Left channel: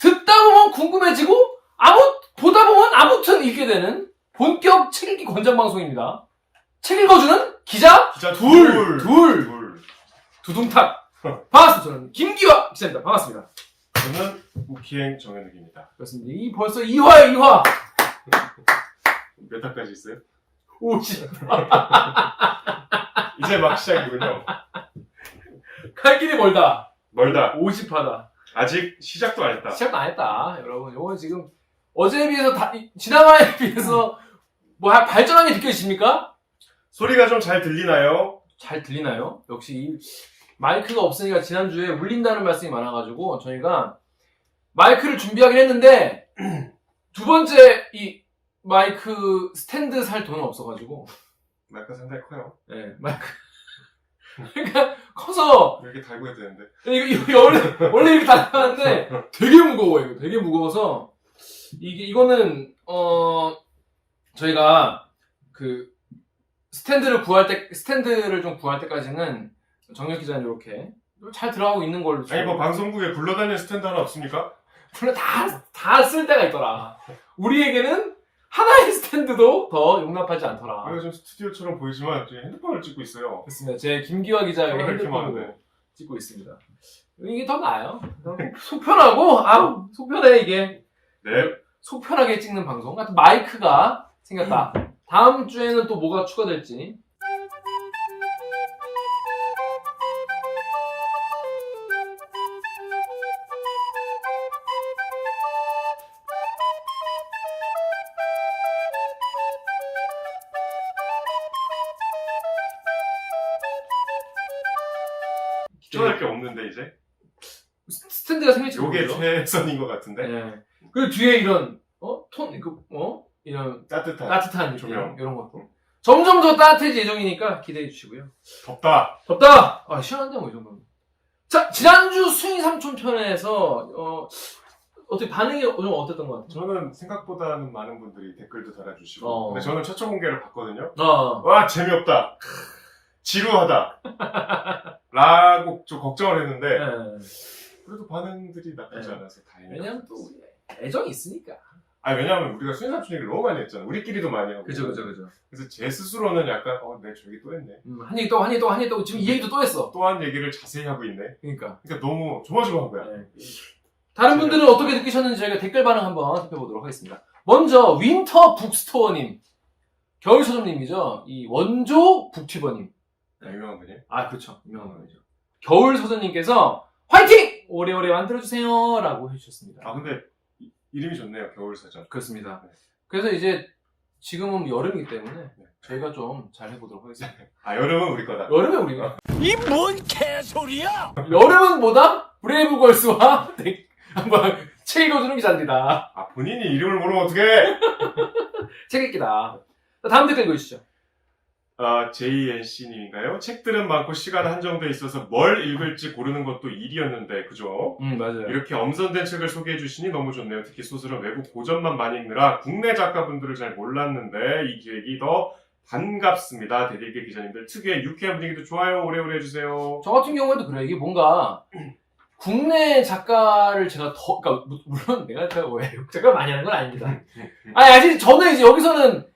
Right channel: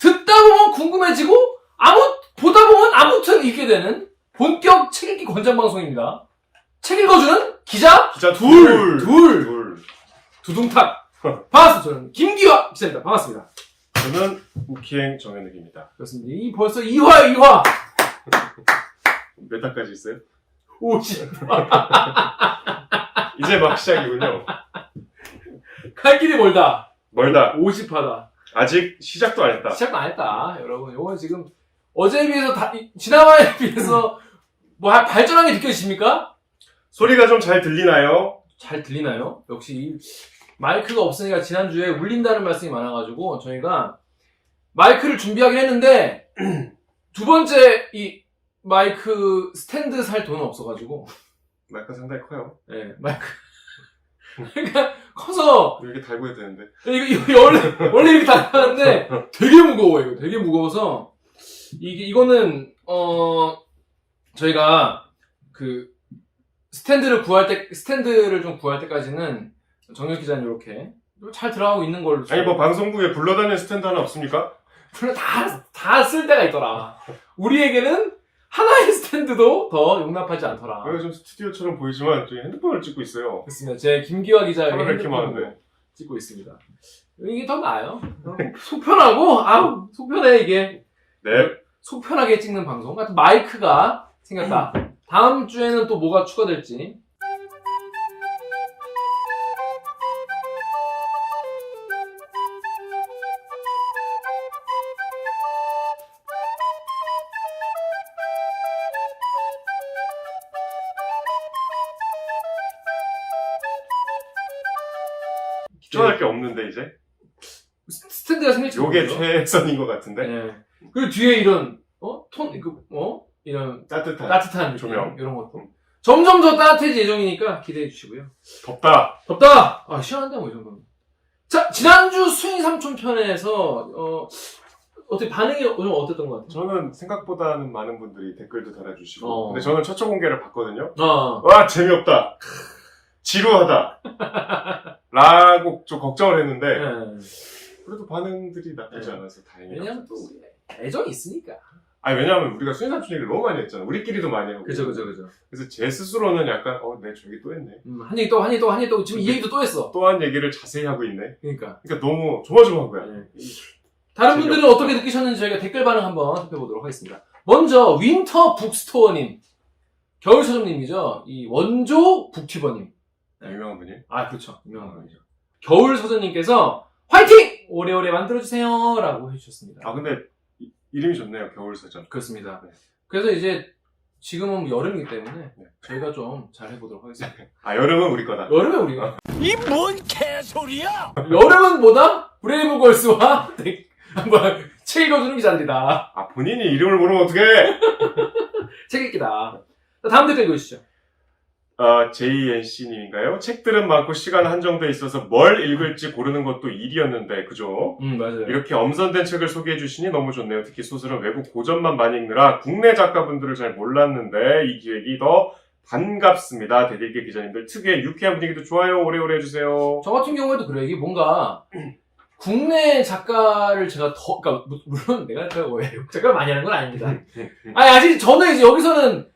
듣다 보면 궁금해지고 보다 보면 아무튼 읽게 되는 본격 책 읽기 권장 방송입니다. 책 읽어주는 기자 둘. 두둥탁. 반갑습니다. 저는 김기화 기자입니다. 반갑습니다. 저는 우키행 정현욱입니다. 그렇습니다. 벌써 2화. 몇 화까지 있어요? 50. 이제 막 시작이군요. 갈 길이 멀다. 50화다. 50화다. 아직 시작도 안 했다. 시작도 안 했다. 여러분, 요건 지금 어제에 비해서 지난화에 비해서 뭐 발전한 게 느껴지십니까? 소리가 좀 잘 들리나요? 잘 들리나요? 역시 이 마이크가 없으니까 지난주에 울린다는 말씀이 많아가지고 저희가 마이크를 준비하긴 했는데 두 번째 이 마이크 스탠드 살 돈은 없어가지고 마이크가 상당히 커요. 네, 마이크 그러니까 커서 이렇게 달고 해야 되는데. 이거 원래 이렇게 달았는데 되게 무거워요. 이거 되게 무거워서 이거는 저희가 그 스탠드를 좀 구할 때까지는 정혁 기자님 이렇게 잘 들어가고 있는 걸로. 아니 뭐 방송국에 굴러다니는 스탠드 하나 없습니까? 물론 다 쓸 때가 있더라. 우리에게는 하나의 스탠드도 더 용납하지 않더라. 여기 좀 스튜디오처럼 보이지만 저희 핸드폰을 찍고 있어요. 그렇습니다. 제 김기화 기자의 카메라 이렇게 핸드폰으로 많은데. 찍고 있습니다. 이게 더 나아요. 속 편하고 속 편해 이게. 네. 속 편하게 찍는 방송 같은 마이크가 생겼다. 다음 주에는 또 뭐가 추가될지. 추가할 게 없는데 이제. 스탠드가 생길지 요게 모르죠. 최선인 것 같은데. 예. 그리고 뒤에 이런 이런 따뜻한 느낌, 조명. 이런 것도 점점 더 따뜻해질 예정이니까 기대해 주시고요. 덥다. 시원한데 뭐 이 정도면. 자, 지난주 수인 삼촌 편에서 어떻게 반응이 좀 어땠던 것 같아요? 저는 생각보다는 많은 분들이 댓글도 달아주시고. 근데 저는 최초 공개를 봤거든요. 어. 와 재미없다. 지루하다. 라고 좀 걱정을 했는데 예. 그래도 반응들이 나쁘지 네. 않아서 다행이에요. 왜냐면 또 우리 애정이 있으니까. 아니 왜냐면 우리가 수인삼촌 얘기를 너무 많이 했잖아. 우리끼리도 많이 하고. 그죠. 그래서 제 스스로는 약간 내 저기 또 했네. 한 얘기 또 지금 이 얘기도 또 했어. 또 한 얘기를 자세히 하고 있네. 그러니까. 너무 조마조마한 거야. 네. 다른 분들은 어떻게 느끼셨는지 저희가 댓글 반응 한번 살펴보도록 하겠습니다. 먼저 윈터 북스토어님, 겨울 서점님이죠. 이 원조 북튜버님. 유명한 분이. 그렇죠. 유명한 분이죠. 겨울 서점님께서 화이팅! 오래오래 만들어주세요라고 해주셨습니다. 근데 이름이 좋네요. 겨울 서점. 그렇습니다. 네. 그래서 이제 지금은 여름이기 때문에 네. 저희가 좀 잘 해보도록 하겠습니다. 여름은 우리 거다. 여름에 우리가 이 뭔 개소리야! 여름은 뭐다? 브레이브걸스와 한번 책 읽어주는 기자들이다. 본인이 이름을 모르면 어떡해! 책 읽기다. 자, 다음 댓글 읽어주시죠. JNC님인가요? 책들은 많고 시간 한정돼 있어서 뭘 읽을지 고르는 것도 일이었는데, 그죠? 맞아요. 이렇게 엄선된 책을 소개해 주시니 너무 좋네요. 특히 소설은 외국 고전만 많이 읽느라 국내 작가분들을 잘 몰랐는데 이 기획이 더 반갑습니다. 대들기 기자님들 특유의 유쾌한 분위기도 좋아요. 오래오래 해주세요. 저 같은 경우에도 그래요. 이게 뭔가 국내 작가를 제가 그러니까 물론 내가 외국 작가를 많이 하는 건 아닙니다. 아직 저는 이제 여기서는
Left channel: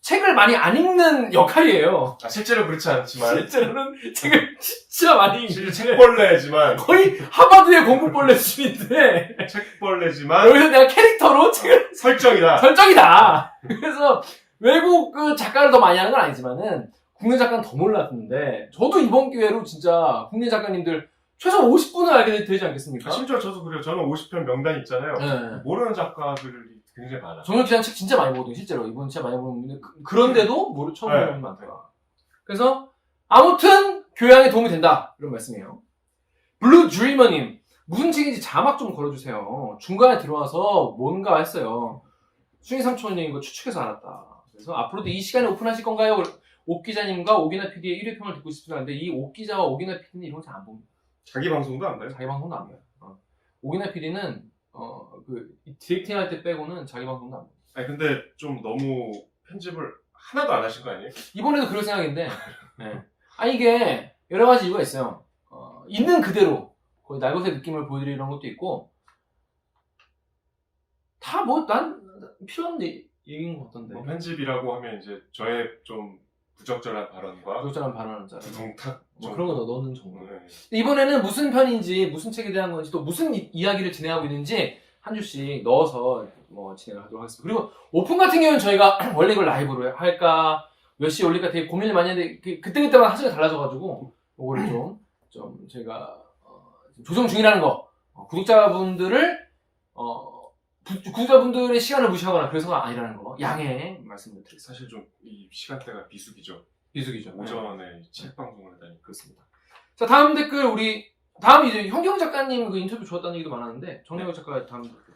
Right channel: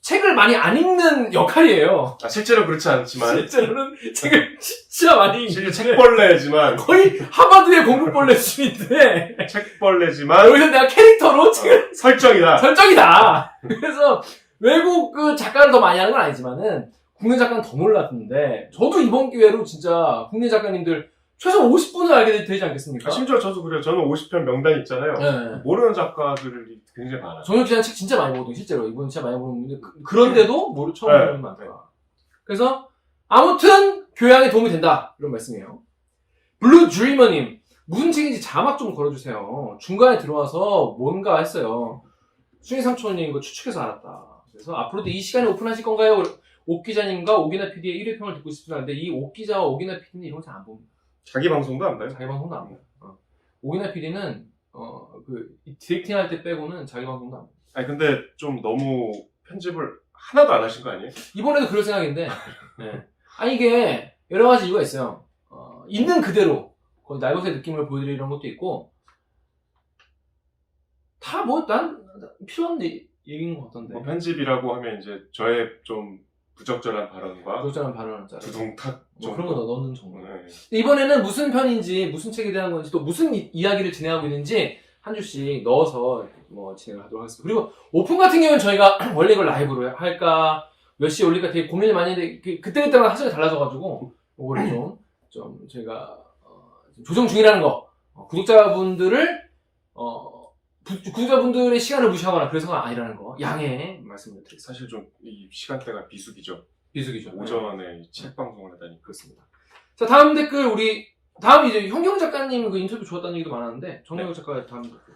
책을 많이 안 읽는 역할이에요. 실제로 그렇지 않지만 실제로는 책을 진짜 많이 읽는 책벌레지만 거의 하버드의 공부벌레 수준인데 책벌레지만 여기서 내가 캐릭터로 책을 설정이다. 그래서 외국 그 작가를 더 많이 하는 건 아니지만은 국내 작가는 더 몰랐는데 저도 이번 기회로 진짜 국내 작가님들 최소 50분을 알게 되지 않겠습니까? 심지어 저도 그래요. 저는 50편 명단 있잖아요. 네. 모르는 작가들이 굉장히 많아요. 정혁 기자는 책 진짜 많이 보거든요. 실제로 이분 진짜 많이 보는데 그런데도 처음 보는 분이 많더라. 그래서 아무튼 교양에 도움이 된다 이런 말씀이에요. 블루 드리머님 무슨 책인지 자막 좀 걸어주세요. 중간에 들어와서 뭔가 했어요. 수인 삼촌님 거 추측해서 알았다. 그래서 앞으로도 이 시간에 오픈하실 건가요? 옥 기자님과 오기나 PD의 1회 평을 듣고 싶습니다. 근데 이 옥 기자와 오기나 PD는 이런 거 잘 안 봅니다. 자기 방송도 안 봐요? 자기 방송도 안 봐요. 오기나 PD는 디렉팅 할 때 빼고는 자기 방송도 안 봐요. 근데 좀 너무 편집을 하나도 안 하신 거 아니에요? 이번에도 그럴 생각인데 이게 여러 가지 이유가 있어요. 있는 그대로 거의 날것의 느낌을 보여드리는 것도 있고 다 뭐 난 필요한 얘기인 것 같던데. 뭐 편집이라고 하면 이제 저의 좀 부적절한 발언과 부적절한 발언을 짜라. 부동탁 뭐 그런 거 넣는 정도. 네. 이번에는 무슨 편인지 무슨 책에 대한 건지 또 무슨 이야기를 진행하고 있는지 한 줄씩 넣어서 뭐 진행을 하도록 하겠습니다. 그리고 오픈 같은 경우는 저희가 원래 이걸 라이브로 할까 몇 시에 올릴까 되게 고민을 많이 했는데 그때그때마다 사정이 달라져가지고 이거를 좀 저희가 좀 조정 중이라는 거. 구독자분들의 시간을 무시하거나 그래서가 아니라는 거 양해 말씀을 드리겠습니다. 사실 좀 이 시간대가 비수기죠. 비수기죠. 오전에 책 방송을 하다니. 그렇습니다. 자, 다음 댓글 다음 이제 현경 작가님 그 인터뷰 좋았다는 얘기도 많았는데 정영혁 작가의 다음 댓글.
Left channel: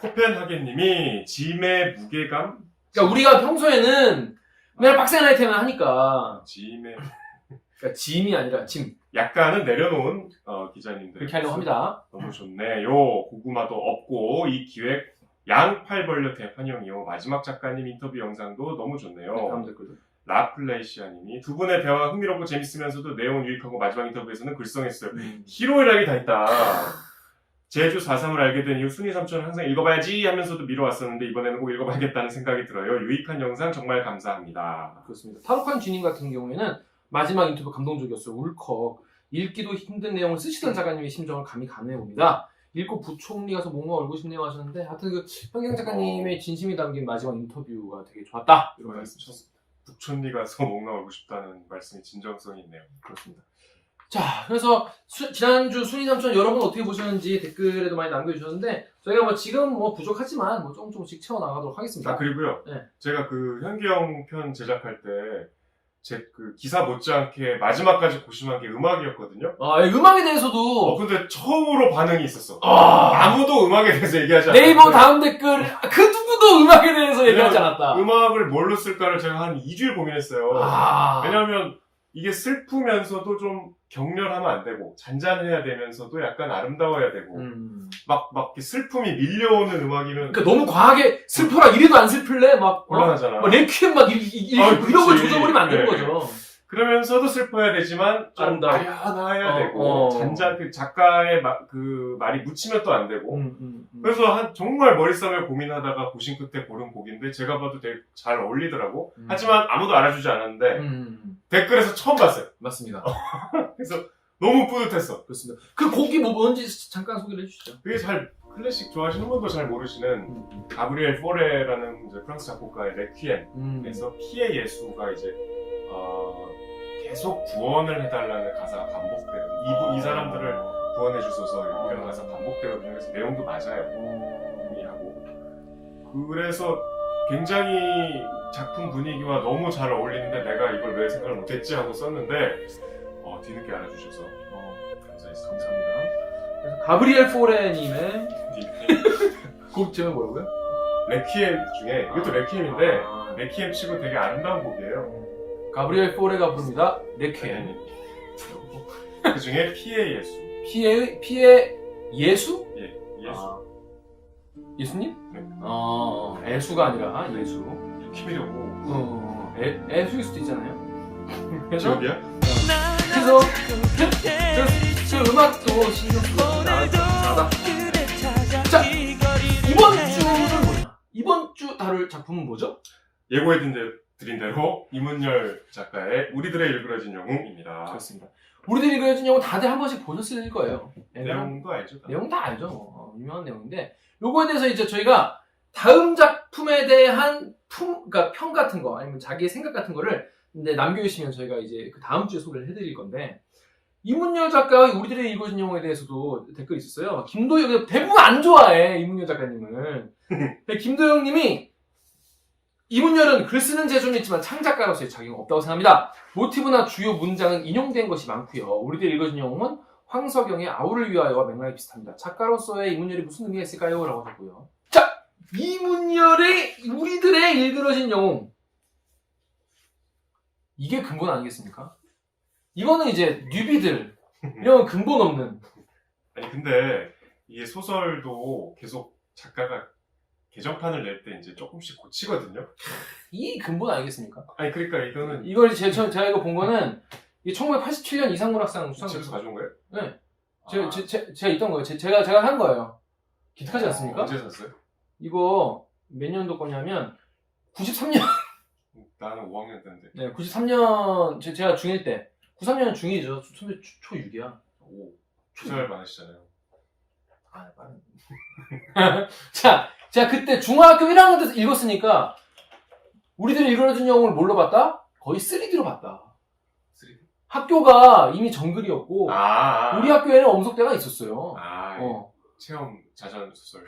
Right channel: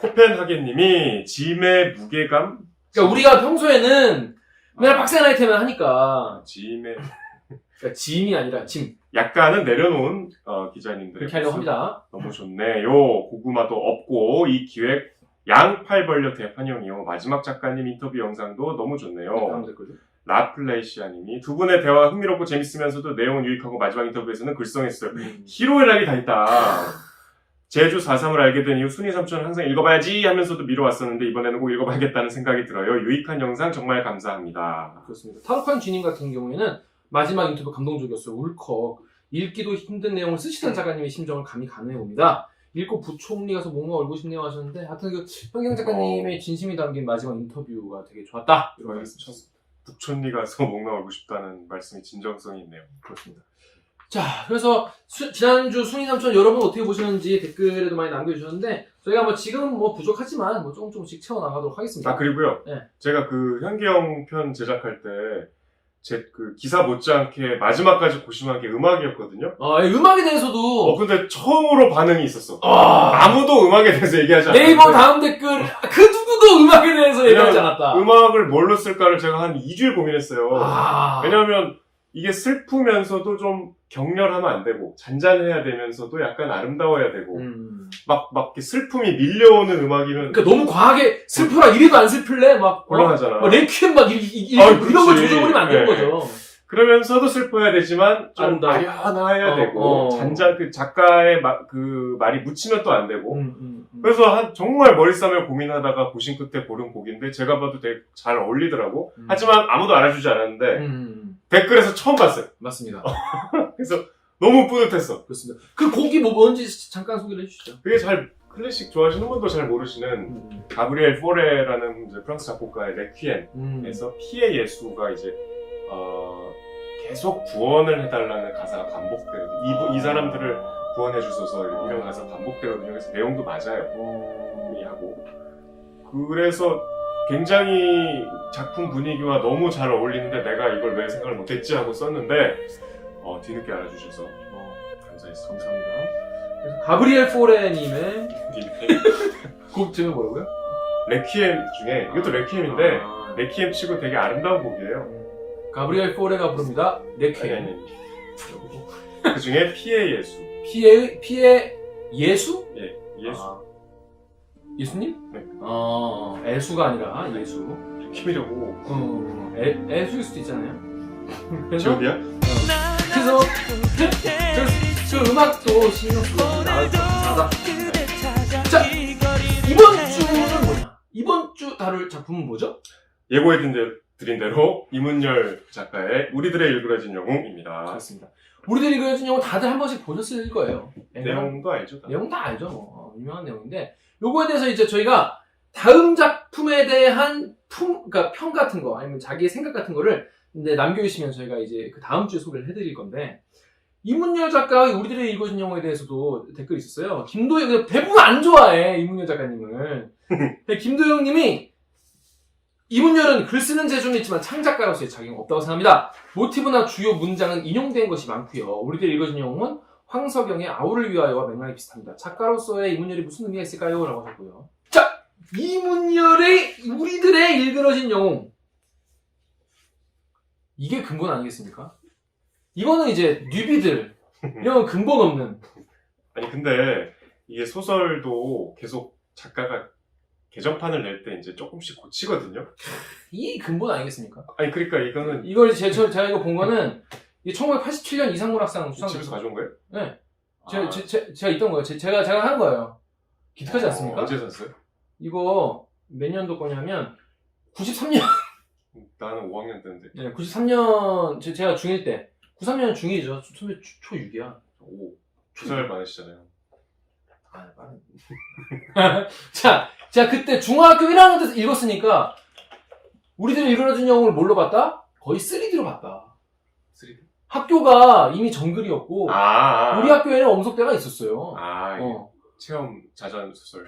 코펜하겐님이 짐의 무게감? 그러니까 우리가 평소에는 맨날 빡센 아이템을 하니까 짐의 그러니까 짐이 아니라 짐 약간은 내려놓은 기자님들 그렇게 하려고 합니다. 너무 좋네요. 고구마도 없고 이 기획 양팔벌려 대판형이요. 마지막 작가님 인터뷰 영상도 너무 좋네요. 다음 댓글도. 라플레이시아님이 두 분의 대화가 흥미롭고 재밌으면서도 내용은 유익하고 마지막 인터뷰에서는 글썽했어요. 희로애락이 다 있다. 제주 4.3을 알게 된 이후 순이 삼촌은 항상 읽어봐야지 하면서도 미뤄왔었는데 이번에는 꼭 읽어봐야겠다는 생각이 들어요. 유익한 영상 정말 감사합니다. 그렇습니다. 타로카인 주님 같은 경우에는 마지막 인터뷰 감동적이었어요. 울컥. 읽기도 힘든 내용을 쓰시던 작가님의 심정을 감히 가늠해 봅니다. 읽고 부총리 가서 뭔가 얼고 싶네요 하셨는데 하여튼 그 현경 작가님의 진심이 담긴 마지막 인터뷰가 되게 좋았다. 이런 말씀 주셨습니다. 북촌리 가서 뭔가 알고 싶다는 말씀이 진정성이 있네요. 그렇습니다. 자, 그래서 지난주 순위 삼촌 여러분 어떻게 보셨는지 댓글에도 많이 남겨주셨는데 저희가 뭐 지금 뭐 부족하지만 뭐 조금씩 채워나가도록 하겠습니다. 그리고요. 네. 제가 그 현경 편 제작할 때 제 그 기사 못지않게 마지막까지 고심한 게 음악이었거든요. 음악에 대해서도 근데 처음으로 반응이 있었어. 아무도 음악에 대해서 얘기하지 않았는데 네이버 다음 댓글 그 누구도 음악에 대해서 얘기하지 않았다. 음악을 뭘로 쓸까를 제가 한 2주일 고민했어요. 왜냐하면 이게 슬프면서도 좀 격렬하면 안 되고 잔잔해야 되면서도 약간 아름다워야 되고 막 이렇게 슬픔이 밀려오는 음악이면 그러니까 너무 과하게 슬퍼라 이래도 안 슬플래 막 곤란하잖아. 레퀴엠 막 이런 걸 조져버리면 안 되는 거죠. 그러면서도 슬퍼야 되지만 좀 아름다워. 아련해야 되고 그 작가의 그 말이 묻히면 또 안 되고 그래서 정말 머리 싸며 고민하다가 고심 끝에 고른 곡인데 제가 봐도 되게 잘 어울리더라고. 하지만 아무도 알아주지 않았는데 댓글에서 처음 봤어요. 맞습니다. 그래서 너무 뿌듯했어. 그렇습니다. 그 곡이 뭔지 잠깐 소개를 해주시죠. 그게 클래식 좋아하시는 분도 잘 모르시는 가브리엘 포레라는 이제 프랑스 작곡가의 레퀴엠에서 피의 예수가 이제 계속 구원을 해달라는 가사가 반복되거든요. 이 사람들을 구원해 주소서 이런 가사가 반복되거든요. 그래서 내용도 맞아요. 하고 그래서 굉장히 작품 분위기와 너무 잘 어울리는데 내가 이걸 왜 생각을 못했지 하고 썼는데 뒤늦게 알아주셔서 감사했습니다. 감사합니다. 그래서 가브리엘 포레님의 곡 제목이 뭐라고요? 레퀴엠 중에 이것도 레퀴엠인데 레퀴엠 치고 되게 아름다운 곡이에요. 가브리엘 포레가 부릅니다. 레퀴엠. 그 중에 피의 예수. 피의 예수? 예, 예수. 예수님? 네. 애수가 아니라 예수. 키미려고. 애수일 수도 있잖아요. 그래서 지금이야? 그래서 그 음악도 신경 쓰고 나가다. 자, 이번 주는 뭐냐? 이번 주 다룰 작품은 뭐죠? 드린 대로 이문열 작가의 우리들의 일그러진 영웅입니다. 그렇습니다. 우리들이 그려진 영웅 다들 한 번씩 보셨을 거예요. 내용도 알죠? 내용 다 알죠. 뭐. 유명한 내용인데 요거에 대해서 이제 저희가 다음 작품에 대한 그러니까 평 같은 거 아니면 자기의 생각 같은 거를 근데 남겨주시면 저희가 이제 그 다음 주에 소개를 해드릴 건데 이문열 작가의 우리들의 읽어진 영웅에 대해서도 댓글이 있었어요. 김도영 대부분 안 좋아해 이문열 작가님을. 김도영님이 이문열은 글 쓰는 재주는 있지만 창작가로서의 자격은 없다고 생각합니다. 모티브나 주요 문장은 인용된 것이 많고요. 우리들 읽어진 영웅은 황석영의 아우를 위하여와 맥락이 비슷합니다. 작가로서의 이문열이 무슨 의미가 있을까요? 라고 하셨고요. 자, 이문열의 우리들의 일그러진 영웅. 이게 근본 아니겠습니까? 이거는 이제 뉴비들 이런 근본 없는. 아니 근데 이게 소설도 계속 작가가 개정판을 낼 때 이제 조금씩 고치거든요. 이 근본 아니겠습니까? 아니 그러니까 이거는 이걸 제가 이거 본 거는 1987년 이상문학상 수상. 집에서 가져온 거예요? 네. 제가 있던 거예요. 제가 한 거예요. 기특하지 않습니까? 언제 샀어요? 이거 몇 년도 거냐면 93년. 나는 5학년 때인데. 네, 93년 제가 중1 때. 93년 중1이죠. 초6이야. 오, 2살 많으시잖아요. 아, 빠른. 자, 제가 그때 중학교 1학년 때서 읽었으니까 우리들이 읽어준 영웅을 뭘로 봤다? 거의 3D로 봤다. 3D? 학교가 이미 정글이었고 아. 우리 학교에는 엄석대가 있었어요. 아, 어. 체험 자전 소설.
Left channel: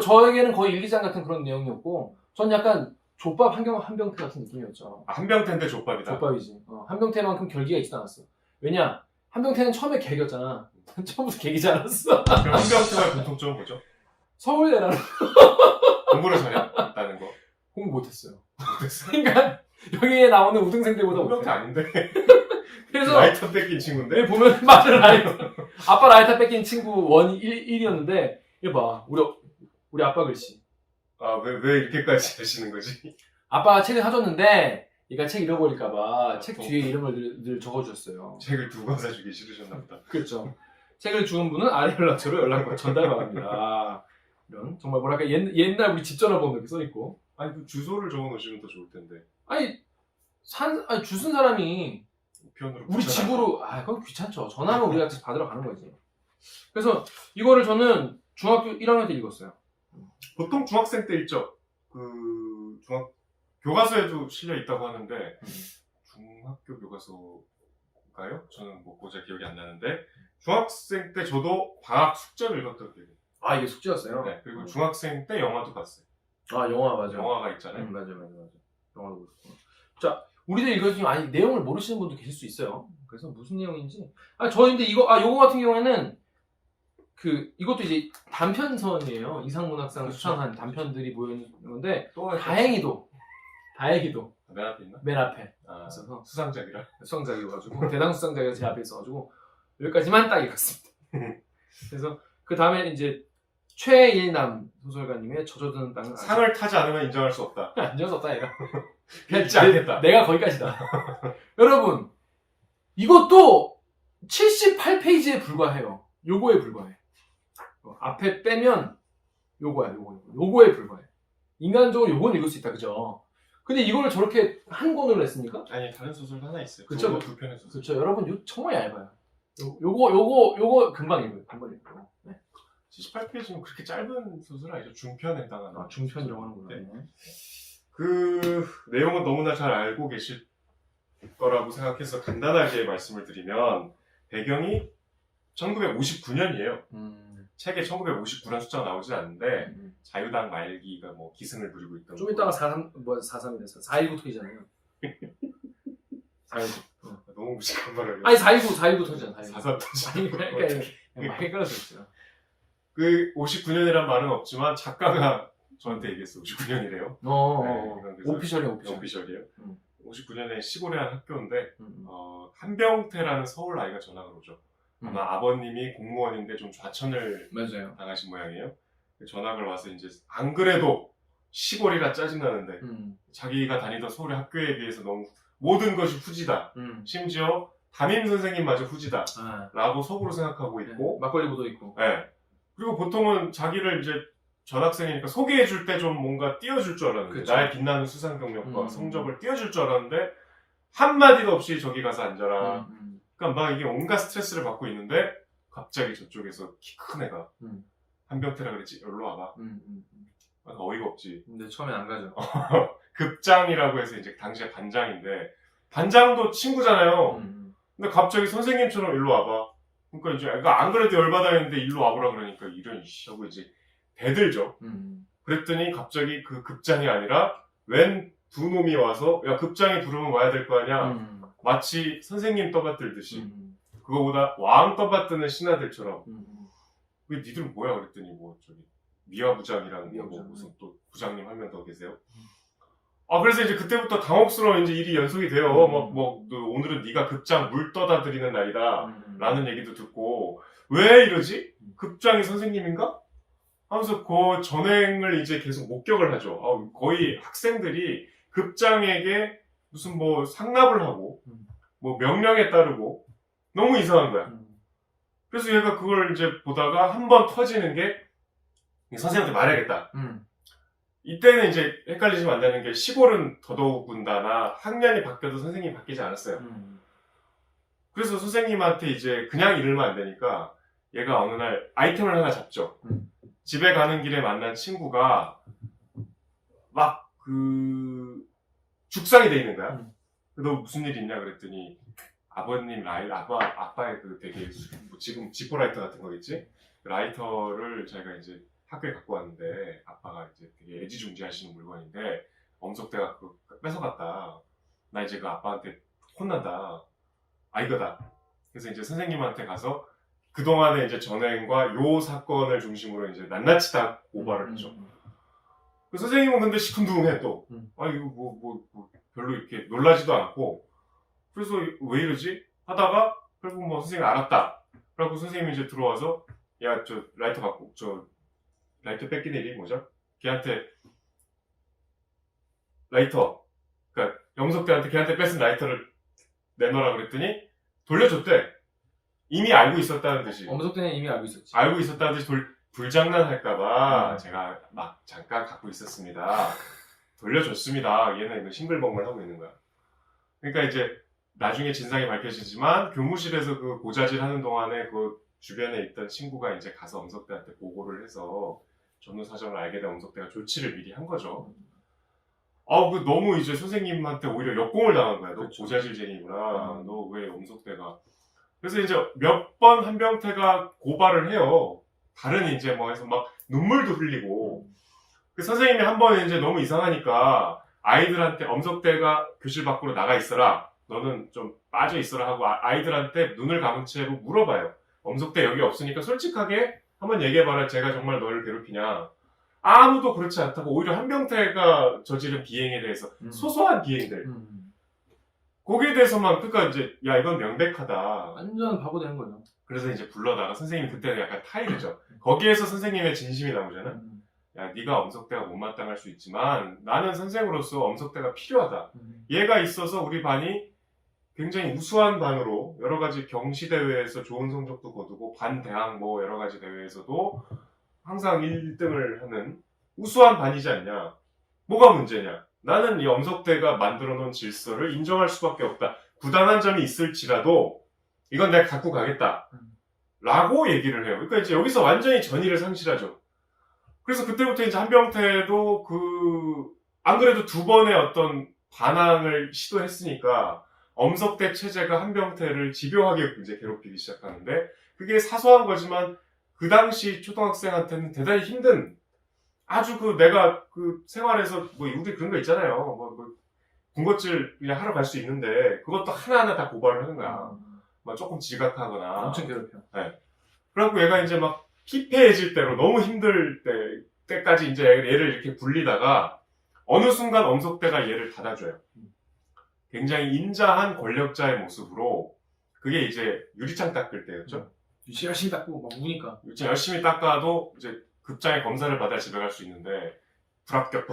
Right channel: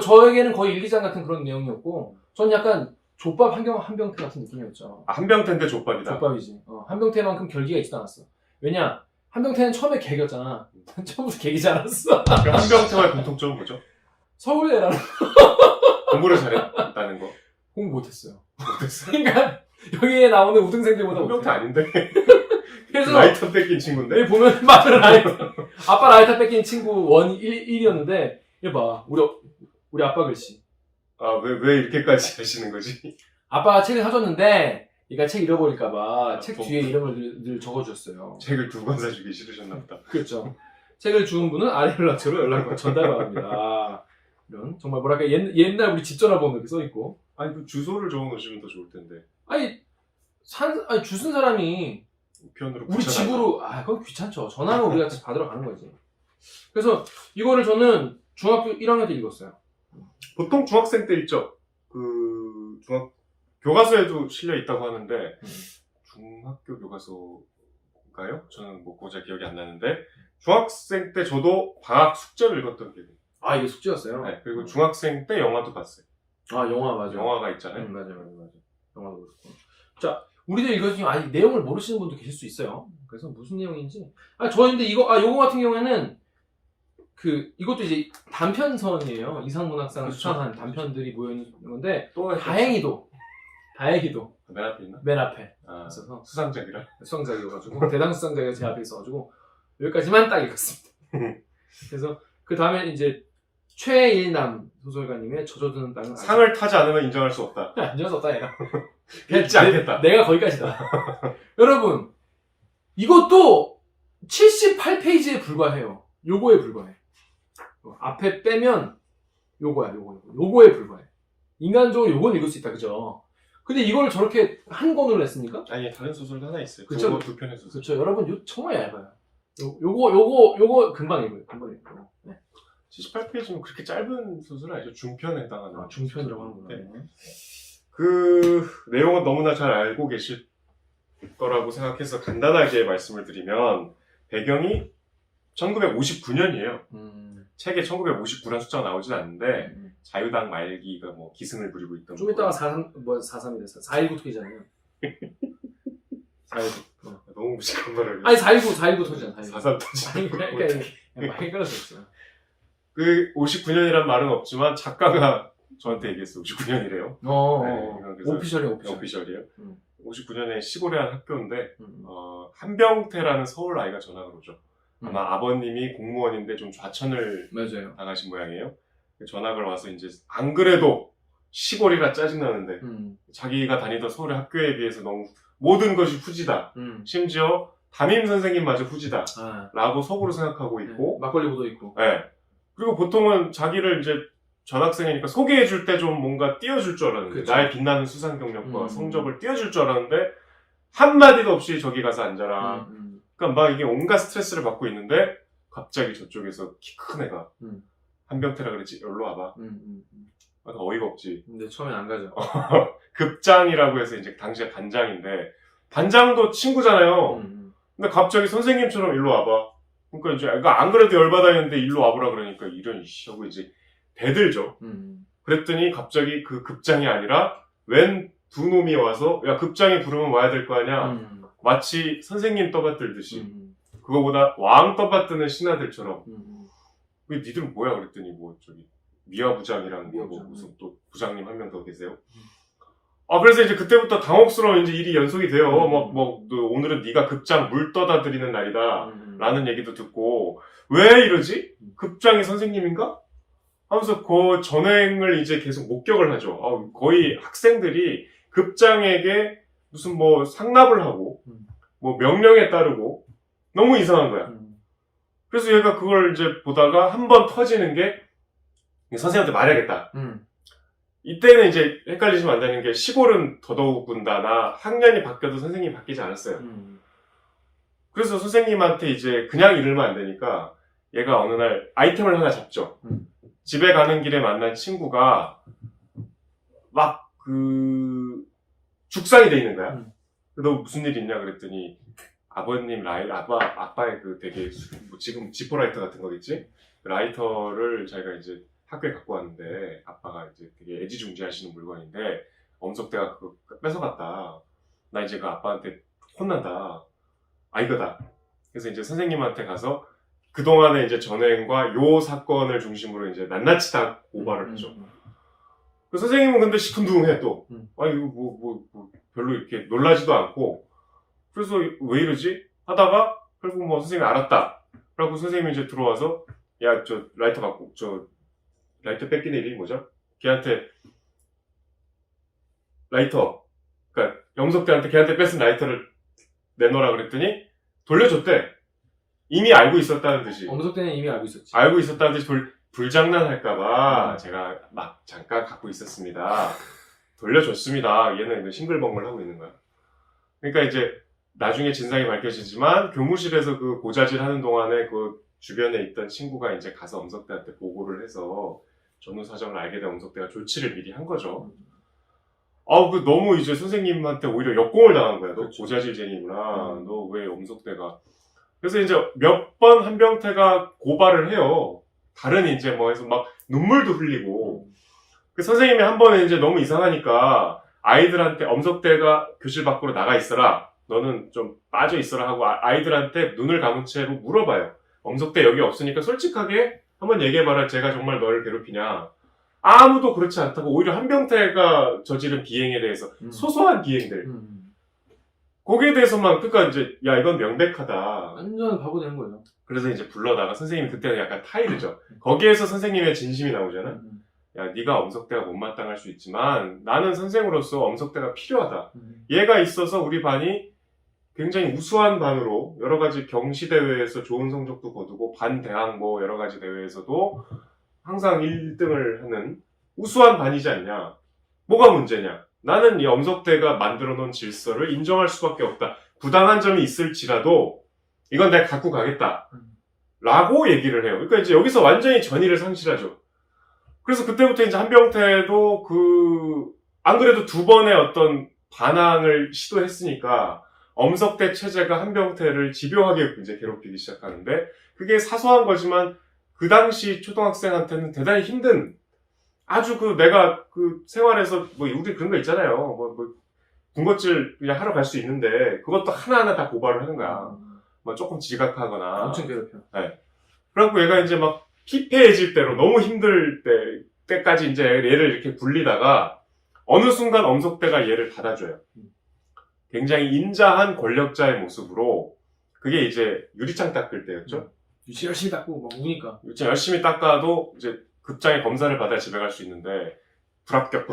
저에게는 거의 1, 2장 같은 그런 내용이었고 전 약간 족밥 한병태 같은 느낌이었죠. 아, 한병태인데 족밥이다. 족밥이지. 한병태만큼 결기가 있지도 않았어. 왜냐? 한병태는 처음에 개겼잖아. 처음부터 개기지 않았어. 그 한병태와의 공통점은 뭐죠? 서울대라는 공부를 잘했다는 거. 공부 못했어요. 못했어요? 그러니까 여기에 나오는 우등생들보다 한병태 못해. 아닌데? 그래서 라이터 뺏긴 친구인데? 여기 보면 맞아 라이터. 아빠 라이터 뺏긴 친구 1이었는데 이거 봐. 우리 아빠 글씨. 아, 왜 이렇게까지 하시는 거지? 아빠가 책을 사줬는데 얘가 책 잃어버릴까봐 아, 책 또. 뒤에 이름을 늘 적어줬어요. 책을 2권 사주기 싫으셨나 보다. 그렇죠. 책을 주운 분은 아래 연락처로 연락 전달 바랍니다. 이런 정말 뭐랄까 옛날 우리 집 전화번호 이렇게 써있고. 아니, 그 주소를 적어 놓으시면 더 좋을 텐데. 아니 주쓴 사람이 우편으로 우리 붙여달라. 집으로 그건 귀찮죠. 전화는 우리가 받으러 가는 거지. 그래서 이거를 저는 중학교 1학년 때 읽었어요. 보통 중학생 때 있죠. 교과서에도 실려 있다고 하는데 중학교 교과서인가요? 저는 뭐 고작 기억이 안 나는데 중학생 때 저도 방학 숙제를 읽었던 기억이. 아 이게 숙제였어요? 네. 그리고 중학생 때 영화도 봤어요. 아 영화 맞아. 영화가 있잖아요. 맞아. 영화도 그렇고. 자 우리들 읽어주면 아니 내용을 모르시는 분도 계실 수 있어요. 그래서 무슨 내용인지. 저희인데 요거 같은 경우에는 이것도 이제 단편선이에요. 이상문학상 그렇죠. 수상한 단편들이 모여있는 건데, 또 다행히도, 맨 앞에 있나? 맨 앞에 아, 있어서, 수상작이라. 수상작이어가지고, 대당 수상작이 제 앞에 있어가지고, 여기까지만 딱 읽었습니다. 그래서, 그 다음에 이제, 최일남 소설가님의 젖어드는 땅은 상을 타지 않으면 인정할 수 없다. 안전수 없다, 얘가. 읽지 않겠다. 내가 거기까지다. 여러분, 이것도 78페이지에 불과해요. 요거에 불과해. 앞에 빼면 요거에 불과해. 인간적으로 요건 읽을 수 있다, 그죠? 근데 이걸 저렇게 한 권으로 냈습니까? 아니, 다른 소설도 하나 있어요. 그쵸? 두 편의 소설. 그렇죠. 여러분, 정말 얇아요. 요거 금방 읽어요. 네. 78페이지면 그렇게 짧은 소설 아니죠? 중편에 해당하는. 중편 영화구나. 네. 그 내용은 너무나 잘 알고 계실 거라고 생각해서 간단하게 말씀을 드리면 배경이 1959년이에요. 책에 1959란 숫자가 나오진 않는데 자유당 말기가 뭐 기승을 부리고 있던 좀 이따가 4.3이 됐어. 4.19 토이잖아요. 4.19. 너무 무식한 말을 아니 4.19 토이잖아. 4.3 터지. 아니 그러니까 많이 끌어서 그 59년이란 말은 없지만 작가가 저한테 얘기했어. 59년이래요. 오피셜이야. 오피셜이에요. 59년에 시골의 한 학교인데 음. 한병태라는 서울 아이가 전학을 오죠. 음. 아마 아버님이 공무원인데 좀 좌천을 맞아요. 당하신 모양이에요. 전학을 와서 이제 안 그래도 시골이라 짜증나는데 자기가 다니던 서울의 학교에 비해서 너무 모든 것이 후지다. 심지어 담임 선생님마저 후지다. 라고 속으로 생각하고 있고 막걸리 보도 있고. 네. 그리고 보통은 자기를 이제 전학생이니까 소개해줄 때 좀 뭔가 띄워줄 줄 알았는데 그쵸. 나의 빛나는 수상 경력과 성적을 띄워줄 줄 알았는데 한마디도 없이 저기 가서 앉아라. 그러니까 막 이게 온갖 스트레스를 받고 있는데 갑자기 저쪽에서 키 큰 애가 한병태라 그랬지 여기로 와봐. 어이가 없지. 근데 처음엔 안 가죠. 급장이라고 해서 이제 당시에 반장인데 반장도 친구잖아요. 근데 갑자기 선생님처럼 일로 와봐. 그러니까 이제 애가 안 그래도 열받아 했는데 일로 와보라 그러니까 이런 이씨 하고 이제 대들죠. 그랬더니 갑자기 그 급장이 아니라 웬 두 놈이 와서 야 급장이 부르면 와야 될 거 아니야. 마치 선생님 떠받들듯이 그거보다 왕 떠받드는 신하들처럼 왜 니들은 뭐야 그랬더니 뭐 저기 미화 부장이랑 뭐 무슨 또 부장님 한 명 더 계세요. 그래서 이제 그때부터 당혹스러운 이제 일이 연속이 돼요. 오늘은 네가 급장 물 떠다드리는 날이다. 라는 얘기도 듣고 왜 이러지? 급장이 선생님인가? 하면서 그 전행을 이제 계속 목격을 하죠. 거의 학생들이 급장에게 무슨 뭐 상납을 하고 뭐 명령에 따르고 너무 이상한 거야. 그래서 얘가 그걸 이제 보다가 한 번 터지는 게 선생님한테 말해야겠다. 이때는 이제 헷갈리시면 안 되는 게 시골은 더더욱군다나 학년이 바뀌어도 선생님이 바뀌지 않았어요. 그래서 선생님한테 이제 그냥 이러면 안 되니까 얘가 어느 날 아이템을 하나 잡죠. 집에 가는 길에 만난 친구가 막 죽상이 돼 있는 거야. 너 무슨 일 있냐 그랬더니 아버님 아빠의 그 되게 뭐 지금 지퍼라이터 같은 거겠지? 라이터를 자기가 이제 학교에 갖고 왔는데 아빠가 이제 되게 애지중지하시는 물건인데 엄석대가 그거 뺏어갔다. 나 이제 그 아빠한테 혼난다. 아 이거다. 그래서 이제 선생님한테 가서 그동안의 이제 전행과 요 사건을 중심으로 이제 낱낱이 다 고발을 하죠. 그 선생님은 근데 시큰둥해 또. 아 이거 뭐 별로 이렇게 놀라지도 않고. 그래서 왜 이러지? 하다가 결국 뭐 선생님이 알았다. 그래갖고 선생님이 이제 들어와서 야 저 라이터 갖고 라이터 뺏긴 일이 뭐죠? 걔한테 라이터 그러니까 영석대한테 걔한테 뺏은 라이터를 내놓으라 그랬더니 돌려줬대. 이미 알고 있었다는 듯이. 엄석대는 이미 알고 있었지. 알고 있었다는 듯이 불장난할까봐 제가 막 잠깐 갖고 있었습니다. 돌려줬습니다. 얘는 싱글벙글 하고 있는 거야. 그러니까 이제 나중에 진상이 밝혀지지만 교무실에서 그 고자질 하는 동안에 그 주변에 있던 친구가 이제 가서 엄석대한테 보고를 해서 전후 사정을 알게 된 엄석대가 조치를 미리 한 거죠. 그 너무 이제 선생님한테 오히려 역공을 당한 거야. 너 그렇죠. 고자질쟁이구나. 너 왜 엄석대가. 그래서 이제 몇 번 한병태가 고발을 해요. 다른 이제 뭐 해서 막 눈물도 흘리고. 그 선생님이 한 번에 이제 너무 이상하니까 아이들한테 엄석대가 교실 밖으로 나가 있어라. 너는 좀 빠져 있어라 하고 아이들한테 눈을 감은 채로 물어봐요. 엄석대 여기 없으니까 솔직하게 한번 얘기해봐라. 제가 정말 너를 괴롭히냐. 아무도 그렇지 않다고 오히려 한병태가 저지른 비행에 대해서 소소한 비행들 거기에 대해서만 그러니까 이제 야 이건 명백하다. 완전 바보 되는 거예요. 그래서 이제 불러다가 선생님이 그때는 약간 타이르죠. 거기에서 선생님의 진심이 나오잖아. 야 네가 엄석대가 못마땅할 수 있지만 나는 선생으로서 엄석대가 필요하다. 얘가 있어서 우리 반이 굉장히 우수한 반으로 여러 가지 경시대회에서 좋은 성적도 거두고 반대학 뭐 여러 가지 대회에서도 항상 1등을 하는 우수한 반이지 않냐. 뭐가 문제냐. 나는 이 엄석대가 만들어 놓은 질서를 인정할 수밖에 없다. 부당한 점이 있을지라도 이건 내가 갖고 가겠다. 라고 얘기를 해요. 그러니까 이제 여기서 완전히 전의를 상실하죠. 그래서 그때부터 이제 한병태도 안 그래도 두 번의 어떤 반항을 시도했으니까 엄석대 체제가 한병태를 집요하게 이제 괴롭히기 시작하는데 그게 사소한 거지만 그 당시 초등학생한테는 대단히 힘든 아주 내가 생활에서 뭐 우리 그런 거 있잖아요. 군것질 그냥 하러 갈 수 있는데 그것도 하나하나 다 고발을 하는 거야. 뭐 조금 지각하거나. 엄청 괴롭혀. 네. 그래갖고 얘가 이제 막 피폐해질 대로 너무 힘들 때까지 이제 얘를 이렇게 굴리다가 어느 순간 엄석대가 얘를 닫아줘요. 굉장히 인자한 권력자의 모습으로 그게 이제 유리창 닦을 때였죠. 열심히 닦고 막 우니까. 유리창 열심히 닦아도 이제 급장의 검사를 받아야 집에 갈 수 있는데 불합격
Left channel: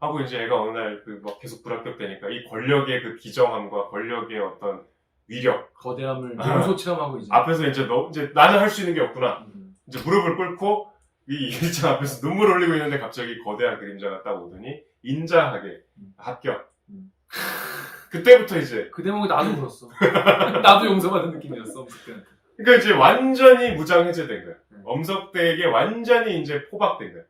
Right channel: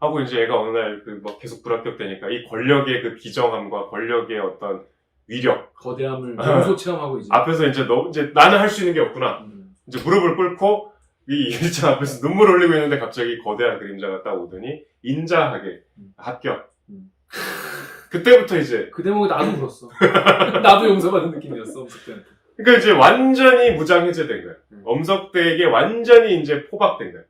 하고 이제 얘가 어느 날 막 계속 불합격되니까 이 권력의 그 기정함과 권력의 어떤 위력 거대함을 몸소 체험하고 이제 앞에서 이제 나는 할 수 있는 게 없구나. 이제 무릎을 꿇고 이 유리창 앞에서 눈물 흘리고 있는데 갑자기 거대한 그림자가 딱 오더니 인자하게 합격. 그때부터 이제 그 대목에 나도 울었어. 나도 용서받은 느낌이었어 엄석대한테. 그러니까 이제 완전히 무장해제된 거야. 엄석대에게 완전히 이제 포박된 거야.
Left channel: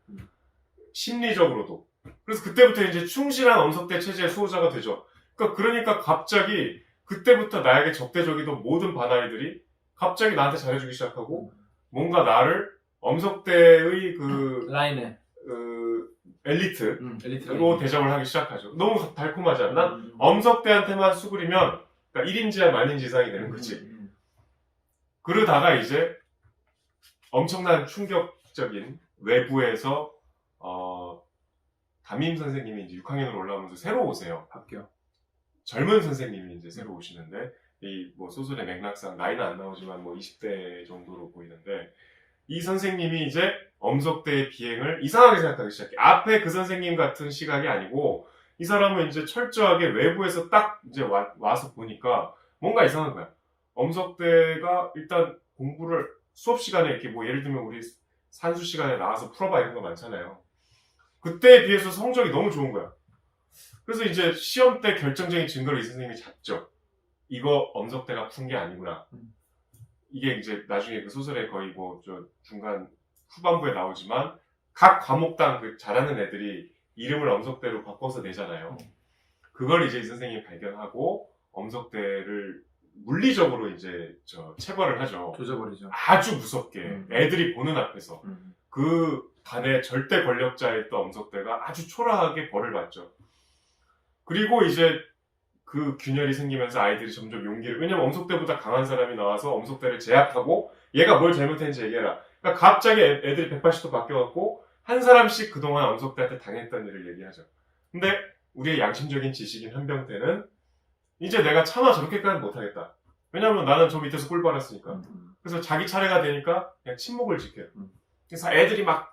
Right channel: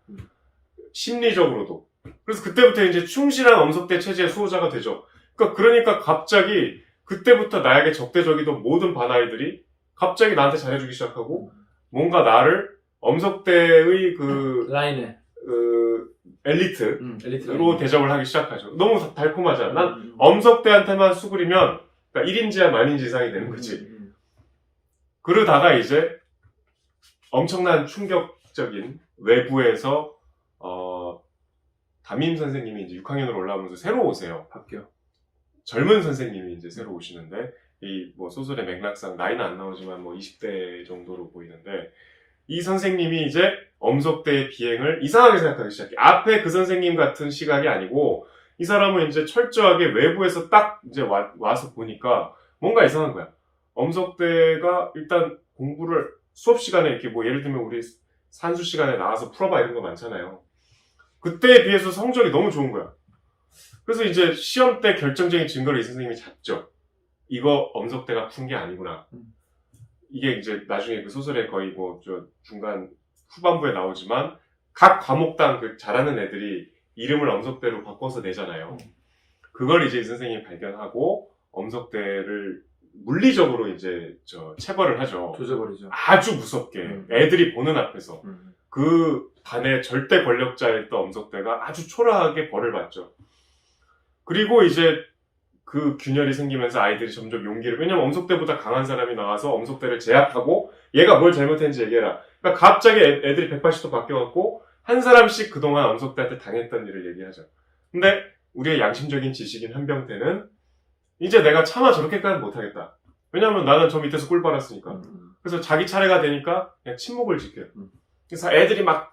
심리적으로도. 그래서 그때부터 이제 충실한 엄석대 체제의 수호자가 되죠. 그러니까 갑자기 그때부터 나에게 적대적이던 모든 반아이들이 갑자기 나한테 잘해주기 시작하고 뭔가 나를 엄석대의 라인에 엘리트로 대접을 하기 시작하죠. 너무 달콤하잖아. 난 엄석대한테만 수그리면 그러니까 1인지야 만인지 이상이 되는 거지. 그러다가 이제 엄청난 충격적인 외부에서 담임 선생님이 이제 6학년으로 올라오면서 새로 오세요. 합격. 젊은 선생님이 이제 새로 오시는데 이 뭐 소설의 맥락상 나이는 안 나오지만 뭐 20대 정도로 보이는데 이 선생님이 이제 엄석대의 비행을 이상하게 생각하기 시작해. 앞에 그 선생님 같은 시각이 아니고 이 사람은 이제 철저하게 외부에서 딱 이제 와서 보니까 뭔가 이상한 거야. 엄석대가 일단 공부를 수업 시간에 이렇게 뭐 예를 들면 우리 산수 시간에 나와서 풀어봐 이런 거 많잖아요. 그때에 비해서 성적이 너무 좋은 거야. 그래서 이제 시험 때 결정적인 증거를 이 선생님이 잡죠. 이거 엄석대가 푼 게 아니구나. 이게 이제 나중에 그 소설에 거의 뭐 저 중간 후반부에 나오지만 각 과목당 그 잘하는 애들이 이름을 엄석대로 바꿔서 내잖아요. 그걸 이제 이 선생님이 발견하고 엄석대를 물리적으로 이제 체벌을 하죠. 조져버리죠. 아주 무섭게 애들이 보는 앞에서 음. 그 반의 절대 권력자였던 엄석대가 아주 초라하게 벌을 받죠. 그리고 이제 그 균열이 생기면서 아이들이 점점 용기를, 왜냐면 엄석대보다 강한 사람이 나와서 엄석대를 제압하고 얘가 뭘 잘못했는지 얘기해라. 그러니까 갑자기 애들이 180도 바뀌어갖고 한 사람씩 그동안 엄석대한테 당했던 일을 얘기하죠. 근데 우리의 양심적인 지식인 한병태는 이제 내가 차마 저렇게까지는 못하겠다. 왜냐면 나는 저 밑에서 꿀 빨았으니까. 그래서 자기 차례가 되니까 그냥 침묵을 지켜요. 그래서 애들이 막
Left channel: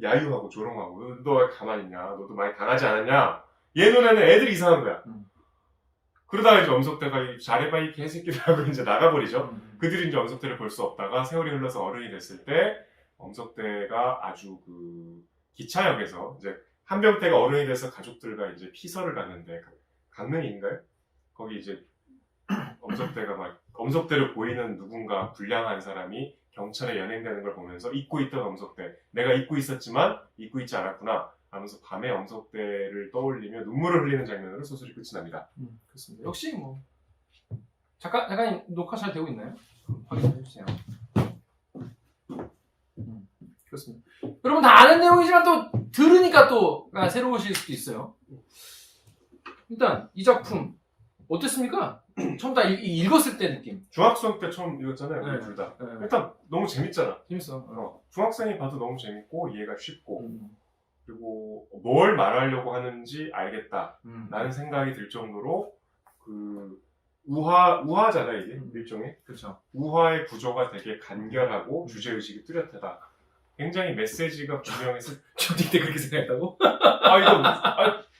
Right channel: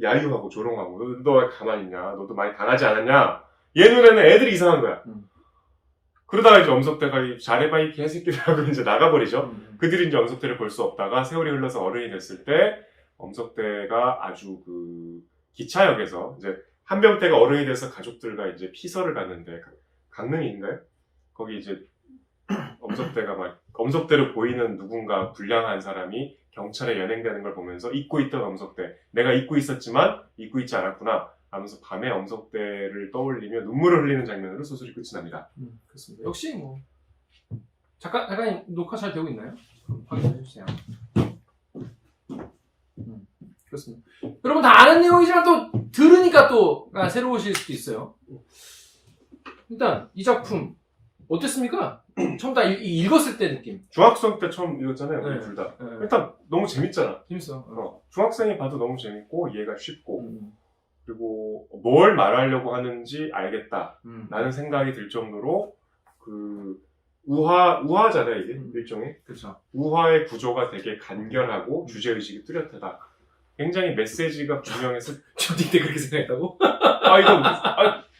야유하고 조롱하고 너 왜 가만히 있냐, 너도 많이 당하지 않았냐, 얘 눈에는 애들이 이상한 거야. 그러다가 이제 엄석대가 잘해봐 이 개새끼들하고 이제 나가버리죠. 그들이 이제 엄석대를 볼 수 없다가 세월이 흘러서 어른이 됐을 때 엄석대가 아주 그 기차역에서 이제 한병태가 어른이 돼서 가족들과 이제 피서를 갔는데, 강릉인가요? 거기 이제 엄석대가 막 엄석대로 보이는 누군가 불량한 사람이 경찰에 연행되는 걸 보면서 잊고 있던 엄석대, 내가 잊고 있었지만 잊고 있지 않았구나 하면서 밤에 엄석대를 떠올리며 눈물을 흘리는 장면으로 소설이 끝이 납니다. 그렇습니다. 역시 뭐 잠깐 녹화 잘 되고 있나요? 확인해 주세요. 그렇습니다. 여러분 다 아는 내용이지만 또 들으니까 또 새로우실 수도 있어요. 일단 이 작품 어땠습니까? 처음 다 읽었을 때 느낌. 중학생 때 처음 읽었잖아요, 우리 네. 둘 다. 네. 일단 너무 재밌잖아. 재밌어. 중학생이 봐도 너무 재밌고 이해가 쉽고 그리고 뭘 말하려고 하는지 알겠다 라는 생각이 들 정도로 그 우화잖아 이게 일종의. 그렇죠. 우화의 구조가 되게 간결하고 주제의식이 뚜렷하다. 굉장히 메시지가 분명해서 중딩 때 그렇게 생각했다고?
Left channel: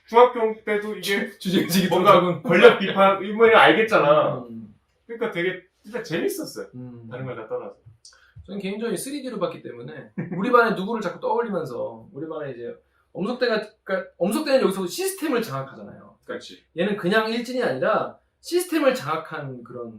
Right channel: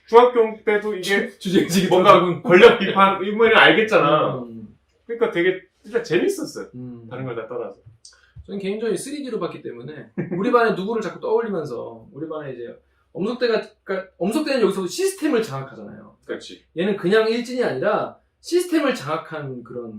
중학교 때도 이게 주제의식이 뭔가 권력 비판 이거는 알겠잖아. 그러니까 되게 일단 재밌었어요. 다른 걸 다 떠나서. 저는 개인적으로 3D로 봤기 때문에 우리 반에 누구를 자꾸 떠올리면서 우리 반에 이제 엄석대는 여기서 시스템을 장악하잖아요. 그렇지. 얘는 그냥 일진이 아니라 시스템을 장악한 그런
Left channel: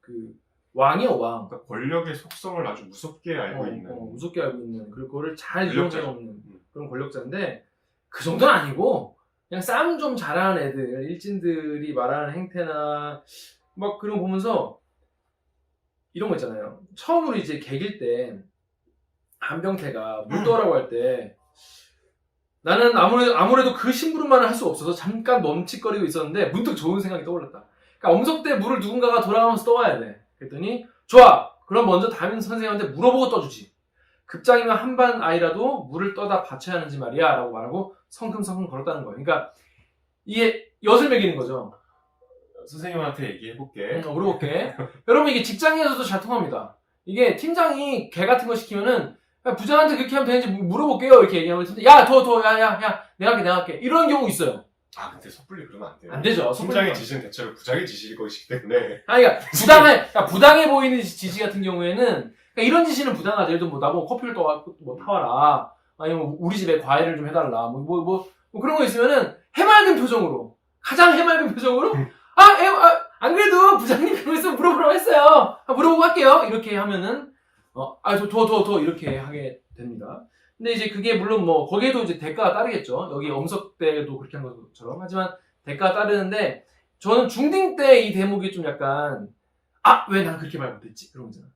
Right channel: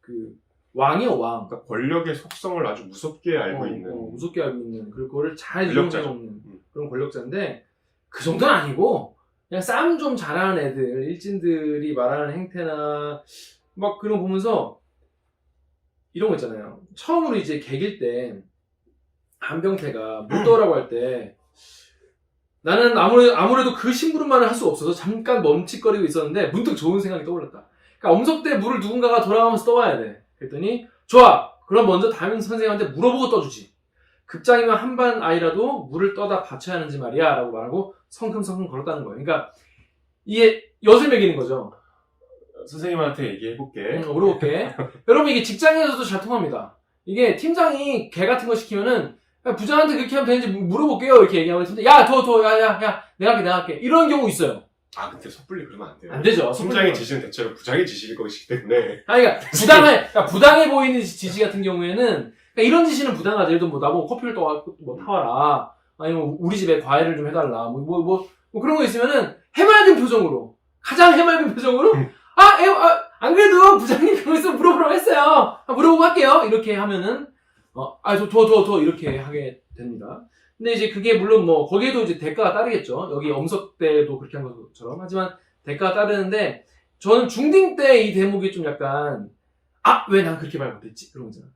그 왕이요, 왕. 그러니까 권력의 속성을 아주 무섭게 알고 있는. 무섭게 알고 있는, 그리고 그거를 잘 권력자죠. 이용해오는 그런 권력자인데, 그 정도는 아니고, 그냥 싸움 좀 잘하는 애들, 일진들이 말하는 행태나, 막 그런 거 보면서, 이런 거 있잖아요. 처음으로 이제 개길 때, 한병태가 묻더라고 할 때, 나는 아무래도 그 심부름만을 할 수가 없어서 잠깐 멈칫거리고 있었는데, 문득 좋은 생각이 떠올랐다. 그러니까 엄석대 물을 누군가가 돌아가면서 떠와야 돼. 그랬더니 좋아. 그럼 먼저 담임 선생님한테 물어보고 떠주지. 급장이면 한반 아이라도 물을 떠다 받쳐야 하는지 말이야 라고 말하고 성큼성큼 걸었다는 거예요. 그러니까 이게 엿을 먹이는 거죠. 선생님한테 얘기해볼게. 물어볼게. 여러분 이게 직장에서도 잘 통합니다. 이게 팀장이 개 같은 거 시키면은 부장한테 그렇게 하면 되는지 물어볼게요 이렇게 얘기하면 야 내가 할게 이런 경우 있어요. 근데 섣불리 그러면 안 돼요. 안 되죠. 팀장의 지시는 대체로 부장의 지시일 것이기 때문에. 그러니까 부당해 보이는 지시 같은 경우에는, 그러니까 이런 지시는 부당하죠. 예를 들어 나보고 커피를 타와라. 아니면 우리 집에 과일을 좀 해달라. 뭐 그런 거 있으면은 해맑은 표정으로, 가장 해맑은 표정으로, 안 그래도 부장님 병에서 물어보라고 했어요. 물어보고 할게요. 이렇게 하면은, 더 이렇게 하게 됩니다. 근데 이제 그게 물론 뭐 거기에도 이제 대가가 따르겠죠. 여기 엄석대도 그렇게 한 것처럼. 하지만 대가가 따르는데 저는 중딩 때 이 대목이 좀 약간 왜 난 그렇게 말 못했지? 그런 거잖아.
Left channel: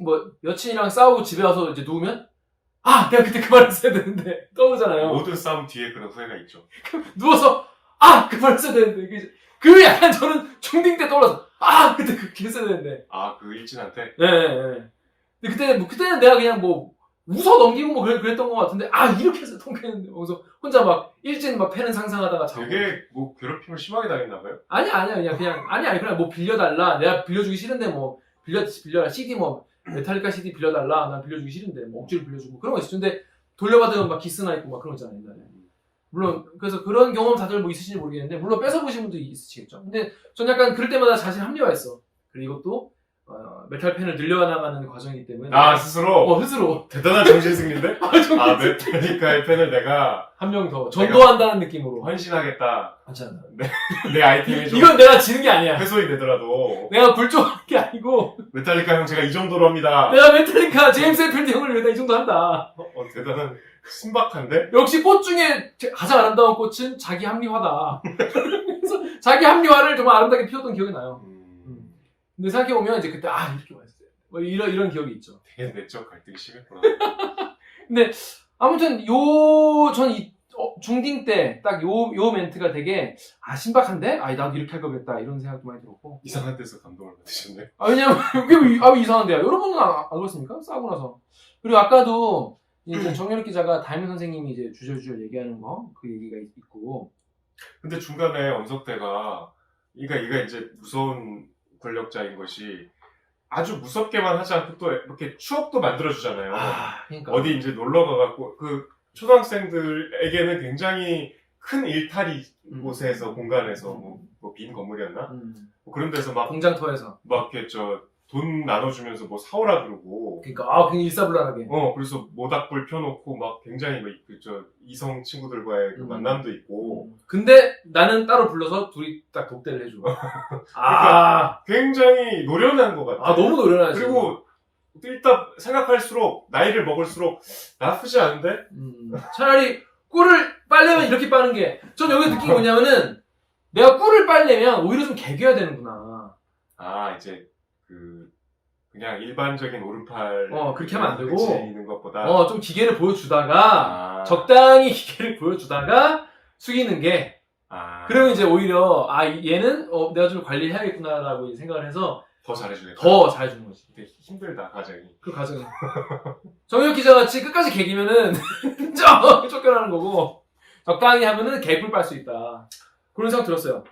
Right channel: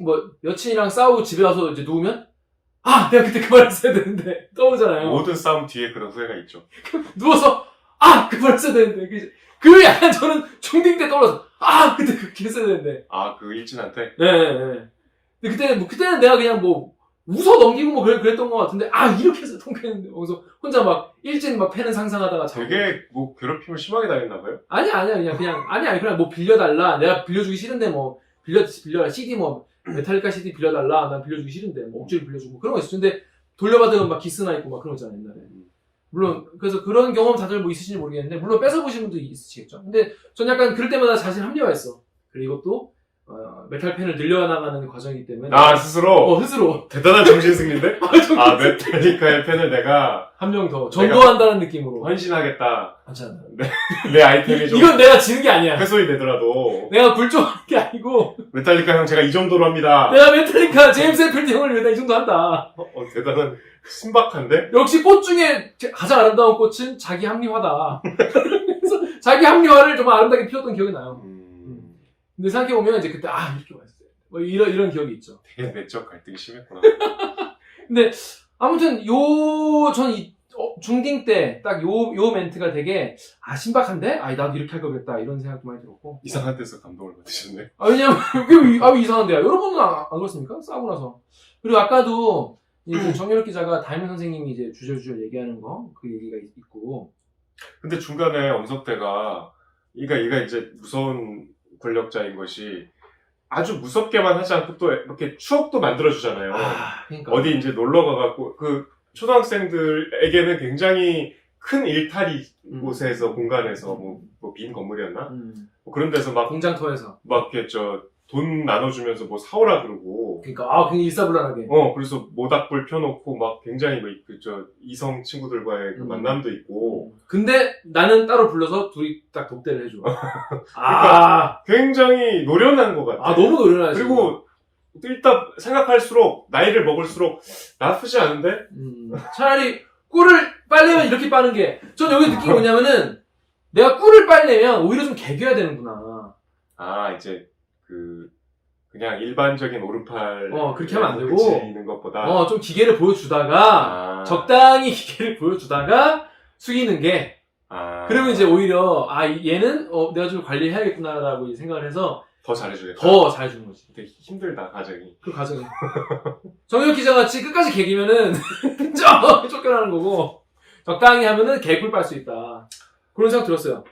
뭐 여친이랑 싸우고 집에 와서 이제 누우면 내가 그때 그 말을 했어야 되는데 떠오르잖아요. 모든 싸움 뒤에 그런 후회가 있죠. 누워서 그 말을 했어야 되는데 그 약간 저는 중딩 때 떠올라서 그때 그렇게 했어야 되는데. 그 일진한테? 네. 근데 그때는 내가 그냥 뭐 웃어 넘기고 뭐 그랬던 것 같은데 이렇게 해서 통쾌했는데 거기서 혼자 막 일진 막 패는 상상하다가 자고. 되게 뭐 괴롭힘을 심하게 당했나봐요? 아니야 그냥 뭐 빌려달라, 내가 빌려주기 싫은데 뭐 빌려라, CD 뭐 메탈리카 CD 빌려달라, 난 빌려주기 싫은데 뭐 억지로 빌려주고 그런 거 있어. 근데 돌려받으면 막 기스나 있고 막 그런 거 있잖아 옛날에. 물론 그래서 그런 경험 다들 뭐 있으신지 모르겠는데 물론 뺏어보신 분도 있으시겠죠. 근데 전 약간 그럴 때마다 자신 합리화했어. 그리고 이것도 메탈 팬을 늘려나가는 과정이기 때문에 스스로? 스스로 대단한 정신승리인데? 메탈리카의 팬을 내가 한 명 더 전도한다는 느낌으로 헌신하겠다. 괜찮아. 내 아이템이 좀 이건 내가 지는 게 아니야. 훼손이 되더라도 내가 굴종하는 게 아니고 메탈리카 형 제가 이 정도로 합니다. 내가 메탈리카 제임스 het필드 형을 위해 이 정도 한다. 대단한 신박한데? 역시 꽃 중에 가장 아름다운 꽃은 자기 합리화다. 그래서 자기 합리화를 정말 아름답게 피웠던 기억이 나요. 근데 생각해보면 이제 그때 이렇게 말했어요. 뭐 이런 기억이 있죠. 되게 내적 갈등이 심했구나. 근데 아무튼 전 중딩 때 딱 요 멘트가 되게 신박한데? 나도 이렇게 할 거겠다 이런 생각도 많이 들었고. 이상한 데서 감동을 받으셨네. 왜냐면 왜 이상한데요? 여러분은 안 그렇습니까? 싸우고 나서. 그리고 아까도 이제 정연욱 기자가 다이민 선생님이 이제 주저주저 얘기하는 거 그 얘기가 있고. 근데 중간에 엄석대가 얘가 이제 무서운 권력자인 것이 아주 무섭게만 하지 않고 또 이렇게 추억도 만들어주잖아요. 그러니까. 어디 이제 놀러 가갖고 초등학생들에게는 굉장히 큰 일탈이 곳에서 공간에서 뭐 빈 건물이었나? 뭐 그런 데서 막 공장터에서 이렇게 돈 나눠주면서 뭐 사오라 그러고. 그러니까 굉장히 일사불란하게. 그래서 모닥불 펴놓고 막 굉장히 이성 친구들과의 그 만남도 있고. 근데 나는 따로 불러서 둘이 딱 독대를 해줘. 그러니까 굉장히 노련한 것 같아. 너무 노련하지. 그리고 일단 생각할수록 나이를 먹을수록 나쁘지 않은데? 차라리 꿀을 빨려면 이렇게 빠는 게, 전 여기 느낀 게 뭐냐면은 내가 꿀을 빨려면 오히려 좀 개겨야 되는구나. 이제 그냥 일반적인 오른팔 그렇게 하면 안 되고 그치는 것보다 좀 기계를 보여주다가 적당히 기계를 보여주다가 숙이는 게 그러면 이제 오히려 얘는 내가 좀 관리해야겠구나라고 이제 생각을 해서 더 잘해주겠다. 더 잘해주는 거지. 되게 힘들다 과정이. 그 과정이. 정혁 기자같이 끝까지 개기면은 쫓겨나는 거고, 적당히 하면은 개꿀 빨 수 있다. 그런 생각 들었어요.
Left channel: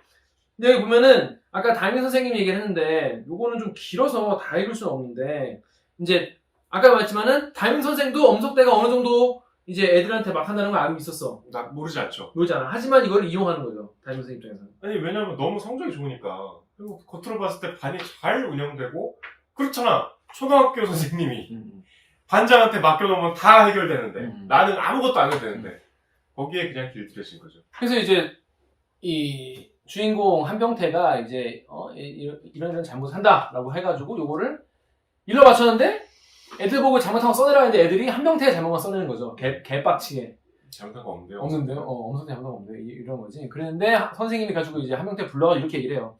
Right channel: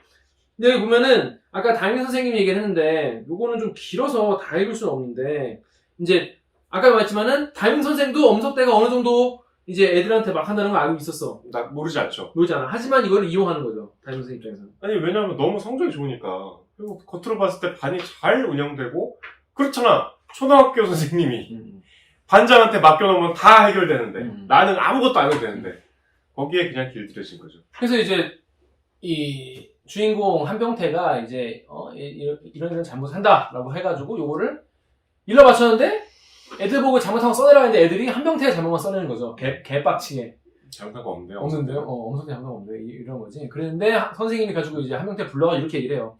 근데 여기 보면은 아까 다민 선생님 얘기를 했는데 요거는 좀 길어서 다 읽을 수는 없는데, 이제 아까 말했지만은 다민 선생도 엄석대가 어느 정도 이제 애들한테 막 한다는 걸 알고 있었어. 나 모르지 않죠. 모르지 않아. 하지만 이걸 이용하는 거죠, 다민 선생 입장에서는. 아니 왜냐면 너무 성적이 좋으니까. 그리고 겉으로 봤을 때 반이 잘 운영되고 그렇잖아. 초등학교 선생님이 반장한테 맡겨놓으면 다 해결되는데 나는 아무것도 안 해도 되는데 거기에 그냥 길들여진 거죠. 그래서 이제 이 주인공 한병태가 이제 이런 잘못을 한다라고 해가지고 요거를 일러 맞췄는데 애들 보고 잘못한 거 써내라 했는데 애들이 한병태의 잘못만 써내는 거죠. 개빡치게. 잘못한 거 없는데요? 없는데요? 엄청 잘못한 거 없는데 이런 거지. 그랬는데 선생님이 가지고 이제 한병태 불러가 이렇게 얘기를 해요.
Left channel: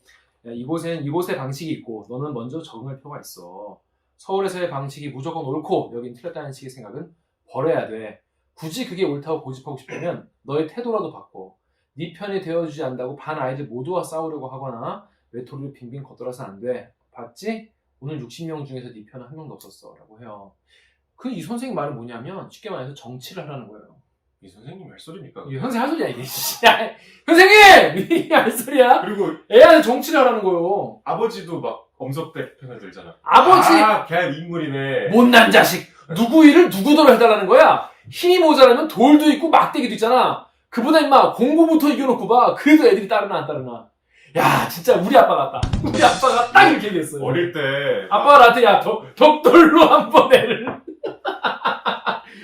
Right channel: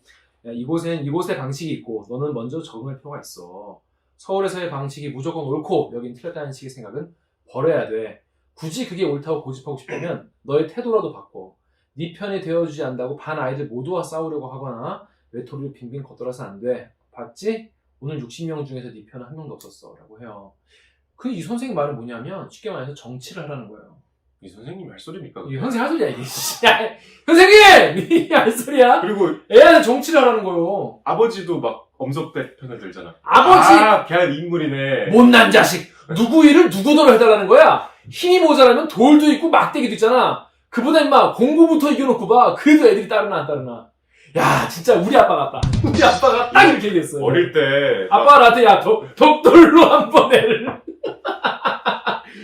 야, 이곳의 방식이 있고 너는 먼저 적응할 필요가 있어. 서울에서의 방식이 무조건 옳고 여긴 틀렸다는 식의 생각은 버려야 돼. 굳이 그게 옳다고 고집하고 싶다면 너의 태도라도 바꿔. 네 편이 되어주지 않는다고 반 아이들 모두와 싸우려고 하거나 외톨이로 빙빙 걷돌아서 안 돼. 봤지? 오늘 60명 중에서 네 편은 한 명도 없었어. 라고 해요. 그 이 선생님 말은 뭐냐면 쉽게 말해서 정치를 하라는 거예요. 이 선생님 할 소리입니까? 이 선생님 할 소리야 이게. 선생님! 이 할 소리야? 그리고 애한테 정치를 하라는 거예요. 아버지도 막 엄석대 편을 들잖아. 아버지! 걔 인물이네. 못난 자식! 누구 일을 누구더러 해달라는 거야? 힘이 모자라면 돌도 있고 막대기도 있잖아. 그보다 임마 공부부터 이겨놓고 봐. 그래도 애들이 따르나 안 따르나. 야 진짜 우리 아빠 같다. 우리 아빠가 딱 이렇게 얘기했어요. 어릴 때 아빠가 나한테 야 덕돌로 한번 애를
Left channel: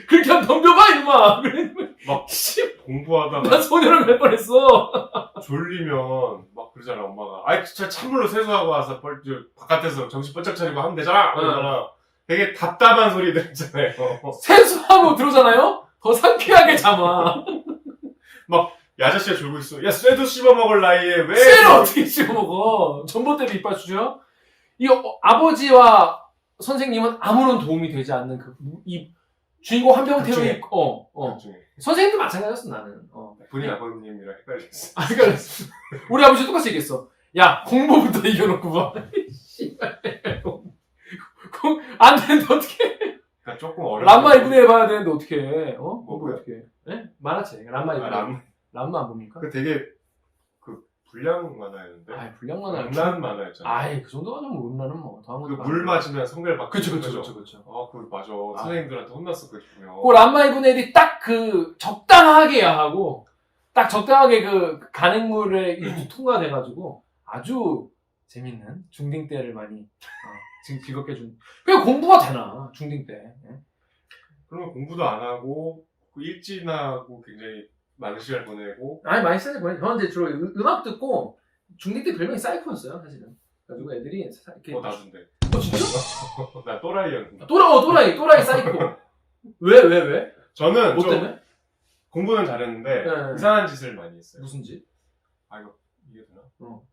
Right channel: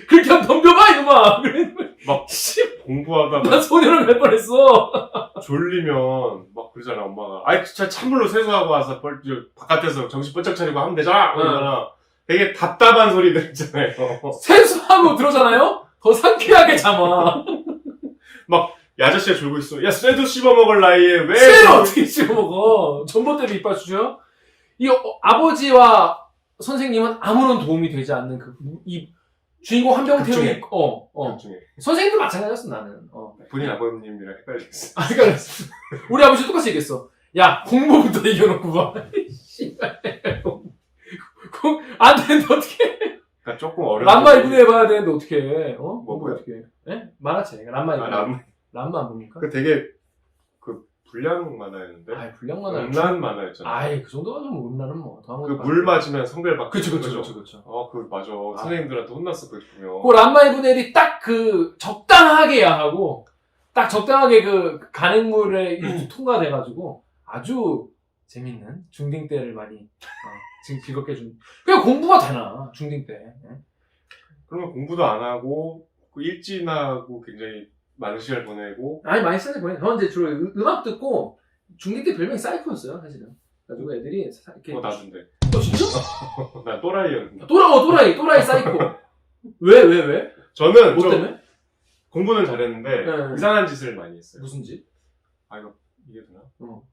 그렇게 한번 덤벼봐 이놈아. 막 공부하다가 나 소녀를 갈 뻔했어. 졸리면 막 그러잖아 엄마가. 아이 진짜 찬물로 세수하고 와서 바깥에서 정신 번쩍 차리고 하면 되잖아. 그러잖아. 되게 답답한 소리들 있잖아요. 세수하고 들어오잖아요? 더 상쾌하게 잠아. 막 이 아저씨가 졸고 있어. 야 쇠도 씹어먹을 나이에 왜 쇠를 어떻게 씹어먹어? 전봇대를 이빨 주죠? 이 아버지와 선생님은 아무런 도움이 되지 않는 이 주인공 한병태의 중에 선생님도 마찬가지였어 나는. 본인 아버님이랑 헷갈렸어. 그러니까 우리 아버지 똑같이 얘기했어. 야 공부부터 이겨놓고 봐. 안 되는데 어떻게? 그러니까 조금 어려워. 람마 2분의 해봐야 되는데 어떻게 해? 뭐야? 어떻게 해? 예? 만화책 람마 2분의. 람마 안 봅니까? 그 되게 불량 만화였는데. 불량 만화. 음란 만화였잖아. 그 정도가 좀 음란은 뭐. 물 맞으면 성별 바뀌는 그쵸. 맞아. 선생님들한테 혼났어 그거 보면. 그 람마 2분의 1이 딱 적당하게 해야 하고 딱 적당하게 간행물에 통과돼가지고 아주 재밌는 중딩 때를 많이 지금 즐겁게 좀. 그냥 공부가 되나, 중딩 때. 예? 그러면 공부도 안 하고 그 일진하고 굉장히 많은 시간을 보내고 아니, 많이 쓰는 거예요. 저는 이제 주로 음악 듣고, 중딩 때 별명이 사이코였어요, 사실은. 그래가지고 애들이, 이렇게. 나준대. 진짜? 난 또라이였는데. 또라이 사이코. 왜? 저는 뭐 좀 때문에? 공부는 잘했는데 네. 이상한 짓을 많이 했어요. 무슨 집? 아 이거 이게 되나? 어.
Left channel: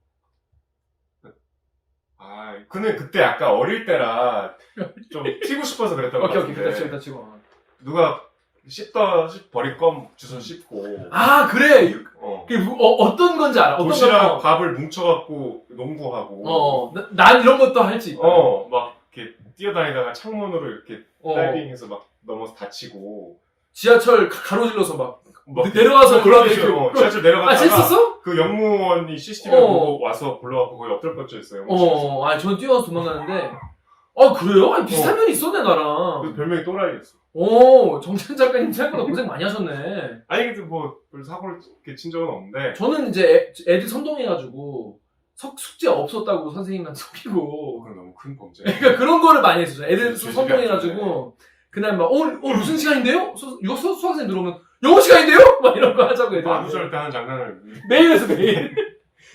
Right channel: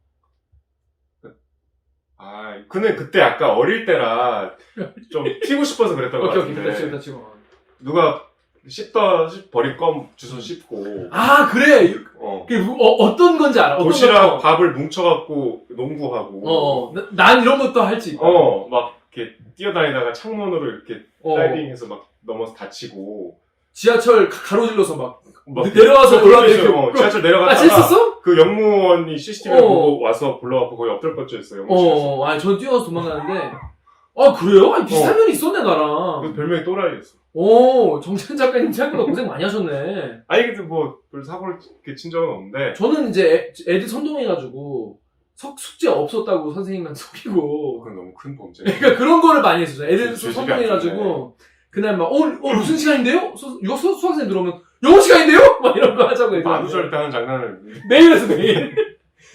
근데 그때 약간 어릴 때라 좀 튀고 싶어서 그랬던 것 오케이, 같은데 됐다 치고. 누가 씹다 버린 껌 주워 씹고 아, 그래! 그게 어떤 건지 알아? 어떤 도시락 거? 밥을 뭉쳐갖고 농구하고 난 이런 것도 할 수 있다. 막 이렇게 뛰어다니다가 창문으로 이렇게 다이빙해서 막 넘어서 다치고 지하철 가로질러서 막 막 내려와서 올라가 이렇게. 지하철 내려갔다가 실수했어? 그 영무원이 CCTV를 보고 와서 불러갖고 거의 엎드려 뻗쳐있어요. 아니, 전 뛰어서 도망가는데. 그래요? 아니, 비슷한 면이 있었네, 나랑. 그 별명이 또라이였어. 정찬 작가님 생각보다 고생 많이 하셨네. 아니 근데 뭐 별 사고를 이렇게 친 적은 없는데 저는 이제 애들 선동해가지고 숙제 없었다고 선생님한테 속이고. 그건 너무 큰 범죄. 그러니까 그런 거를 많이 했었어요. 애들 그 선동해가지고. 그날 막, 무슨 시간인데요? 수학생 들어오면, 영어 시간인데요? 막 이런 거 하자고 애들. 만우절 때 하는 장난을 매일 해서 매일.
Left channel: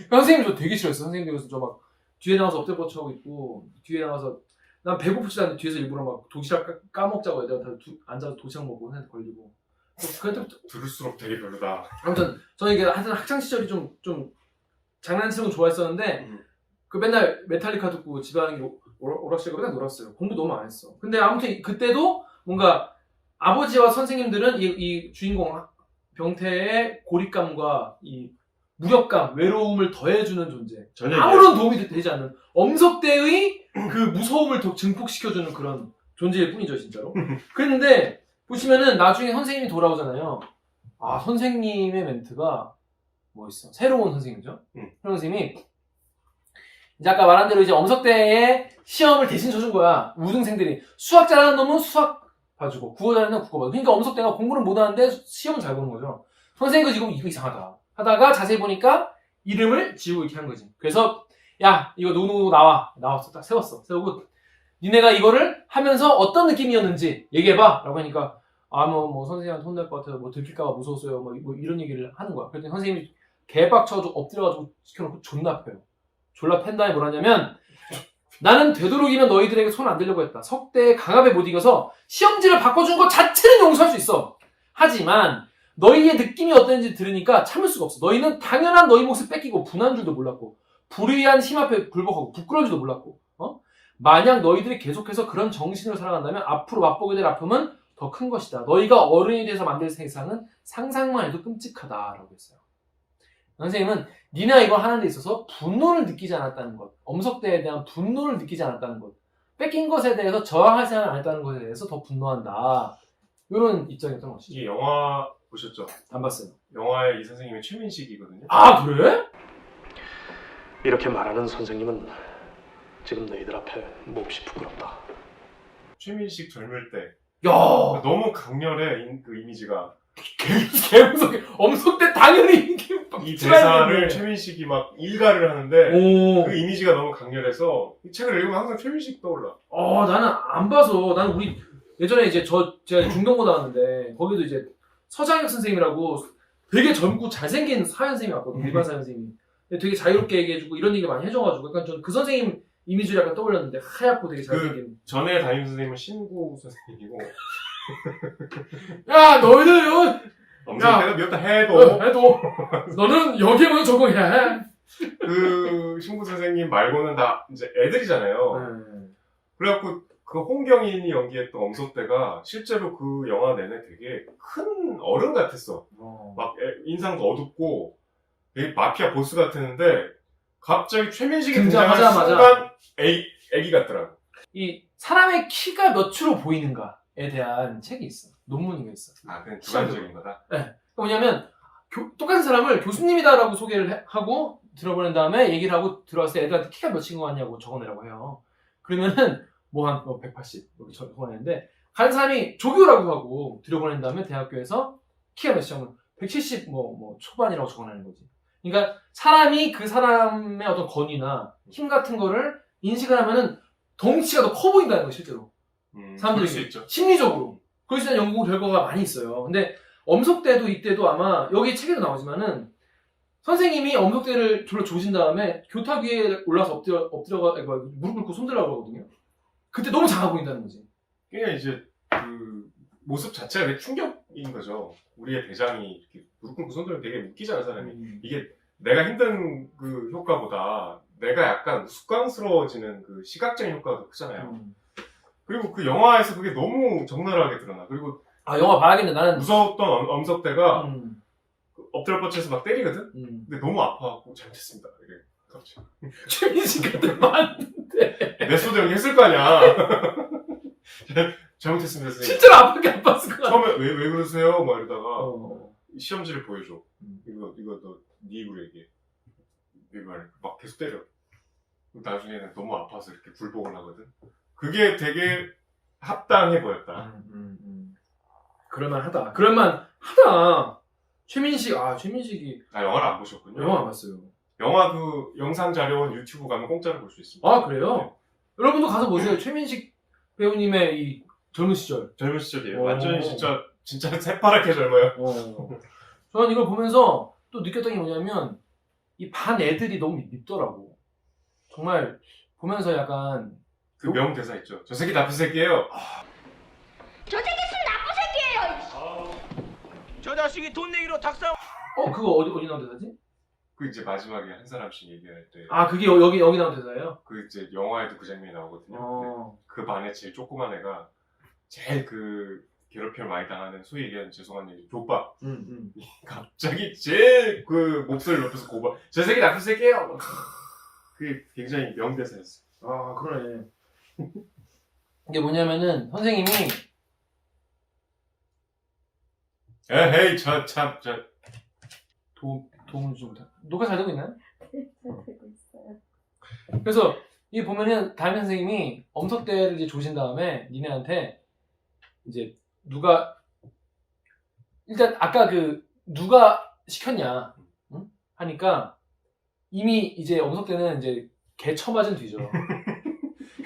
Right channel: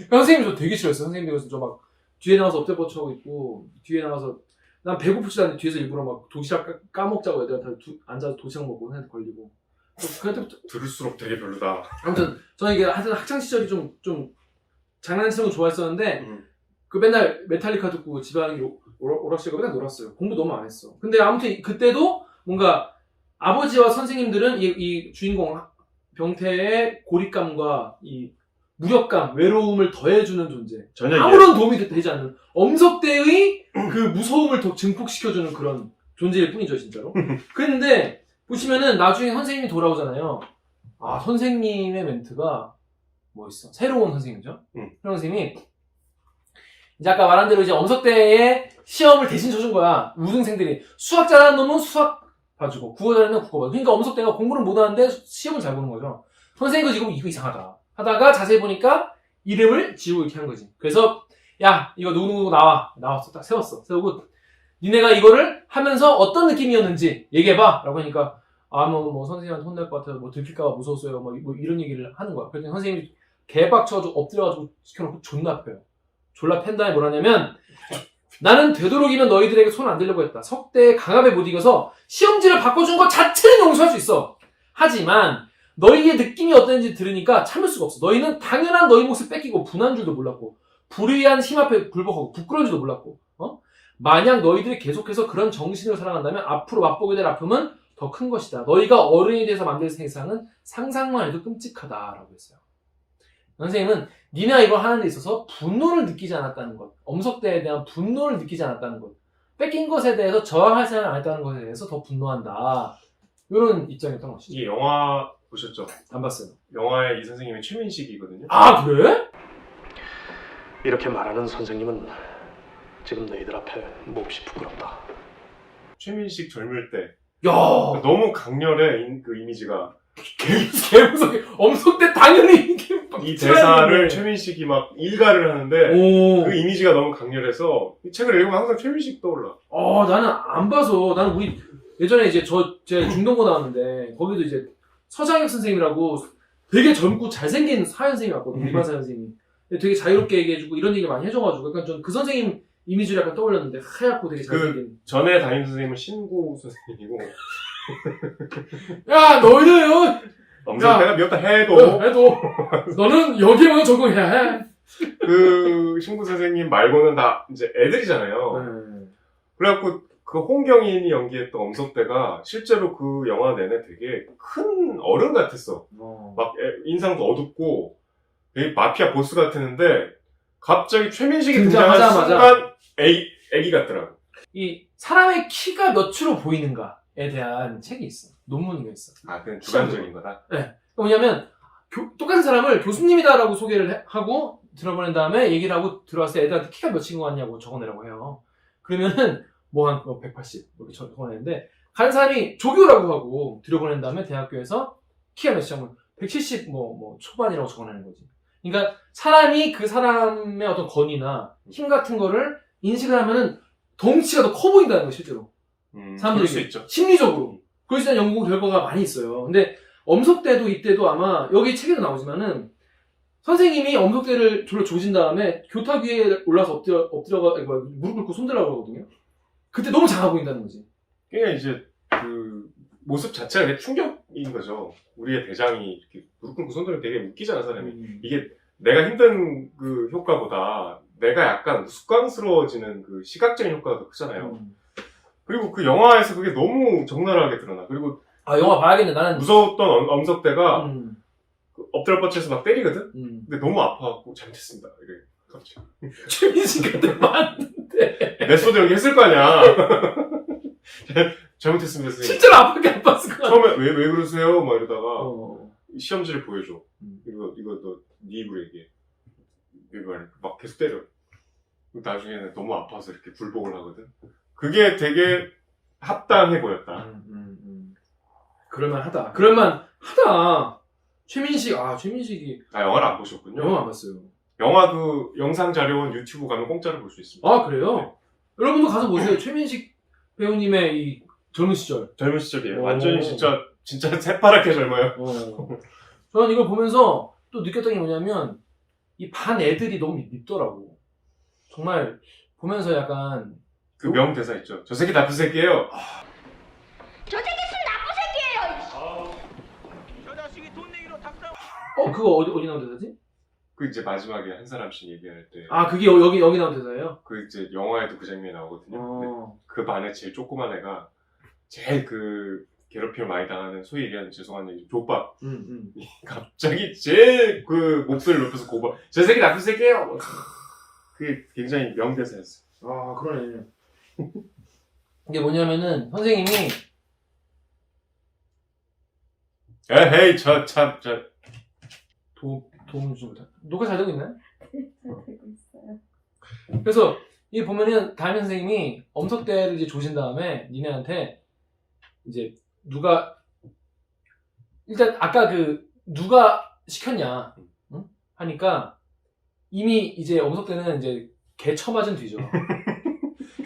선생님 저 되게 싫어했어요. 선생님들 그래서 저 막 뒤에 나가서 엎드려 뻗쳐하고 있고, 뒤에 나가서 난 배고프지도 않는데 뒤에서 일부러 막 도시락 까먹자고 애들한테 앉아서 도시락 먹고 선생님한테 걸리고. 그때부터 들을수록 되게 별로다. 아무튼 저는 이게 하여튼 학창 시절이 좀 장난치는 거 좋아했었는데 그 맨날 메탈리카 듣고 집에 가는 게 오락실가 맨날 놀았어요. 공부 너무 안 했어. 근데 아무튼 그때도 뭔가 아버지와 선생님들은 이 주인공 병태의 고립감과 이 무력감, 외로움을 더해주는 존재. 전혀 아무런 도움이 되지 않는 엄석대의 그 무서움을 더 증폭시켜주는 그런 존재일 뿐이죠, 진짜로. 근데 보시면은 나중에 선생님이 돌아오잖아요. 선생님의 멘트가 뭐 있어? 새로운 선생님이죠. 새로운 선생님이 이제 아까 말한 대로 이제 엄석대의 시험을 대신 쳐준 거야. 우등생들이 수학 잘하는 놈은 수학 봐주고 국어 잘하는 놈은 국어 봐주고. 그러니까 엄석대가 공부는 못하는데 시험은 잘 보는 거죠. 선생님이 지금 이거 이상하다 하다가 자세히 보니까 이름을 지우고 이렇게 한 거지. 그래서 야 이거 누구누구 나왔어. 딱 세우고 니네가 이거를 하면서 어떤 느낌이었는지 얘기해봐 라고 하니까 뭐 선생님한테 혼낼 것 같아서 뭐 들킬까봐 무서웠어요 뭐 이런 얘기를 하는 거야. 그랬더니 선생님이 개빡쳐가지고 엎드려가지고 시켜놓고 존나 패요. 졸라 팬 다음에 뭐라냐면 나는 되도록이면 너희들에게 손 안 들려고 했다. 석대의 강압에 못 이겨서 시험지를 바꿔준 것 자체는 용서할 수 있어. 하지만 너희의 느낌이 어땠는지 들으니까 참을 수가 없어. 너희는 당연한 너희 몫을 뺏기고 분한 줄도 몰랐고 불의한 힘 앞에 굴복하고 부끄러운 줄도 몰랐고 만약 너희들이 계속해서 그런 정신을 살아간다면 앞으로 맛보게 될 아픔은 더 큰 것이다. 너희가 어른이 돼서 만들 세상은 상상만 해도 끔찍하다라고 했어요. 선생님은 니네가 이걸 하는 데 있어서 분노를 느끼지 않았다는 것, 엄석대에 대한 분노를 느끼지 않았다는 것, 뺏긴 것에 대해서 저항할 생각을 안 했다는 것에 대해서 더 분노한다. 이런 입장이었던 것이죠. 이 영화 보셨죠? 안 봤어요. 영화의 이 선생님이 최민식이거든요. 그래? 이렇게 말하는 선생님은 지금 너희들 앞에 몹시 부끄럽다. 최민식 젊을 때 야, 너무 강렬해 그 이미지가. 개무섭게 엄석대 당연히 이 대사를 최민식이 막 일가를 하는데 그 이미지가 너무 강렬해서 이 책을 읽으면 항상 최민식 떠올라. 나는 안 봐서 나는 우리 예전에 이제 제가 중동고 나왔는데 거기도 이제 서장혁 선생님이라고 되게 젊고 잘생긴 사연 선생님이 왔거든요. 일반 사연 선생님이. 되게 자유롭게 얘기해주고 이런 얘기 많이 해줘가지고 약간 전 그 선생님 이미지를 약간 떠올렸는데 하얗고 되게 잘생긴. 전에 담임 선생님은 신구 선생님이고. 야 너희들 엄석대가 몇 달 해도 너는 여기에만 적응해야 해. 그 신구 선생님 말고는 다 이제 애들이잖아요. 그래갖고 그 홍경인이 연기했던 엄석대가 실제로 그 영화 내내 되게 큰 어른 같았어. 막 인상도 어둡고 되게 마피아 보스 같았는데 갑자기 최민식이 등장하는 순간 애기 같더라고. 이 사람의 키가 몇으로 보이는가에 대한 책이 있어. 논문이 있어. 그냥 주관적인 거다? 네. 뭐냐면 똑같은 사람을 교수님이다라고 소개를 하고 들어보낸 다음에 얘기를 하고 들어왔을 때 애들한테 키가 몇인 것 같냐고 적어내라고 해요. 그러면은 한 180 이렇게 적어내는데 간 사람이 조교라고 하고 들여보낸 다음에 대학교에서 키가 몇이냐면 170 초반이라고 적어내는 거지. 그러니까 사람이 그 사람의 어떤 권위나 힘 같은 거를 인식을 하면은 덩치가 더 커 보인다는 거예요, 실제로. 그럴 수 사람들에게. 있죠. 심리적으로. 그것에 대한 연구 결과가 많이 있어요. 근데 엄석대도 이때도 아마 여기 책에도 나오지만은 선생님이 엄석대를 졸라 조진 다음에 교탁 위에 올라서 엎드려가 무릎 꿇고 손들라고 하거든요. 그때 너무 작아 보인다는 거지. 그러니까 이제 그 모습 자체가 되게 충격인 거죠. 우리의 대장이 이렇게 무릎 꿇고 손들면 되게 웃기잖아, 사람이. 이게 내가 힘든 그 효과보다 내가 약간 우스꽝스러워지는 그 시각적인 효과가 더 크잖아요. 그리고 그 영화에서 그게 너무 적나라하게 드러나. 그리고 아, 영화 봐야겠네. 나는 무서웠던 엄석대가 음. 그 엎드려 뻗쳐서 막 때리거든? 근데 너무 아파갖고 잘못했습니다. 이래. 갑자기. 최민식 같은 맞는데 메소드 연기 했을 거 아니야. 잘못했습니다, 선생님. 실제로 아프게 안 봤을 것 같아. 처음에 왜 그러세요? 막 이러다가 어. 시험지를 보여줘. 이거 너 네 입으로 얘기해. 이거 말해. 막 계속 때려. 나중에는 너무 아파서 이렇게 굴복을 하거든. 그게 되게 합당해 보였다. 그럴만하다. 그럴만하다. 최민식이 영화를 안 보셨군요. 영화 안 봤어요. 영화 그 영상 자료원 유튜브 가면 공짜로 볼 수 있습니다. 아, 그래요? 여러분도 가서 보세요. 최민식 배우님의 이 젊은 시절. 젊은 시절이에요. 오. 완전히 진짜 새파랗게 젊어요. 저는 이걸 보면서 또 느꼈던 게 뭐냐면 이 반 애들이 너무 밉더라고. 정말 보면서 약간 그 명대사 있죠. 저 새끼 나쁜 새끼예요. 저 새끼 술 나쁜 새끼예요. 저 자식이 돈 내기로 닭싸움. 그거 어디 나온 대사지? 그 이제 마지막에 한 사람씩 얘기할 때. 아, 그게 여기 나온 대사예요? 그 이제 영화에도 그 장면이 나오거든요. 근데 어. 그 반에 제일 조그만 애가 제일 그 괴롭힘을 많이 당하는 소위 얘기하는 죄송한 얘기 족밥. 갑자기 제일 그 목소리를 높여서 고발. 저 새끼 나쁜 새끼예요. 그게 굉장히 명대사였어요. 아, 그러네. 이게 뭐냐면은 선생님이 에헤이 도움을 주지 못한. 녹화 잘 되고 있나요? 되고 있어요. 그래서 이 보면은 담임 선생님이 엄석대를 이제 조신 다음에 니네한테 이제 누가 일단 아까 그 누가 시켰냐 응? 하니까 이미 이제 엄석대는 이제 개 처맞은 뒤죠.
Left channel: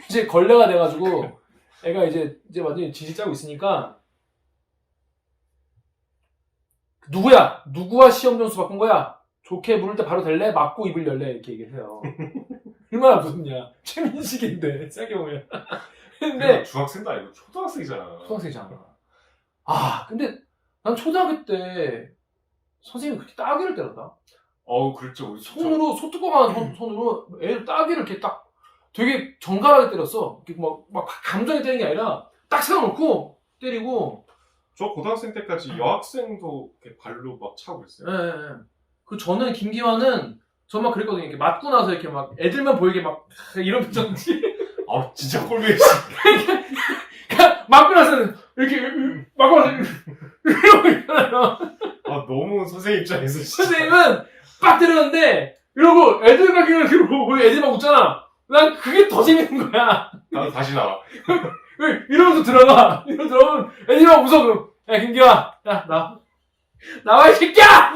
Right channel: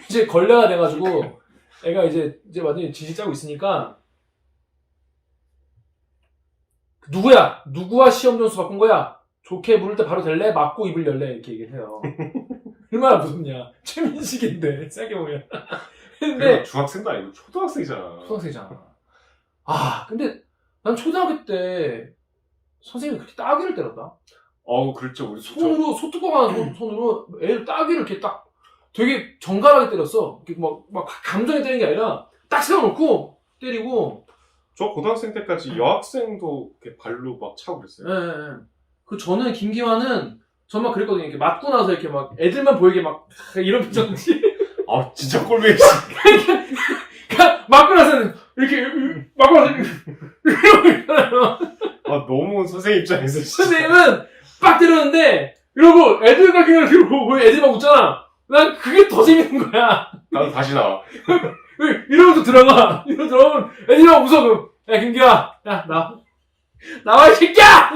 이제 걸레가 돼가지고 애가 이제 완전히 지지 짜고 있으니까 누구와 시험 점수 바꾼 거야? 좋게 부를 때 바로 될래? 맞고 입을 열래? 이렇게 얘기를 해요. 얼마나 무섭냐. 최민식인데 생각해보면. 근데 중학생도 아니고 초등학생이잖아. 초등학생이잖아. 근데 난 초등학교 때 선생님이 그렇게 따귀를 때렸다. 그렇죠. 우리 손으로 소뚜껑한 손으로 애를 따귀를 이렇게 딱 되게 정갈하게 때렸어. 이렇게 막 감정에 때리는 게 아니라 딱 세워놓고 때리고. 저 고등학생 때까지 여학생도 이렇게 발로 막 차고 그랬어요. 예. 그 저는 김기환은 정말 그랬거든요. 이렇게 맞고 나서 이렇게 막 애들만 보이게 막 이런 표정이지. 진짜 꼴보기 그러니까 맞고 나서는 이렇게 맞고 나서 이러고 있잖아요. 너무 선생님 입장에서 진짜. 선생님은 빡 때렸는데 이러고 애들과 그냥 이렇게 보고 애들이 막 웃잖아. 난 그게 더 재밌는 거야. 나도 다시 나와. 이러면서 들어가. 이러면서 들어가면 애들이 막 웃어. 그럼 야 김기환, 야 나와 이 새끼야.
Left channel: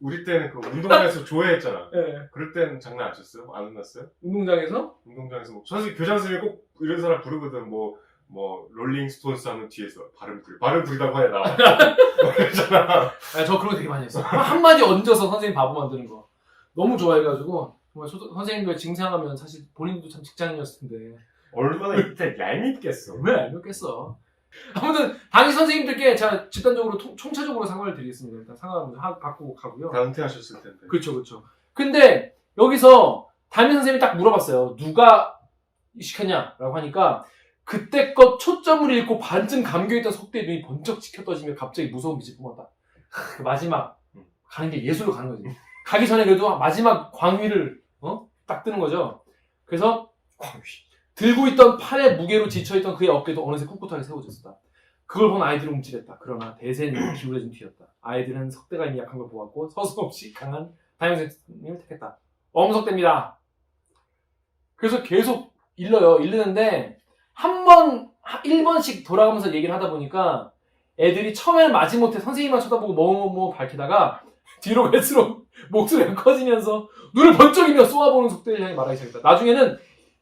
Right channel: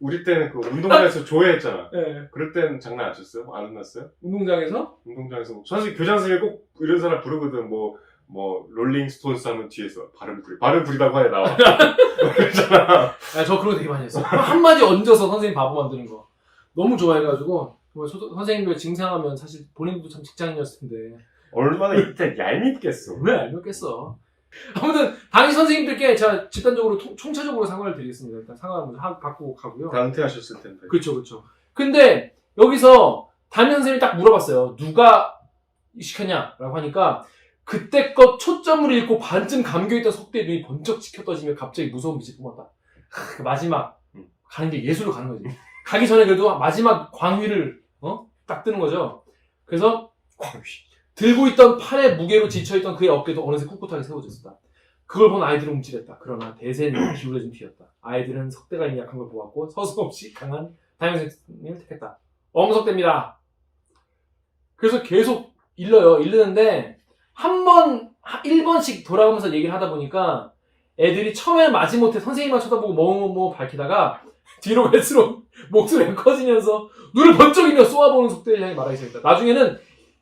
우리 때는 그 운동장에서 조회했잖아. 네. 그럴 때는 장난 안 쳤어요? 안 혼났어요? 운동장에서 운동장에서 선생님 교장 선생님이 꼭 이런 사람 부르거든. 뭐 롤링스톤스 하면 뒤에서 발음 부리다고 하에 나와. 그러잖아. 저 그런 거 되게 많이 했어. 한마디 얹어서 선생님 바보 만드는 거 너무 좋아해가지고 정말 선생님들 징상하면 사실 본인도 참 직장인이었을 텐데 얼마나 이때 얄밉겠어. 왜 알겠어. 아무튼 당시 선생님들께 제가 집단적으로 총체적으로 사과를 드리겠습니다. 일단 사과 먼저 받고 가고요. 다 은퇴하셨을 텐데. 그렇죠. 근데 여기서 담임 선생님이 딱 물어봤어요. 누가 시켰냐라고 하니까 그때껏 초점을 잃고 반쯤 감겨있던 석대의 눈이 번쩍 치켜 떠지며 갑자기 무서운 빛이 뿜었다. 그 마지막 가는 게 예술로 가는 거지. 가기 전에 그래도 마지막 광위를 딱 뜨는 거죠. 그래서 들고 있던 팔의 무게로 지쳐있던 그의 어깨도 어느새 꿋꿋하게 세워져 있었다. 그걸 본 아이들은 움찔했다. 그러나 대세는 기울어진 뒤였다. 아이들은 석대가 이미 약한 걸 보았고 서슴없이 강한 담임 선생님을 택했다. 엄석대입니다. 그래서 계속 읽는데 한 번 1번씩 돌아가면서 얘기를 하다 보니까 애들이 처음에는 마지못해 선생님만 쳐다보고 뭐 밝히다가 뒤로 갈수록 목소리가 커지면서 눈을 번쩍이며 쏘아보는 석대를 향해 말하기 시작했다. 나중에는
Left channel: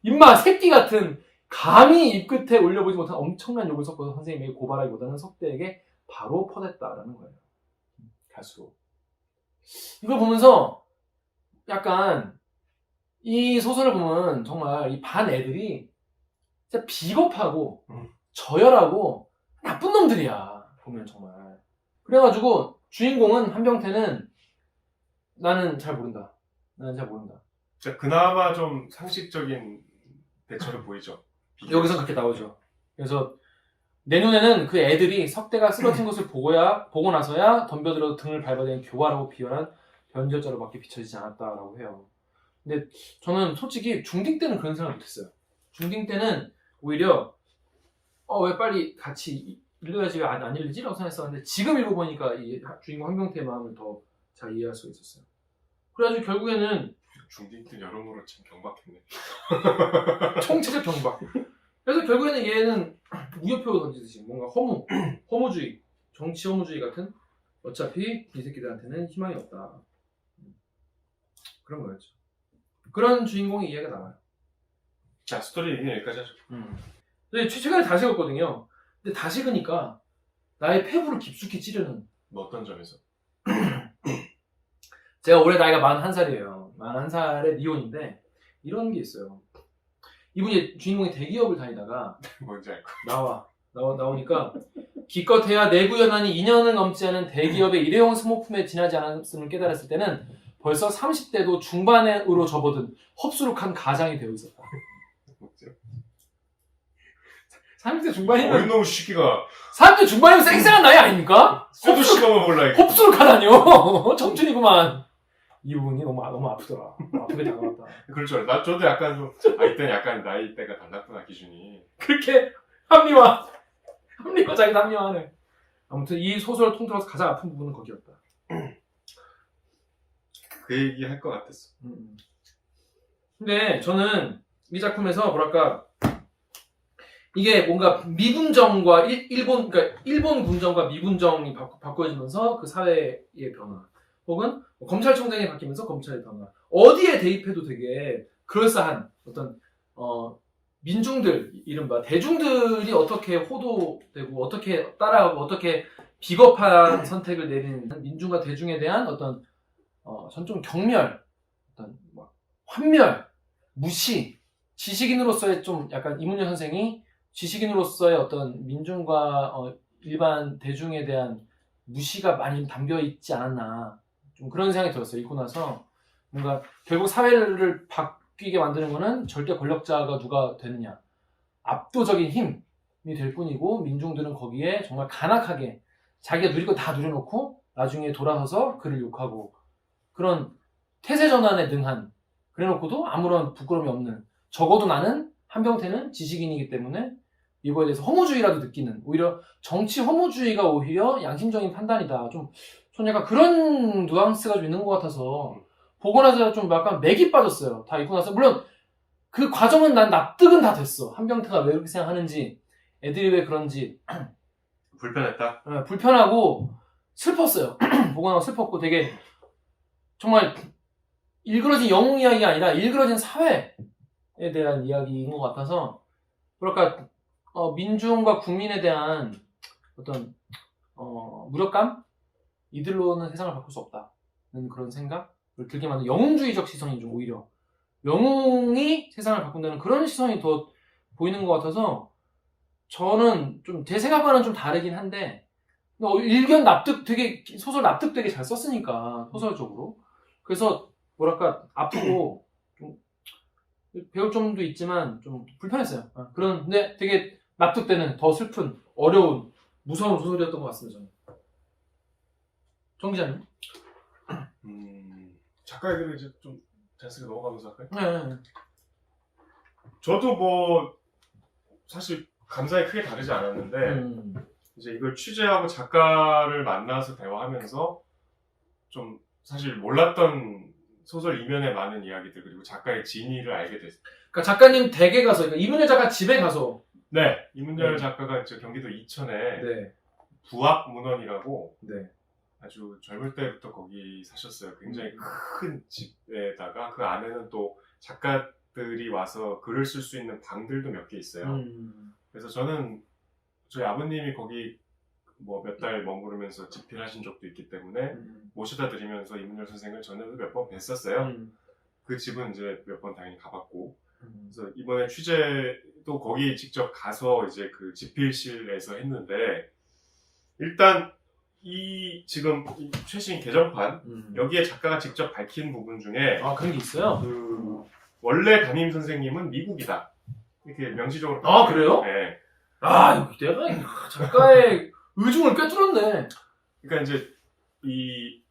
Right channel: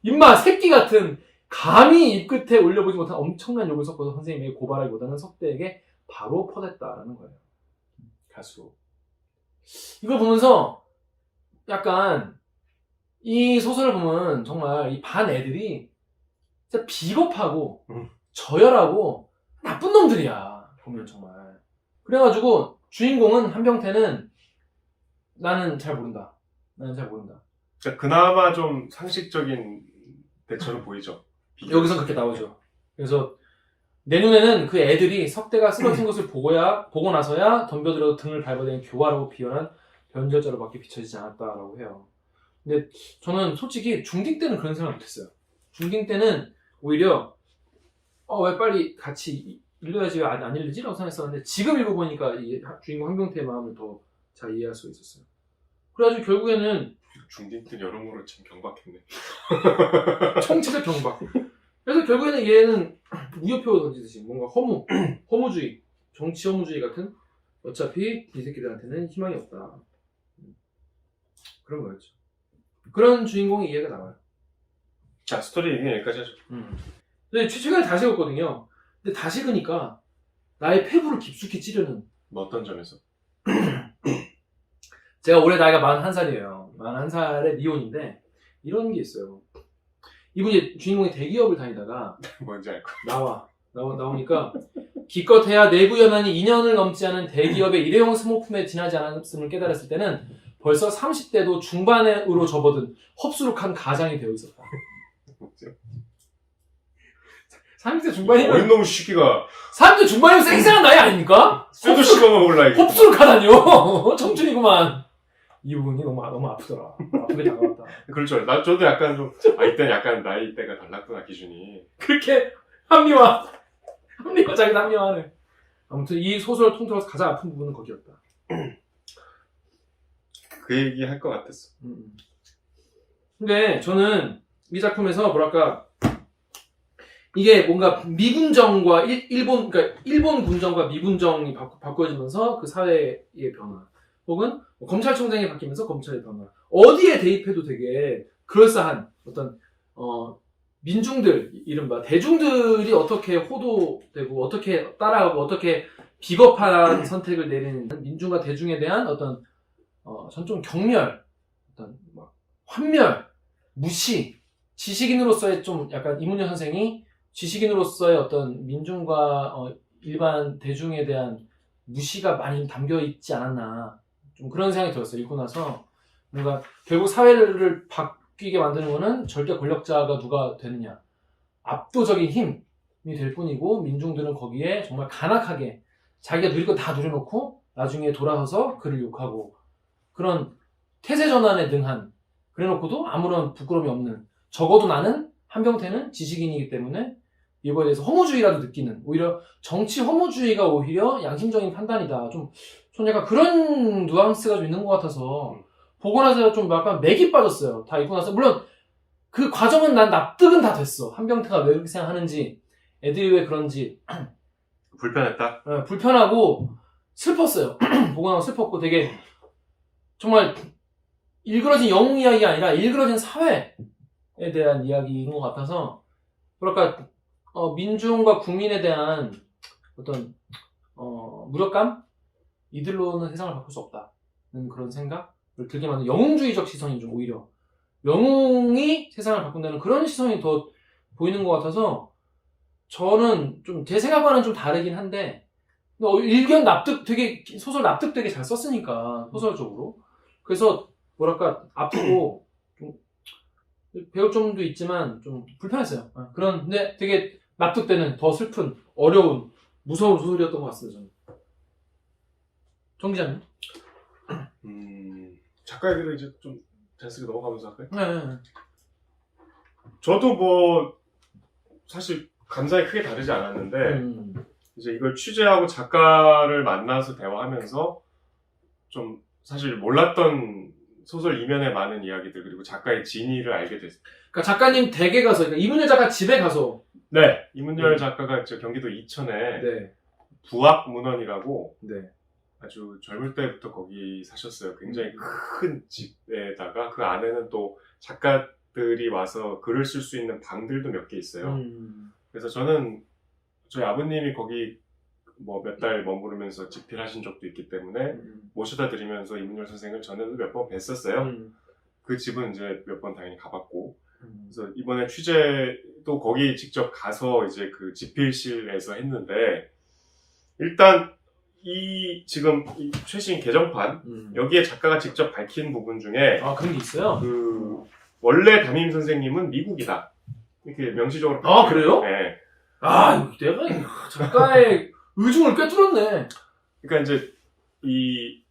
임마 새끼 같은 감히 입 끝에 올려보지 못한 엄청난 욕을 섞어서 선생님에게 고발하기보다는 석대에게 바로 퍼댔다라는 거예요. 가수. 이걸 보면서 약간 이 소설을 보면 정말 이 반 애들이 진짜 비겁하고 저열하고 나쁜 놈들이야. 보면 정말. 그래가지고 주인공은 한병태는 나는 잘 모른다. 그러니까 그나마 좀 상식적인 대처는 보이죠. 여기선 그렇게 나오죠. 그래서 내 눈에는 그 애들이 석대가 쓰러진 것을 보고 나서야 덤벼들어 등을 밟아대는 교활하고 비열한 변절자로밖에 비춰지지 않았다라고 해요. 근데 저는 솔직히 중딩 때는 그런 생각 못했어요. 중딩 때는 오히려 왜 빨리 같이 읽어야지 왜 안 읽지? 라고 생각했었는데 지금 읽어보니까 이 주인공 한병태의 마음을 더 잘 이해할 수 있었어요. 그래가지고 결국에는 중딩 때 여러모로 참 경박했네. 총체적 경박. 그래서 결국에는 얘는 무효표 던지듯이 뭔가 허무주의, 정치 허무주의 같은 어차피 이 새끼들한테는 희망이 없다. 그런 거였죠. 그런 주인공의 이해가 나와요. 자, 스토리 얘기는 여기까지 하죠. 근데 최근에 다시 읽었거든요. 근데 다시 읽으니까 나의 폐부를 깊숙이 찌르는 뭐 어떤 점에서? 제가 올해 나이가 41살이에요. 41살의 미혼인데 이런 게 있어요. 이분이 주인공이 대기업을 다니다가 뭔지 알 거야. 나오니까 기껏해야 내부 연한이 2년을 넘지 않은 대기업의 일회용 스모품에 지나지 않았음을 깨달았을 때는 벌써 30대도 중반으로 접어든 흡수룩한 가장이 되어 있었다. 30대 중반이면 어린놈 시기가 30대 중반이면 쌩쌩한 나이 아닙니까? 쇠도 씹어먹을라 이거. 흡수룩하다뇨. 청춘이구만. 이분이 너무 아프더라. 아프게 다가왔다. 그렇죠. 저도 약간 좀 이때는 약간 나이대가 달랐구나 기준이. 그렇게 자기도 합리화하네. 아무튼 이 소설을 통틀어서 가장 아픈 부분은 거기였다. 그 얘기 할 것 같았어. 근데 저는 이 작품에서 뭐랄까 이게 뭔가 미군정과 일본 군정과 미군정이 바꿔지면서 그 사회의 변화 혹은 검찰총장이 바뀌면서 검찰의 변화 어디에 대입해도 되게 그럴싸한 어떤 민중들 이른바 대중들이 어떻게 호도되고 어떻게 따라하고 어떻게 비겁한 선택을 내리는 민중과 대중에 대한 어떤 전 좀 경멸 어떤 막 환멸 무시 지식인으로서의 좀 약간 이문열 선생이 지식인으로서의 어떤 민중과 일반 대중에 대한 무시가 많이 좀 담겨 있지 않았나 좀 그런 생각이 들었어요. 읽고 나서 뭔가 결국 사회를 바뀌게 만드는 거는 절대 권력자가 누가 되느냐 압도적인 힘이 될 뿐이고 민중들은 거기에 정말 간악하게 자기가 누릴 거 다 누려놓고 나중에 돌아서서 그를 욕하고 그런 태세전환에 능한 그래놓고도 아무런 부끄러움이 없는 적어도 나는 한병태는 지식인이기 때문에 이거에 대해서 허무주의라도 느끼는 오히려 정치 허무주의가 오히려 양심적인 판단이다. 좀 약간 그런 뉘앙스가 좀 있는 것 같아서 보고 나서 좀 약간 맥이 빠졌어요. 다 읽고 나서 물론 그 과정은 난 납득은 다 됐어. 한병태가 왜 그렇게 생각하는지 애들이 왜 그런지 불편했다. 불편하고 슬펐어요. 보고 나서 슬펐고 되게 정말 일그러진 영웅 이야기가 아니라 일그러진 사회에 대한 이야기인 것 같아서 뭐랄까 민중과 국민에 대한 어떤 무력감 이들로는 세상을 바꿀 수 없다는 그런 생각을 들게 만든 영웅주의적 시선이 좀 오히려 영웅이 세상을 바꾼다는 그런 시선이 더 보이는 것 같아서 저는 좀 제 생각과는 좀 다르긴 한데 일견 소설 납득되게 잘 썼으니까 소설적으로 그래서 뭐랄까 아프고 좀 배울 점도 있지만 좀 불편했어요. 그런데 되게 납득되는 더 슬픈 어려운 무서운 소설이었던 것 같습니다. 저는. 정 기자님? 작가 얘기를 이제 좀 자연스럽게 넘어가면서 할까요? 네. 저도 뭐 사실 감상이 크게 다르지 않았는데 이제 이걸 취재하고 작가를 만나서 대화하면서 좀 사실 몰랐던 소설 이면의 많은 이야기들 그리고 작가의 진위를 알게 됐어요. 그러니까 작가님 댁에 가서 그러니까 이문열 작가 집에 가서 네, 이문열 작가가 이제 경기도 이천에 네. 부학문헌이라고 네. 아주 젊을 때부터 거기 사셨어요. 굉장히 큰 집에다가 그 안에는 또 작가들 작가들이 와서 글을 쓸 수 있는 방들도 몇 개 있어요. 그래서 저는 저희 아버님이 거기 뭐 몇 달 머무르면서 집필하신 적도 있기 때문에 모셔다 드리면서 이문열 선생을 전에도 몇 번 뵀었어요. 그 집은 이제 몇 번 당연히 가봤고, 그래서 이번에 취재도 거기 직접 가서 이제 그 집필실에서 했는데, 일단 지금 이 최신 개정판 여기에 작가가 직접 밝힌 부분 중에 아, 그런 게 있어요? 그 원래 담임 선생님은 미국이다 이렇게 명시적으로 아, 그래요? 네. 아, 이거 내가 작가의 의중을 꿰뚫었네. 그러니까 이제 이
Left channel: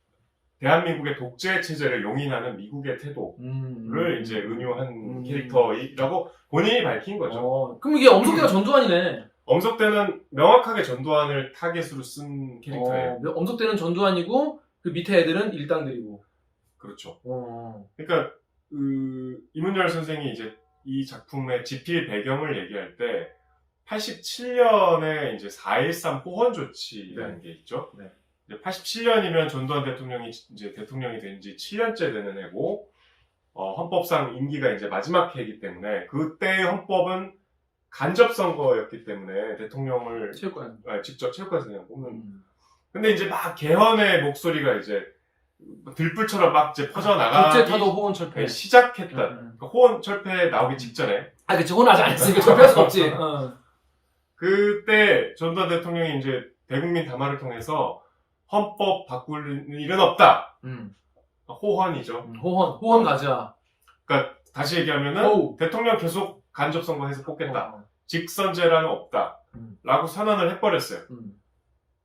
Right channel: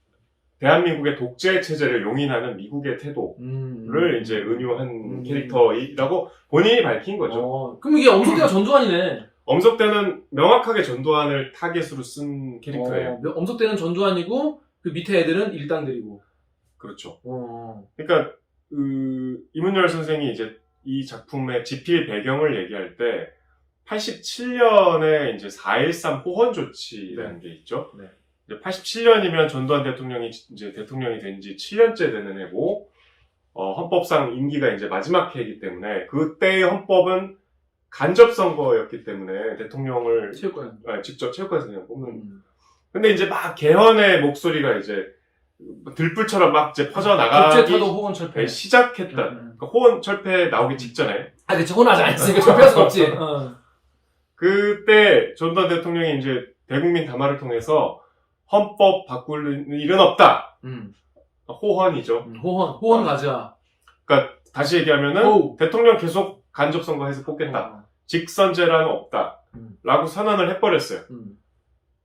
대한민국의 독재 체제를 용인하는 미국의 태도를 이제 은유한 캐릭터이라고 본인이 밝힌 거죠. 그럼 이게 엄석대가 전두환이네. 엄석대는 명확하게 전두환을 타겟으로 쓴 캐릭터예요. 엄석대는 전두환이고 그 밑에 애들은 일당들이고. 그렇죠. 어. 그러니까 이문열 선생이 이제 이 작품의 집필 배경을 얘기할 때 87년에 이제 4.13 호헌 조치라는 게 있죠. 네. 87년이면 전두환 대통령이 이제 대통령이 된 지 7년째 되는 해고, 헌법상 임기가 이제 마지막 해이기 때문에 그때의 헌법은 간접 선거였기 때문에 대통령을 체육관. 직접 체육관에서 그냥 뽑는. 근데 이제 막 개헌의 목소리가 이제 들불처럼 막 이제 퍼져나가기 국제타도 호헌 철폐. 시작했던. 그러니까 호헌 철폐 나오기 직전에. 아, 그치. 호헌 아직 안 했으니까 철폐할 수 없지. 그때 전두환 대통령이 이제 대국민 담화를 통해서 헌법 바꿀 일은 없다. 호헌이죠. 호헌 가자. 그러니까 다시 얘기하면은 오. 대통령 계속 간접 선거해서 뽑겠다. 직선제라는 없다. 라고 선언을 해버렸어요.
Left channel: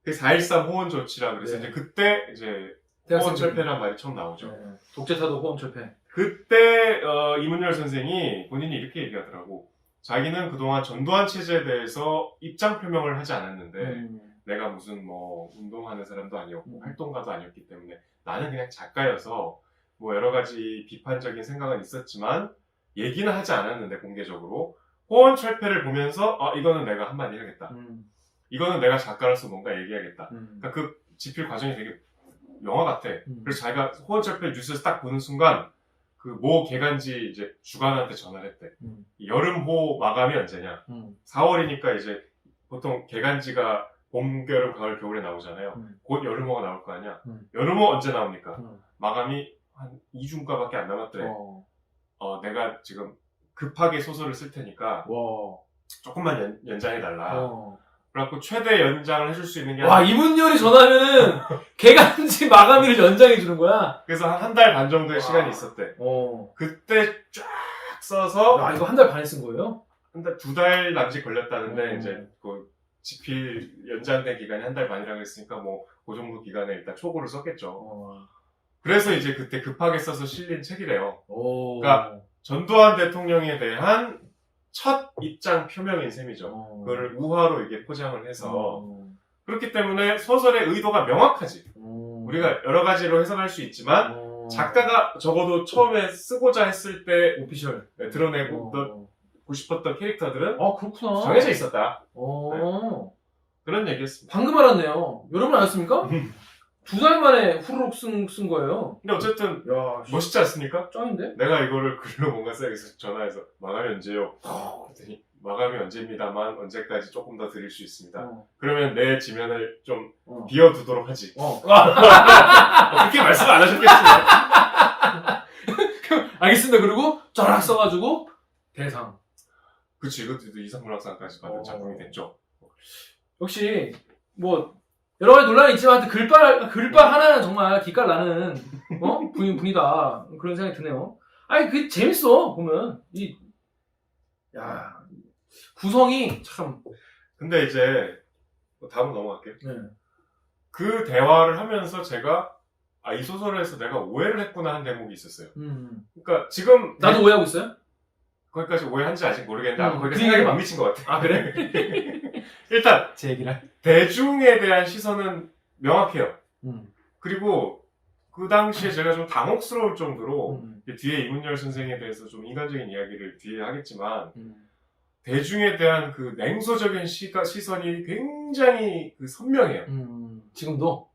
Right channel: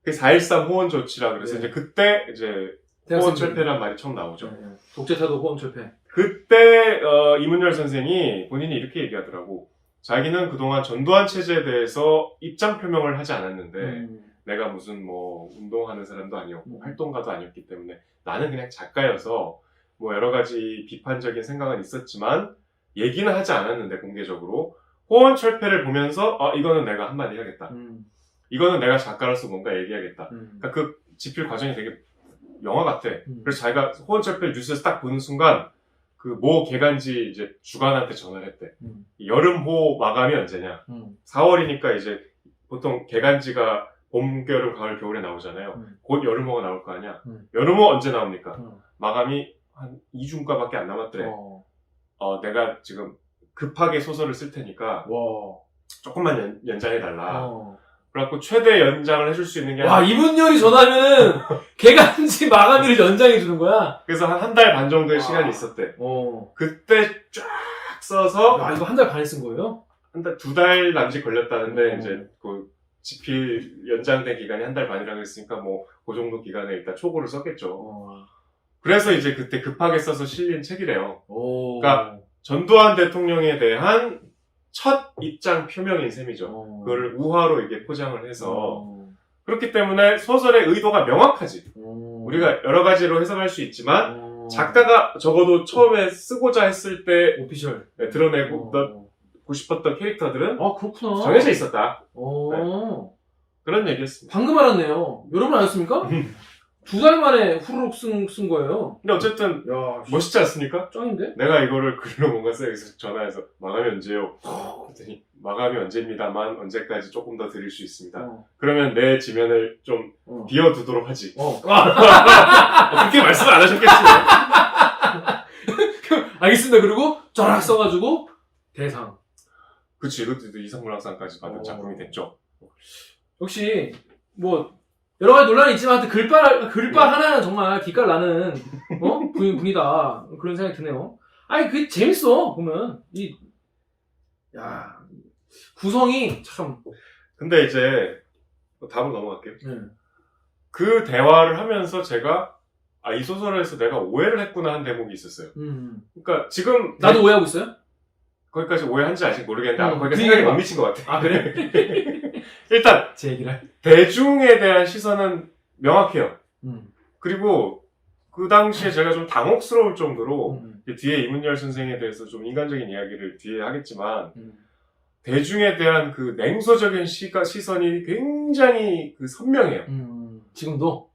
그 4.13 호헌 조치라 그래서 네. 이제 그때 이제 호헌 철폐란 말이 처음 나오죠. 네. 독재타도 호헌 철폐. 그때 이문열 선생이 본인이 이렇게 얘기하더라고. 자기는 그동안 전두환 체제에 대해서 입장 표명을 하지 않았는데 내가 무슨 뭐 운동하는 사람도 아니었고 활동가도 아니었기 때문에 나는 그냥 작가여서 뭐 여러 가지 비판적인 생각은 있었지만 얘기는 하지 않았는데 공개적으로 호헌 철폐를 보면서 이거는 내가 한마디 해야겠다. 이거는 내가 작가로서 뭔가 얘기하겠다. 그러니까 그 집필 과정이 되게 영화 같아. 그래서 자기가 호헌 철폐를 뉴스에서 딱 보는 순간 그 모 개간지 이제 주간한테 전화를 했대. 여름호 마감이 언제냐? 4월이니까 이제 보통 개간지가 봄, 여름, 가을, 겨울에 나오잖아요. 곧 여름호가 나올 거 아니야? 여름호 언제 나옵니까? 마감이 한 2주인가밖에 안 남았더래. 내가 지금 급하게 소설을 쓸 테니까 조금만 연장해달라. 그래갖고 최대 연장을 해줄 수 있는 게 와, 이문열이 전화하면은 개간지 마감일을 연장해주는 거야? 그래서 한 달 반 정도의 시간이 있었대. 그때 쫙 써서 야, 이거 한 달 반에 쓴 거예요? 한 달, 2달 남짓 걸렸다는데 이제 그 집필 연장된 기간이 한 달 반이라고 했으니까 뭐 그 정도 기간에 일단 초고를 썼겠죠. 그래서 이제 그때 급하게 써서 실린 책이래요. 그러니까 전두환 대통령에 대한 첫 입장 표명인 셈이죠. 그거를 우화로 이게 포장을 해서 그렇기 때문에 소설의 의도가 명확하지. 우리가 여러 가지로 해석할 수 있지만 작가가 적어도 처음에 쓰고자 했을 때 오피셜 드러내고 싶었던 캐릭터들은 그렇구나. 정해져 있었다. 네. 그런 얘기였습니다. 방금 알았네요. 여러분 아셨습니까? 2달 만에 후루룩 쓴 거예요. 근데 어쨌든 야, 멋있지 않습니까? 짱인데? 내가 이거를 글로 뭔가 써야겠어. 전화해서 마감이 언제요? 그랬더니 마감이 언제입니다만 언제까지 조금 더 드릴 수 있습니다. 그러면 내 지면을 좀 비워두도록 하지. 그렇게 말씀 안 하셨겠지만. 알겠습니다. 그리고 쫙 써가지고 대상. 그치, 이것도 이상문학상까지 받은 작품이 됐죠. 역시 뭐 여러 가지 논란이 있지만 하여튼 글빨 하나는 정말 기깔 나는 분이다 그런 생각이 드네요. 아니 그 재밌어 보면 야 구성이 참. 근데 이제 다음 넘어갈게요. 네. 그 대화를 하면서 제가 이 소설에서 내가 오해를 했구나 한 대목이 있었어요. 그러니까 지금 나도 오해하고 있어요? 거기까지 오해한지 아직 모르겠는데 거기가 그 생각이 얘기가 막 미친 것 같아. 아 그래? 일단 제 얘기를. 대중에 대한 시선은 명확해요. 그리고 그 당시에 제가 좀 당혹스러울 정도로 뒤에 이문열 선생에 대해서 좀 인간적인 이야기를 뒤에 하겠지만 대중에 대한 그 냉소적인 시선이 굉장히 그 선명해요. 지금도?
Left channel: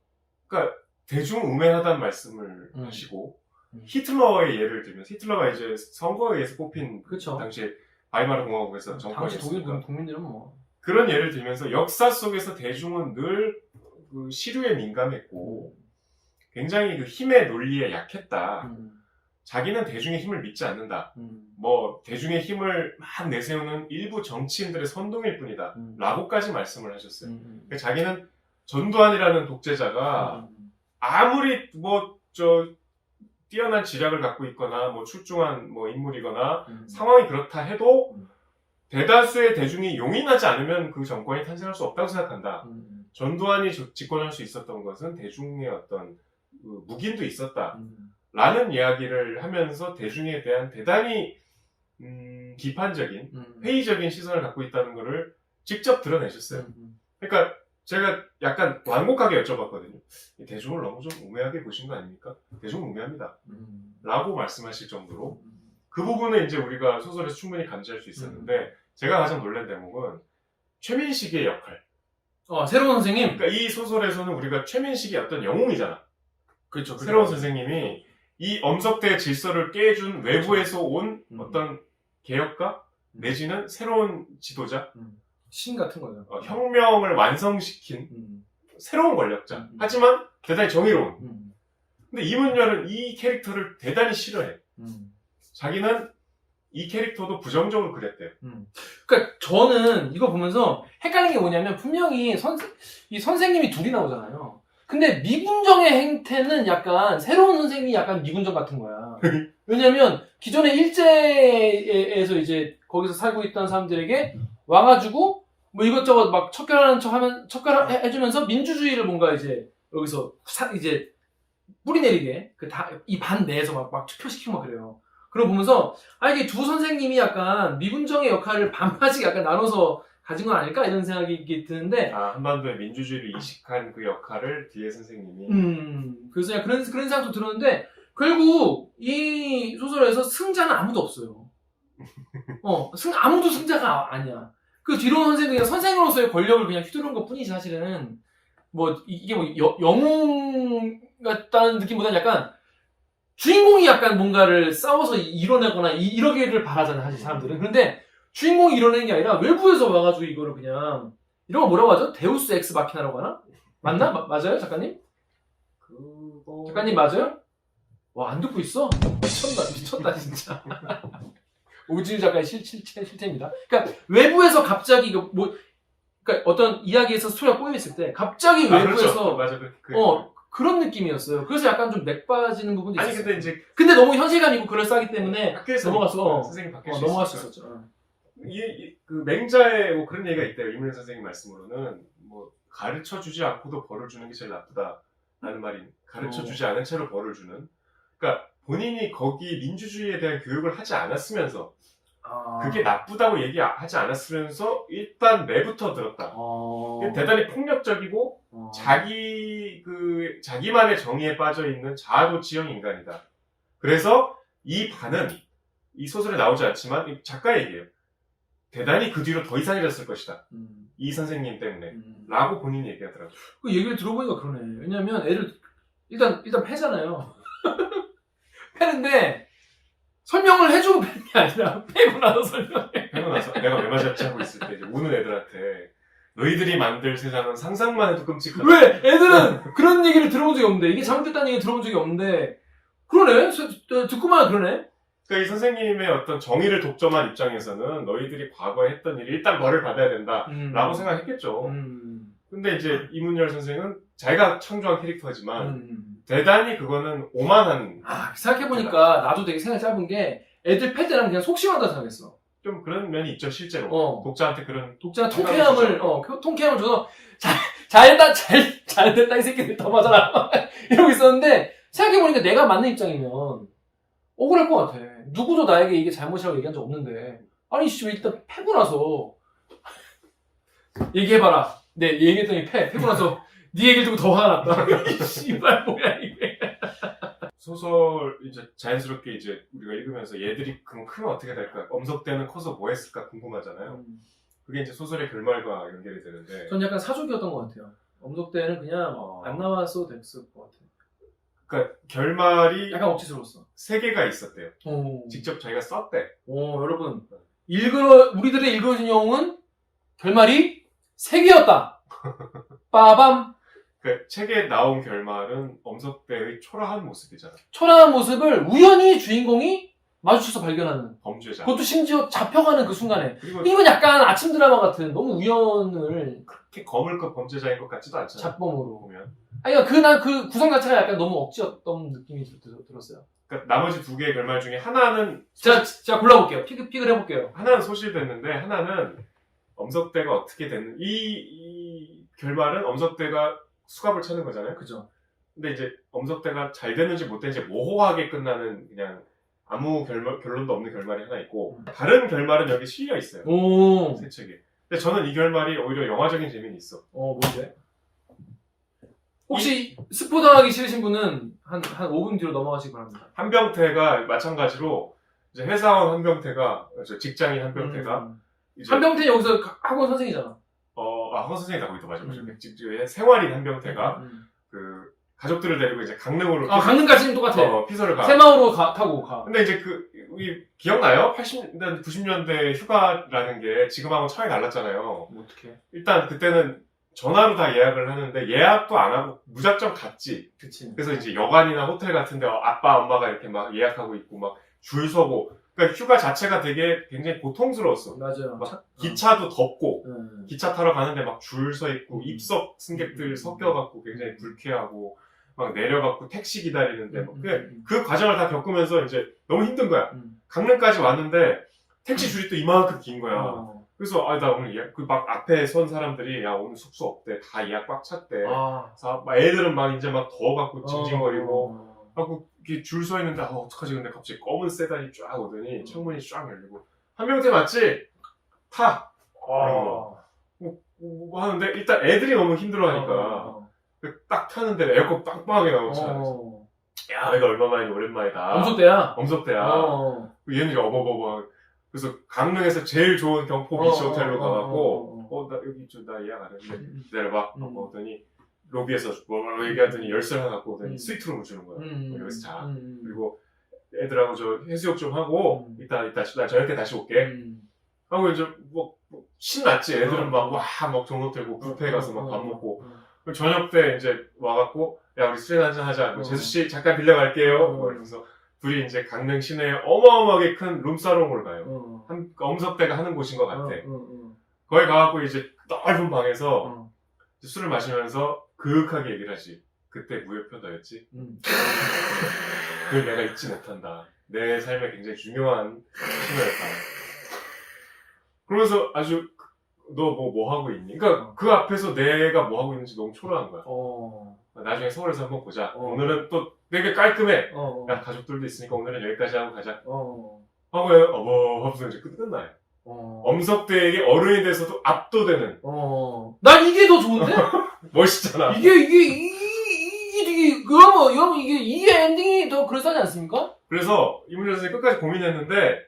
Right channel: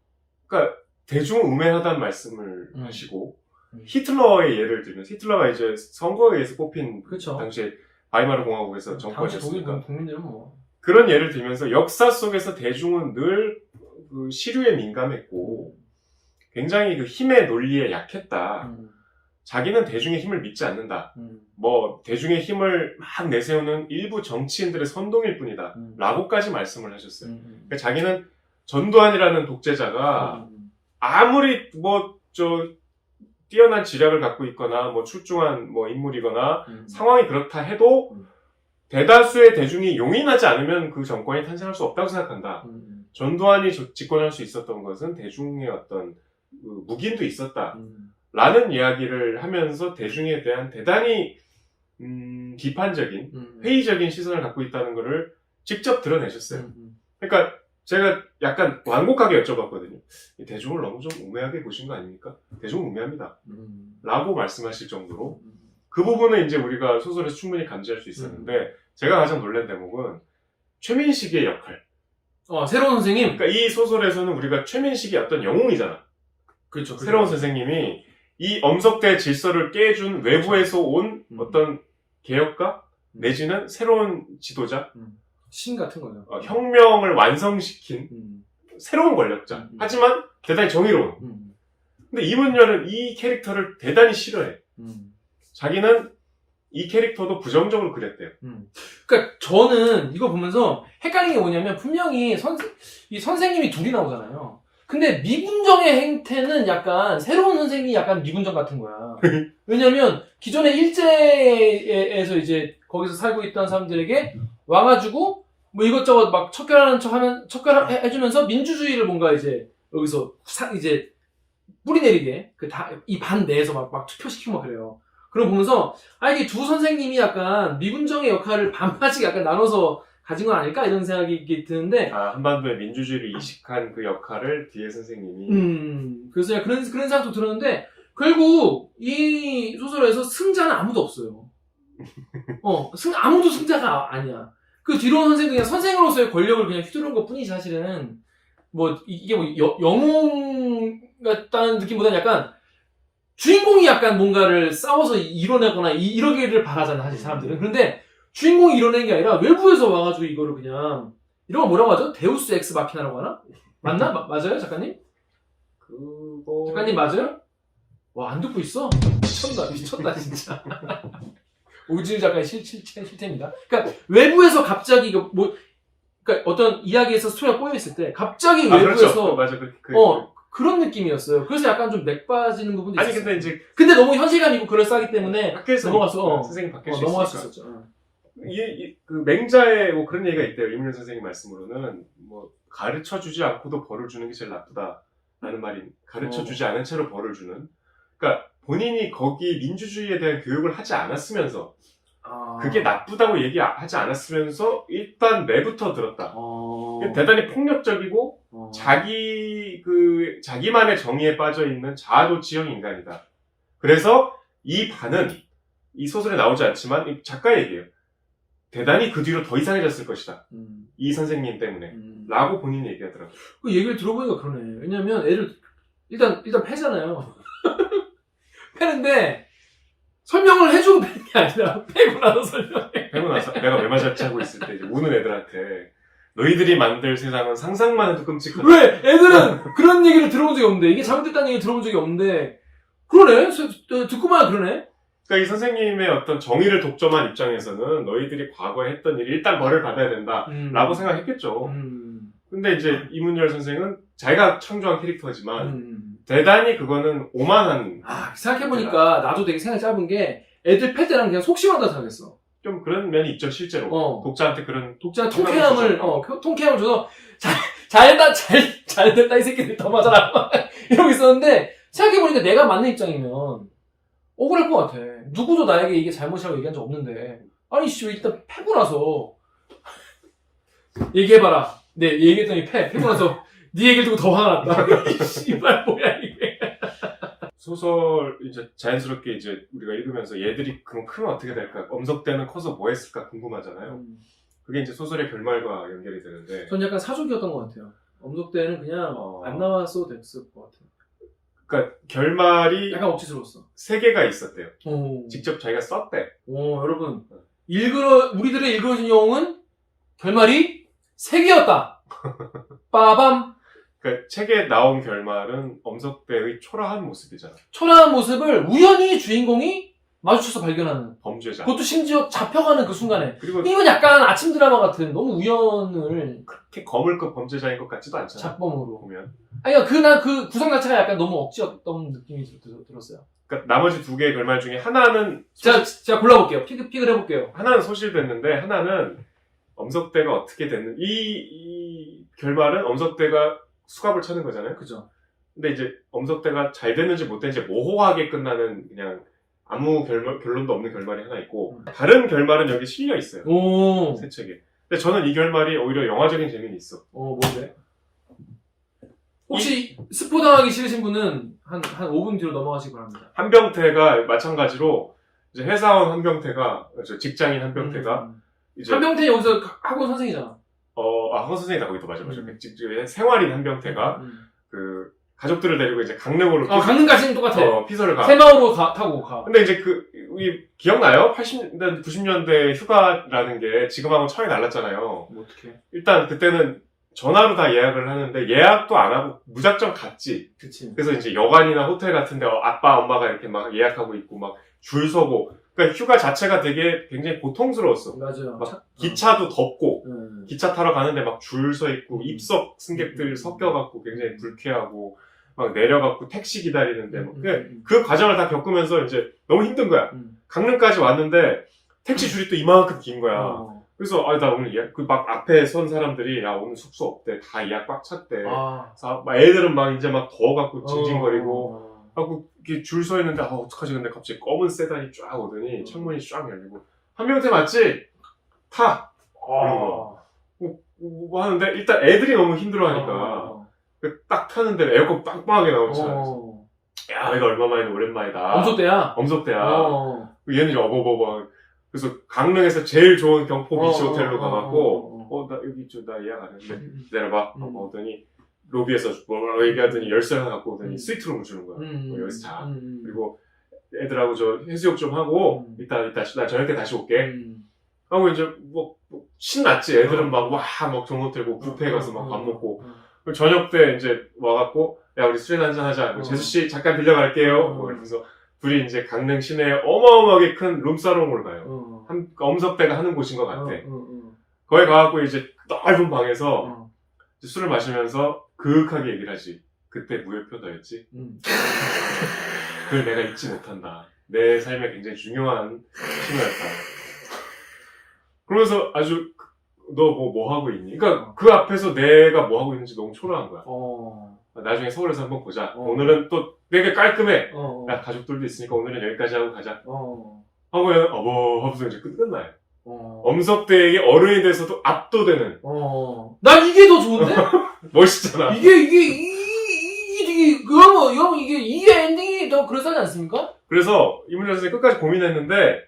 그러니까 대중은 우매하다는 말씀을 하시고 히틀러의 예를 들면 히틀러가 이제 선거에 의해서 뽑힌 그렇죠. 당시에 바이마르 공화국에서 당시 정권이었으니까 독일 국민들은 뭐 그런 예를 들면서 역사 속에서 대중은 늘 그 시류에 민감했고 굉장히 그 힘의 논리에 약했다. 자기는 대중의 힘을 믿지 않는다. 뭐 대중의 힘을 막 내세우는 일부 정치인들의 선동일 뿐이다. 라고까지 말씀을 하셨어요. 그러니까 자기는 전두환이라는 독재자가 아무리 뭐 뛰어난 지략을 갖고 있거나 뭐 출중한 뭐 인물이거나 상황이 그렇다 해도 대다수의 대중이 용인하지 않으면 그 정권이 탄생할 수 없다고 생각한다. 전두환이 집권할 수 있었던 것은 대중의 어떤 그 묵인도 있었다. 라는 이야기를 하면서 대중에 대한 대단히 비판적인 회의적인 시선을 갖고 있다는 것을 직접 드러내셨어요. 그러니까 제가 약간 완곡하게 여쭤봤거든요. 대중을 너무 좀 우매하게 보신 거 아닙니까? 대중은 우매합니다. 라고 말씀하실 정도로 그 부분은 이제 우리가 소설에서 충분히 감지할 수 있었는데 제가 가장 놀란 대목은 최민식의 역할. 새로운 선생님. 그러니까 이 소설에서는 우리가 최민식이 어떤 영웅이잖아. 그렇죠. 새로운 선생님이 이 엄석대 질서를 깨준 외부에서 온 어떤 개혁가 내지는 새로운 지도자, 신 같은 거죠. 혁명을 완성시킨 새로운 권력자. 하지만 대단히 정의로운. 근데 이문열은 이 캐릭터를 대단히 싫어해. 자기는 이 캐릭터도 부정적으로 그랬대요. 그러니까 저는 이거 보면서 헷갈린 게 뭐냐면 분명히 이 선생님이 둘이 나오잖아요. 근데 미군정의 행태는 약간 새로운 선생님이 약간 미군정 같은 거야. 왜냐면 기존의 일제에서 이제 거기서 살고 있던 사람들에게 와가지고 뭐 이것저것 막 척결하는 척하면 척결해주면서 민주주의를 뭔가 이제 여기서 이제 뿌리내리게 이 반 내에서 막 투표시키고 막 그래요. 그럼 보면서 이게 두 선생님이 약간 미군정의 역할을 반반씩 약간 나눠서 가진 건 아닐까 이런 생각이 드는데 한반도의 민주주의를 이식한 그 역할을 뒤에 선생님이 그래서 그냥 그런 생각도 들었는데 결국 이 소설에서 승자는 아무도 없어요. 아무도 승자가 아니야. 그 뒤로 온 선생님은 그냥 선생으로서의 권력을 그냥 휘두른 것 뿐이지 사실은 뭐 이게 뭐 영웅 같다는 느낌보다는 약간 주인공이 약간 뭔가를 싸워서 이뤄내거나 이러기를 바라잖아요 사실 사람들은. 그런데 주인공이 이뤄내는 게 아니라 외부에서 와가지고 이거를 그냥 이런 거 뭐라고 하죠? 데우스 엑스 마키나라고 하나? 맞나? 맞아요 작가님? 작가님 맞아요? 와 안 듣고 있어? 미쳤다 진짜. 오진우 작가의 실체입니다. 그러니까 외부에서 갑자기 그러니까 어떤 이야기에서 스토리가 꼬여 있을 때 갑자기 외부에서 그렇죠. 맞아. 그런 느낌이었어요. 그래서 약간 좀 맥 빠지는 부분도 있었어요. 근데 너무 현실감이고 그럴싸하기 때문에 밖에서 넘어갔어. 선생님 밖에서 넘어갈 수 있었죠. 그 맹자에 뭐 그런 얘기가 있대요. 이문열 선생님 말씀으로는 뭐 가르쳐주지 않고도 벌을 주는 게 제일 나쁘다라는 말이 가르쳐주지 않은 채로 벌을 주는. 그러니까 본인이 거기 민주주의에 대한 교육을 하지 않았으면서 그게 나쁘다고 얘기하지 않았으면서 일단 매부터 들었다. 대단히 폭력적이고 자기만의 정의에 빠져 있는 자아도취형 인간이다. 그래서 이 반은 이 소설에 나오지 않지만 작가 얘기예요. 대단히 그 뒤로 더 이상해졌을 것이다. 이 선생님 때문에. 라고 본인이 얘기하더라고요. 그 얘기를 들어보니까 그러네. 왜냐면 애를 일단 패잖아요. 패는데 설명을 해주고 패는 게 아니라 패고 나서 설명해. 패고 나서 내가 왜 맞았지 하고 있을 때 이제 우는 애들한테 너희들이 만들 세상은 상상만 해도 끔찍하다. 왜? 애들은 그런 얘기를 들어본 적이 없는데 이게 잘못됐다는 얘기를 들어본 적이 없는데 그러네? 듣고만 그러네? 그러니까 이 선생님의 어떤 정의를 독점한 입장에서는 너희들이 과거에 했던 일이 일단 벌을 받아야 된다 라고 생각했겠죠. 근데 이제 이문열 선생은 자기가 창조한 캐릭터지만 대단히 그거는 오만한. 생각해보니까 나도 되게 생각이 짧은 게 애들 팰 때랑 그냥 속시원하다 생각했어. 좀 그런 면이 있죠 실제로. 독자한테 그런 통쾌함을 줘서 잘됐다 이 새끼들 더 맞아라 이러고 있었는데 생각해보니까 내가 맞는 입장이면 억울할 것 같아. 누구도 나에게 이게 잘못이라고 얘기한 적 없는데 아니 씨 왜 일단 패고 나서 얘기해봐라. 네 얘기했더니 패고 나서 네 얘기를 듣고 더 화가 났다. 씨발 뭐야 이게. 소설 이제 자연스럽게 이제 우리가 읽으면서 얘들이 그럼 크면 어떻게 될까? 엄석대는 커서 뭐 했을까 궁금하잖아요. 그게 이제 소설의 결말과 연결이 되는데. 전 약간 사족이었던 것 같아요. 엄석대는 그냥 안 나왔어도 됐을 것 같아요. 그러니까 결말이 약간 억지스러웠어. 3개가 있었대요. 오. 직접 자기가 썼대. 여러분. 우리들의 읽어준 영웅은 결말이 3개였다. 빠밤. 그러니까 책에 나온 결말은 엄석대의 초라한 모습이잖아. 초라한 모습을 우연히 주인공이 마주쳐서 발견하는. 범죄자. 그것도 심지어 잡혀가는 그 순간에. 그리고 이건 약간 아침 드라마 같은 너무 우연을 그렇게 거물급 범죄자인 것 같지도 않잖아. 잡범으로. 보면. 아니, 난 그 구성 자체가 약간 너무 억지였던 느낌이 들었어요. 그러니까 나머지 2개의 결말 중에 하나는 제가 골라볼게요. 픽을 해볼게요. 하나는 소실됐는데 하나는 엄석대가 어떻게 됐는 이 결말은 엄석대가 수갑을 차는 거잖아요. 그죠. 근데 이제 엄석대가 잘 됐는지 못 됐는지 모호하게 끝나는 그냥 아무 결론도 없는 결말이 하나 있고 다른 결말은 여기 실려 있어요. 오. 새 책에. 근데 저는 이 결말이 오히려 영화적인 재미는 있어. 뭔데? 혹시 스포 당하기 싫으신 분은 한 5분 뒤로 넘어가시기 바랍니다. 한병태가 마찬가지로 이제 회사원 한병태가 직장인 한병태가 이제 한병태 여기서 학원 선생이잖아. 학원 선생이다 거기도 맞아. 생활인 한병태가 그 가족들을 데리고 이제 강릉으로 강릉까지는 똑같아. 피서를 가. 새마을로 타고 가. 근데 이제 기억나요? 80년대, 90년대 휴가라는 게 지금하고 차이 달랐잖아요. 어떻게? 일단 그때는 전화로 다 예약을 하는데 예약도 안 하고 무작정 갔지. 그치. 그래서 이제 여관이나 호텔 같은데 아빠, 엄마가 이렇게 막 예약하고 있고 막 줄 서고. 그러니까 휴가 자체가 되게 굉장히 고통스러웠어. 맞아요. 막 기차도 덥고 기차 타러 가는데 막 줄 서 있고 입석 승객들 섞여갖고 굉장히 불쾌하고 막 내려갖고 택시 기다리는데 그 과정을 다 겪으면서 이제 너무 힘든 거야. 강릉까지 왔는데 택시 줄이 또 이만큼 긴 거야. 그래서 나 오늘 예약 막 앞에 선 사람들이 야 오늘 숙소 없대 다 예약 꽉 찼대. 그래서 막 애들은 막 이제 막 더워갖고 징징거리고 하고 줄 서 있는데 어떡하지? 근데 갑자기 검은 세단이 쫙 오더니 창문이 쫙 열리고 한명태 맞지? 타. 뭐 하는데 일단 애들이 너무 힘들어하니까 딱 타는데 에어컨 빵빵하게 나오잖아. 야 이거 얼마만이냐 오랜만이다. 엄석대야. 얘는 이제 어버버버. 그래서 강릉에서 제일 좋은 경포 비치 호텔로 가갖고 나 여기 나 예약 안 했는데 기다려봐 하고 오더니 로비에서 뭐 얘기하더니 열쇠를 하나 갖고 오더니 스위트룸을 주는 거야. 여기서 자. 그리고 애들하고 저 해수욕 좀 하고 이따 나 저녁 때 다시 올게. 하고 이제 뭐 신났지. 애들은 막 정호 들고 뷔페 가서 막 밥 먹고 저녁 때 이제 와갖고 야 우리 술이나 한잔 하자. 제수 씨 잠깐 빌려갈게요. 뭐 이러면서 둘이 이제 강릉 시내에 어마어마하게 큰 룸사롱을 가요. 엄석대가 하는 곳인 것 같아. 거기 가갖고 이제 넓은 방에서 술을 마시면서 그윽하게 얘기를 하지. 그때 무효표다였지. 그걸 내가 잊지 못한다. 내 삶에 굉장히 중요한 신호였다. 그러면서 아주 너 뭐 하고 있니? 그러니까 그 앞에서 내가 뭐 하고 있는지 너무 초라한 거야. 나중에 서울에서 한번 보자. 오늘은 또 되게 깔끔해. 야 가족들도 있으니까 오늘은 여기까지 하고 가자. 하고 하면서 이제 끝나요. 엄석대에게 어른이 돼서도 압도되는. 난 이게 더 좋은데? 멋있잖아. 이게 엔딩이 더 그럴싸하지 않습니까? 그래서 이문재 선생님이 끝까지 고민했는데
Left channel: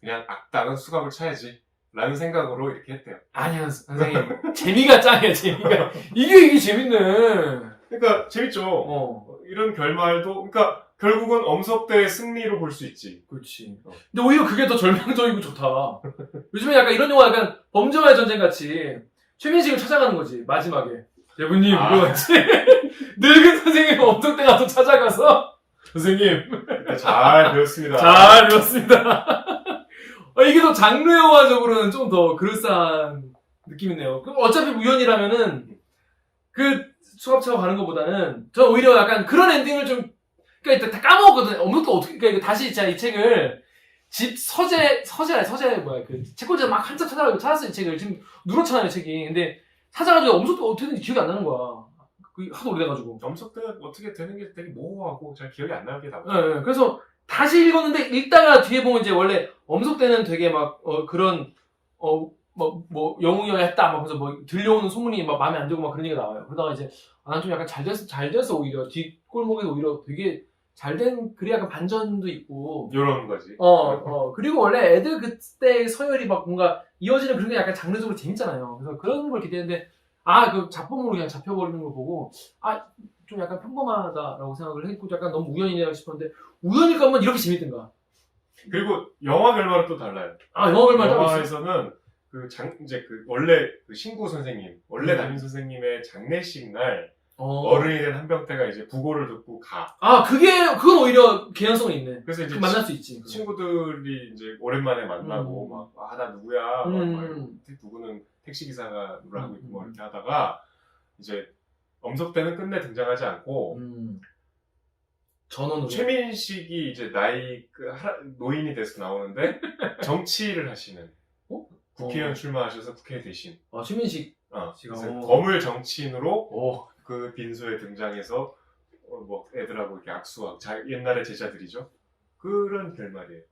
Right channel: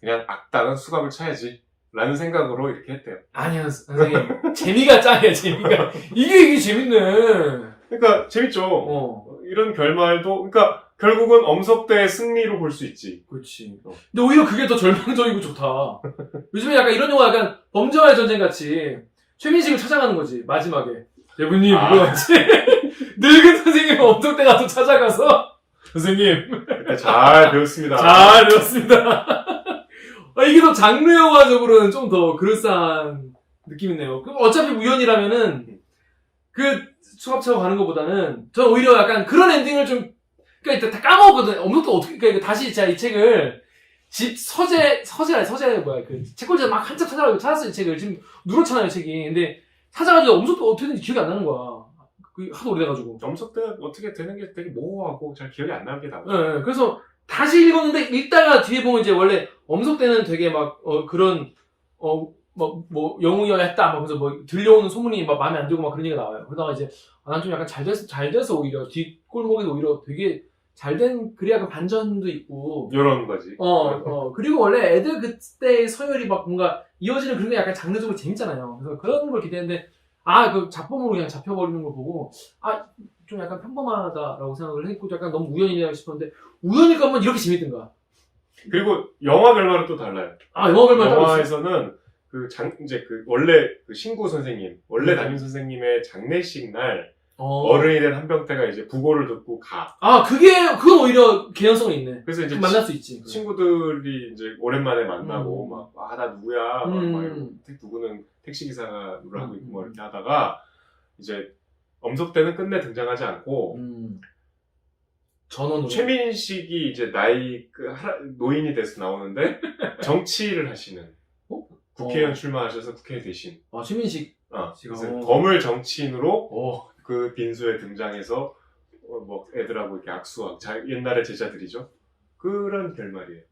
그냥 악당은 수갑을 차야지 라는 생각으로 이렇게 했대요. 아니요 선생님 재미가 짱이야 재미가. 이게 재밌네. 그러니까 재밌죠. 이런 결말도 그러니까 결국은 엄석대의 승리로 볼 수 있지. 그렇지. 근데 오히려 그게 더 절망적이고 좋다. 요즘에 약간 이런 영화 약간 범죄와의 전쟁 같이 최민식을 찾아가는 거지 마지막에. 대부님 이거 같이 늙은 선생님 엄석대가 또 찾아가서 선생님 잘 배웠습니다. 잘 배웠습니다. 이게 더 장르 영화적으로는 좀 더 그럴싸한 느낌이네요. 그럼 어차피 우연이라면은 그 수갑 차고 가는 것보다는 저 오히려 약간 그런 엔딩을 좀 그러니까 다 까먹었거든. 엄석대 어떻게 그러니까 다시 제가 이 책을 집 서재 뭐야 그 책꽂이에서 막 한참 찾았어요 이 책을. 지금 누렇잖아요 책이. 근데 찾아가지고 엄석대 어떻게 되는지 기억이 안 나는 거야. 하도 오래돼가지고. 엄석대가 어떻게 되는 게 되게 모호하고 잘 기억이 안 나게 나고. 네, 그래서 다시 읽었는데 읽다가 뒤에 보면 이제 원래 엄석대는 되게 막 그런 뭐 영웅이어야 했다 막 그래서 뭐 들려오는 소문이 막 마음에 안 들고 막 그런 얘기가 나와요. 그러다가 이제 난 좀 약간 잘 돼서 오히려 뒷골목에서 오히려 되게 잘된 글이 약간 반전도 있고 이런 거지. 그리고 원래 애들 그때의 서열이 막 뭔가 이어지는 그런 게 약간 장르적으로 재밌잖아요. 그래서 그런 걸 기대했는데 그 잡범으로 그냥 잡혀버리는 걸 보고 좀 약간 평범하다라고 생각을 했고 약간 너무 우연이냐 싶었는데 우연일 거면 이렇게 재밌던가. 그리고 영화 결말은 또 달라요. 아 영화 결말 따로 있어. 영화에서는 이제 원래 그 신구 선생님, 원래 음. 담임 선생님의 장례식 날 어른이 된 한병태가 이제 부고를 듣고 가. 아 그건 오히려 개연성이 있네. 그래서 이제 만날 수 있지. 친구들이 이제 오랜만에 만나고 음. 막 나 누구야, 막 이러고 누구는 택시 기사가 하고 있고 뭐 이렇게 하다가 이제 엄석대는 끝내 등장하지 않고 전원으로. 최민식이 이제 노인이 돼서 나오는데 정치를 하시는 국회의원 출마하셔서 국회에 대신 아 최민식. 그래서 어. 거물 정치인으로 그 빈소에 등장해서 뭐 애들하고 이렇게 악수하고 옛날의 제자들이죠. 그런 결말이에요.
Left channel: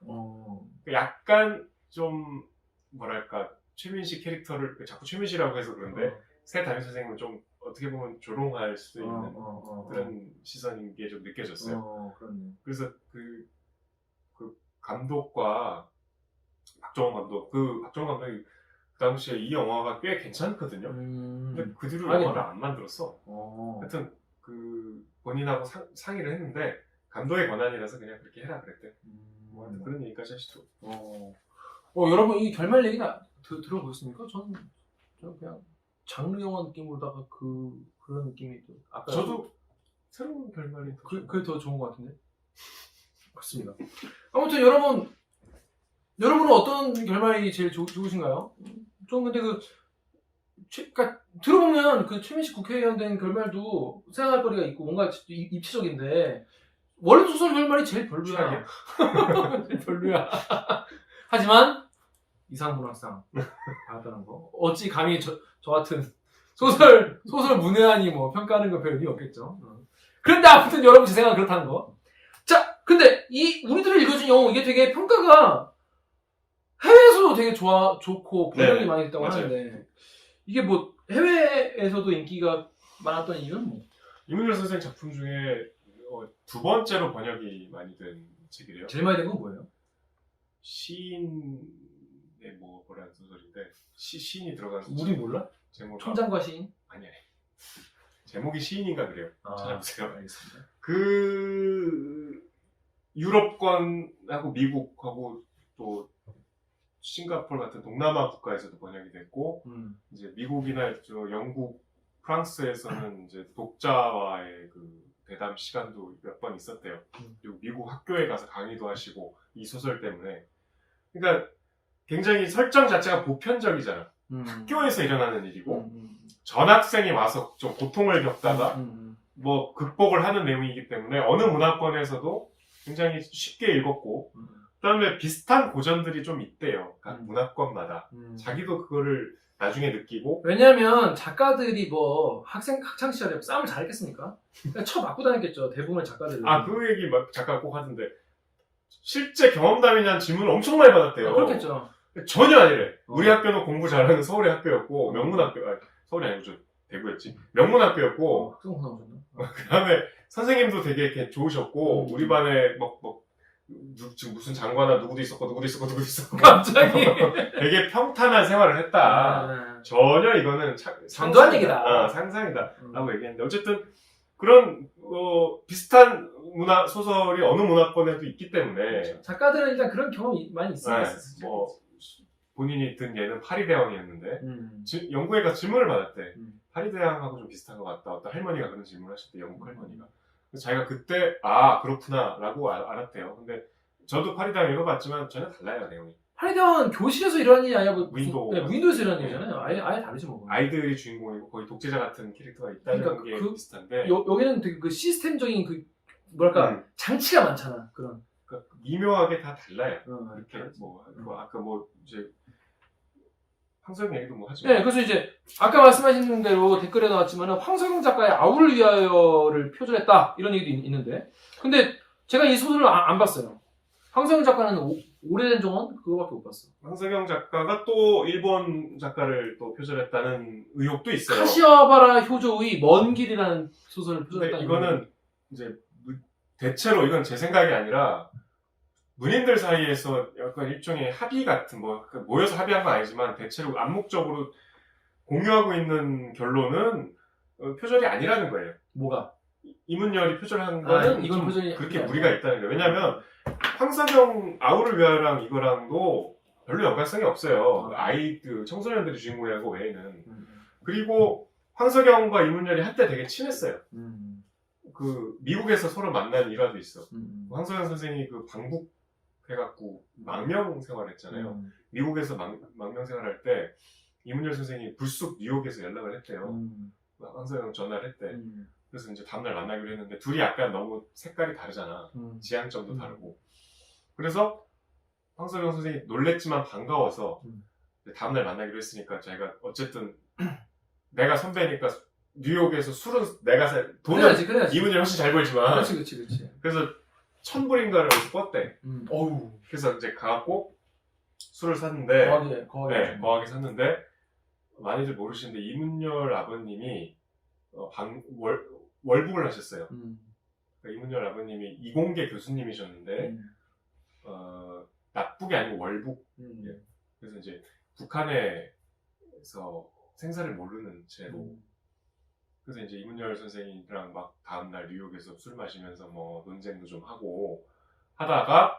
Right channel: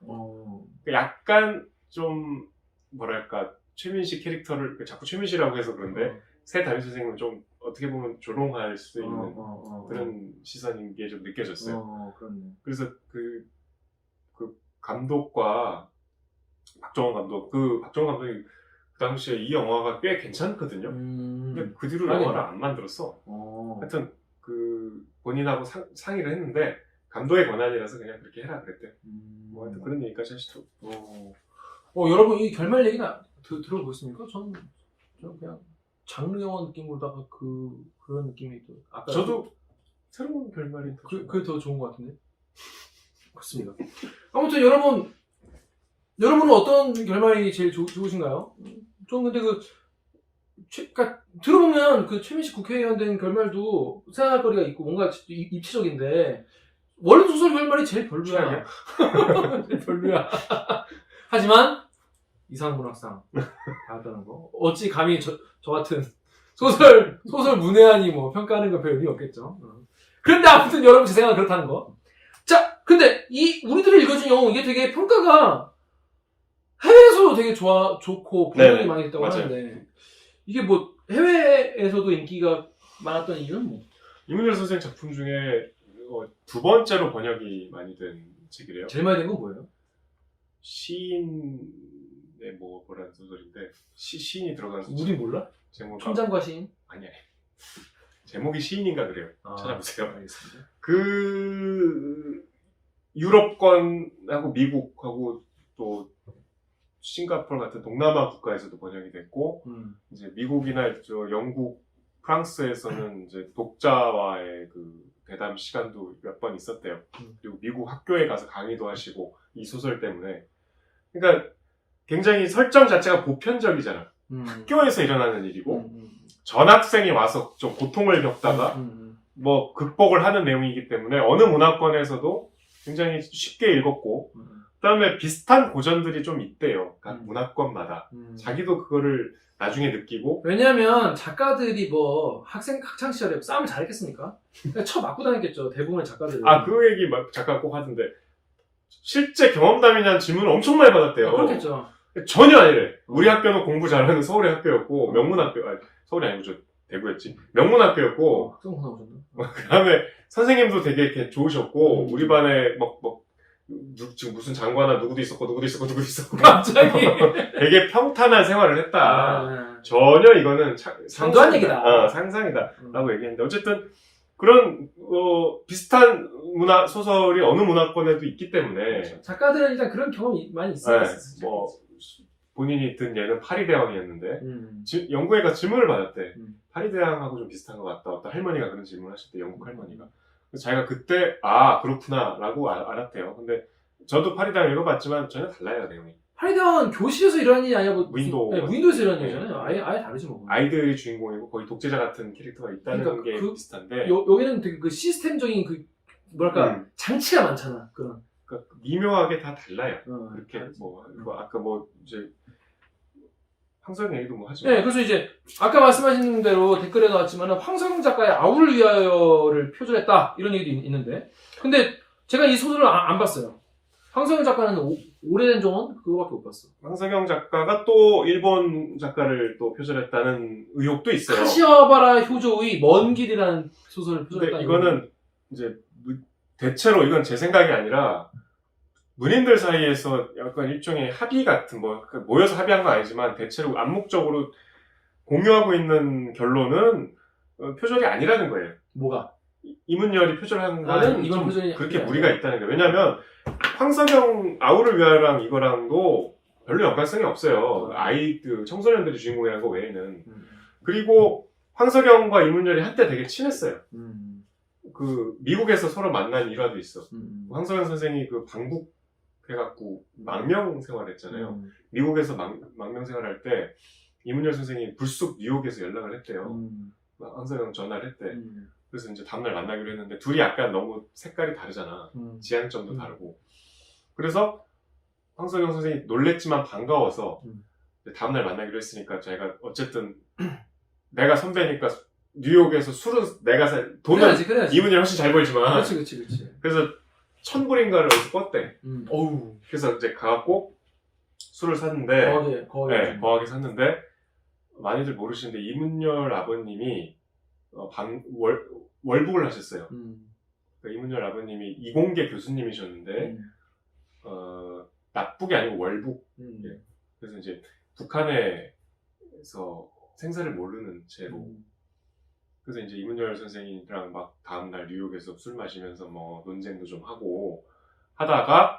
약간 좀 뭐랄까 최민식 캐릭터를 자꾸 최민식이라고 해서 그런데 새 담임 선생님은 좀 어떻게 보면 조롱할 수 있는 그런 시선인 게 좀 느껴졌어요. 그렇네. 그래서 그 감독과 박정원 감독이 그 당시에 이 영화가 꽤 괜찮거든요. 근데 그 뒤로 알겠네. 영화를 안 만들었어. 하여튼 본인하고 상의를 했는데 감독의 권한이라서 그냥 그렇게 해라 그랬대. 뭐 하여튼 그런 얘기까지 하시더라고. 여러분 이 결말 얘기나 들어보셨습니까? 저는 그냥 장르 영화 느낌으로다가 그런 느낌이 또 아까 저도 새로운 결말이 그게 더 좋은 것 같은데. 그렇습니다. 아무튼 여러분은 어떤 결말이 제일 좋으신가요? 저는 근데 그러니까 들어보면 그 최민식 국회의원 된 결말도 생각할 거리가 있고 뭔가 입체적인데 원래 소설 결말이 제일 별로야. 제일 별로야. 하지만 이상문학상 받았다는 거. 어찌 감히 저 같은 소설 문외한이 뭐 평가하는 건 별 의미 없겠죠. 그런데 아무튼 여러분 제 생각은 그렇다는 거. 자, 근데 이 우리들이 읽어준 영웅 이게 되게 평가가 해외에서도 되게 좋고 번역이 많이 됐다고 맞아요. 하는데 이게 뭐 해외에서도 인기가 많았던 이유는 뭐? 이문열 선생 작품 중에 두 번째로 번역이 많이 된 책이래요. 제일 많이 된 건 뭐예요? 시인의 뭐라는 소설인데 시인이 들어간 소설. 우리 몰라? 제목 총장과 시인? 아니 제목이 시인인가 그래요. 찾아보세요. 알겠습니다. 그 유럽권하고 미국하고 또 싱가포르 같은 동남아 국가에서도 번역이 됐고 이제 미국이나 영국, 프랑스에서는 이제 독자와의 그 대담 시간도 몇 번 있었대요. 그리고 미국 학교에 가서 강의도 하시고 이 소설 때문에 그러니까 굉장히 설정 자체가 보편적이잖아. 학교에서 일어나는 일이고 전학생이 와서 좀 고통을 겪다가 뭐 극복을 하는 내용이기 때문에 어느 문화권에서도 굉장히 쉽게 읽었고 그다음에 비슷한 고전들이 좀 있대요. 각 문화권마다 자기도 그거를 나중에 느끼고 왜냐하면 작가들이 뭐 학창 시절에 싸움을 잘했겠습니까? 쳐 맞고 다녔겠죠. 대부분의 작가들은. 그 얘기 작가가 꼭 하던데 실제 경험담이냐는 질문을 엄청 많이 받았대요. 그렇겠죠. 전혀 아니래. 우리 학교는 공부 잘하는 서울의 학교였고 명문학교 서울이 아니고 저 대구였지. 명문학교였고 학생분 나오셨나? 그다음에 선생님도 되게 이렇게 좋으셨고 우리 반에 지금 무슨 장관아 누구도 있었고 갑자기 되게 평탄한 생활을 했다. 전혀 이거는 상상한 얘기다. 상상이다 라고 얘기했는데 어쨌든 그런 비슷한 문화 소설이 어느 문화권에도 있기 때문에 그렇죠. 작가들은 일단 그런 경험이 많이 있어요. 뭐 본인이 든 얘는 파리대왕이었는데 영국에 가서 질문을 받았대. 파리대왕하고 좀 비슷한 것 같다. 어떤 할머니가 그런 질문을 하셨대. 영국 할머니가. 그래서 자기가 그때 그렇구나 라고 알았대요. 근데 저도 파리대왕 읽어봤지만 전혀 달라요 내용이. 파리대왕은 교실에서 일어나는 일이 아니야. 무인도에서 일어나는 일이잖아요. 아예 다르지 뭐. 아이들이 주인공이고 거의 독재자 같은 캐릭터가 있다는 그러니까 게 비슷한데 여기는 되게 그 시스템적인 뭐랄까 장치가 많잖아. 그런. 그러니까 미묘하게 다 달라요. 이렇게 다르지. 아까 이제 황석영 얘기도 하죠. 네, 그래서 이제 아까 말씀하신 대로 댓글에 나왔지만 황석영 작가의 아우를 위하여를 표절했다 이런 얘기도 있는데, 근데 제가 이 소설을 안 봤어요. 황석영 작가는 오래된 정원 그거밖에 못 봤어. 황석영 작가가 또 일본 작가를 또 표절했다는 의혹도 있어요. 카시와바라 효조의 먼 길이라는 소설을 표절했다. 이거는 이제 대체로 이건 제 생각이 아니라 문인들 사이에서 약간 일종의 합의 같은 모여서 합의한 건 아니지만 대체로 암묵적으로 공유하고 있는 결론은 표절이 아니라는 거예요. 뭐가? 이문열이 표절한 거는 이건 좀 표절이 그렇게 아니야. 무리가 있다는 거예요. 왜냐하면 황석영 아우를 위하여랑 이거랑도 별로 연관성이 없어요. 그 청소년들이 주인공이라는 거 외에는. 그리고 황석영과 이문열이 한때 되게 친했어요. 그 미국에서 서로 만난 일화도 있어. 황석영 선생이 그 방북해갖고 망명 생활했잖아요. 미국에서 망명 생활할 때 이문열 선생이 불쑥 뉴욕에서 연락을 했대요. 황석영 전화를 했대. 그래서 이제 다음날 만나기로 했는데 둘이 약간 너무 색깔이 다르잖아. 지향점도 다르고. 그래서 황석영 선생이 놀랬지만 반가워서 다음날 만나기로 했으니까 자기가 어쨌든 내가 선배니까 뉴욕에서 술은 내가 돈은 그래야지. 이문열이 훨씬 잘 벌지만 그렇지. 그래서 1,000불인가를 어디서 껐대. 어우. 그래서 이제 가갖고 술을 샀는데 거하게 샀는데 많이들 모르시는데 이문열 아버님이 월북을 하셨어요. 그러니까 이문열 아버님이 이공계 교수님이셨는데 납북이 아니고 월북. 예. 그래서 이제 북한에서 생사를 모르는 채로. 그래서 이제 이문열 선생이랑 막 다음날 뉴욕에서 술 마시면서 뭐 논쟁도 좀 하고 하다가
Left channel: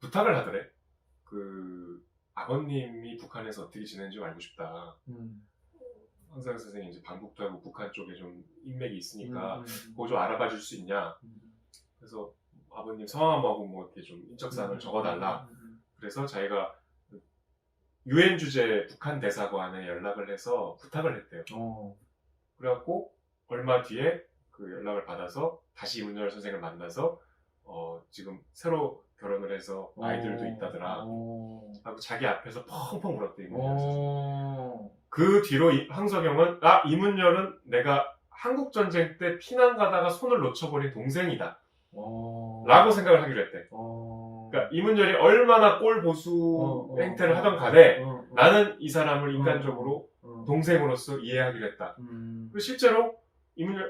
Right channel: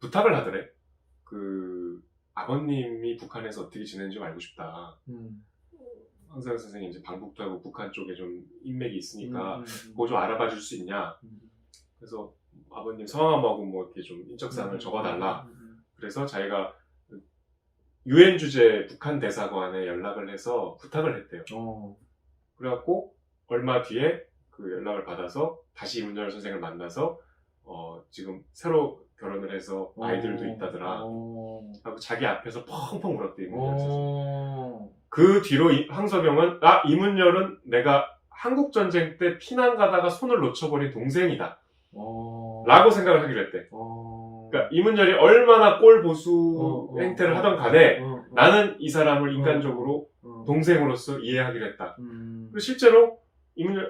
부탁을 하더래. 그 아버님이 북한에서 어떻게 지내는지 좀 알고 싶다. 황석영 선생이 이제 방북도 하고 북한 쪽에 좀 인맥이 있으니까 그거 좀 알아봐 줄 수 있냐. 그래서 아버님 성함하고 뭐 이렇게 좀 인적사항을 적어달라. 그래서 자기가 유엔 주재 북한 대사관에 연락을 해서 부탁을 했대요. 그래갖고 얼마 뒤에 그 연락을 받아서 다시 이문열 선생을 만나서 지금 새로 결혼을 해서 아이들도 있다더라. 하고 자기 앞에서 펑펑 울었대 이문열 선생. 그 뒤로 황석영은 이문열은 내가 한국 전쟁 때 피난 가다가 손을 놓쳐버린 동생이다. 라고 생각을 하기로 했대. 그러니까 이문열이 얼마나 꼴 보수 행태를 하던 간에 나는 이 사람을 인간적으로 동생으로서 이해하기로 했다. 그리고 실제로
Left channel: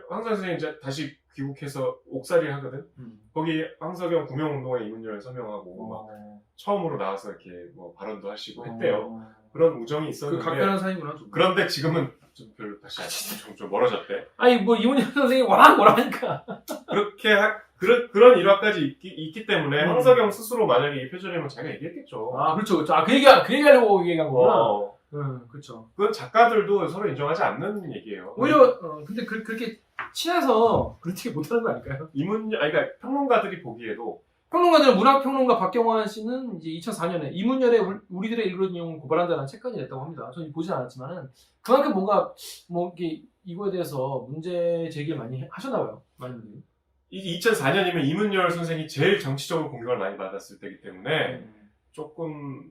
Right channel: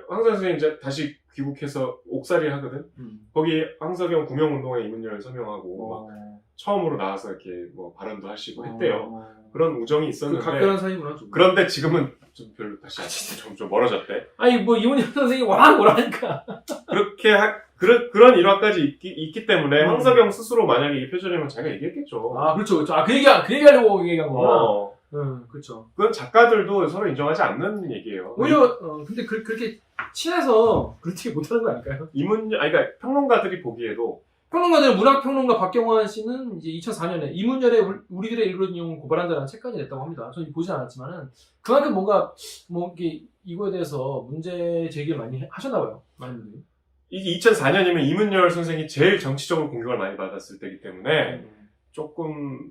황석영 선생이 이제 다시 귀국해서 옥살이를 하거든. 거기 황석영 구명운동에 이문열 서명하고 막 처음으로 나와서 이렇게 뭐 발언도 하시고 했대요. 그런 우정이 있었는데. 그 각별한 사이구나. 좀. 그런데 지금은 좀 별로 다시 좀 멀어졌대. 아니 뭐 이문열 선생이 뭐라니까. 그렇게 그런 일화까지 있기 때문에 황석영 스스로 만약에 이 표절이면 자기가 얘기했겠죠. 그렇죠. 그 얘기하려고 얘기한 거구나. 그렇죠. 그건 작가들도 서로 인정하지 않는 얘기예요. 오히려 근데 그렇게 친해서 그렇게 못하는 거 아닐까요? 그러니까 평론가들이 보기에도 평론가들은 문학평론가 박경환 씨는 이제 2004년에 이문열의 우리들의 일그러진 영웅을 고발한다는 책까지 냈다고 합니다. 저는 보진 않았지만은 그만큼 뭔가 이거에 대해서 문제 제기를 많이 하셨나 봐요. 많은 분들이. 이게 2004년이면 이문열 선생이 제일 정치적으로 공격을 많이 받았을 때이기 때문에 조금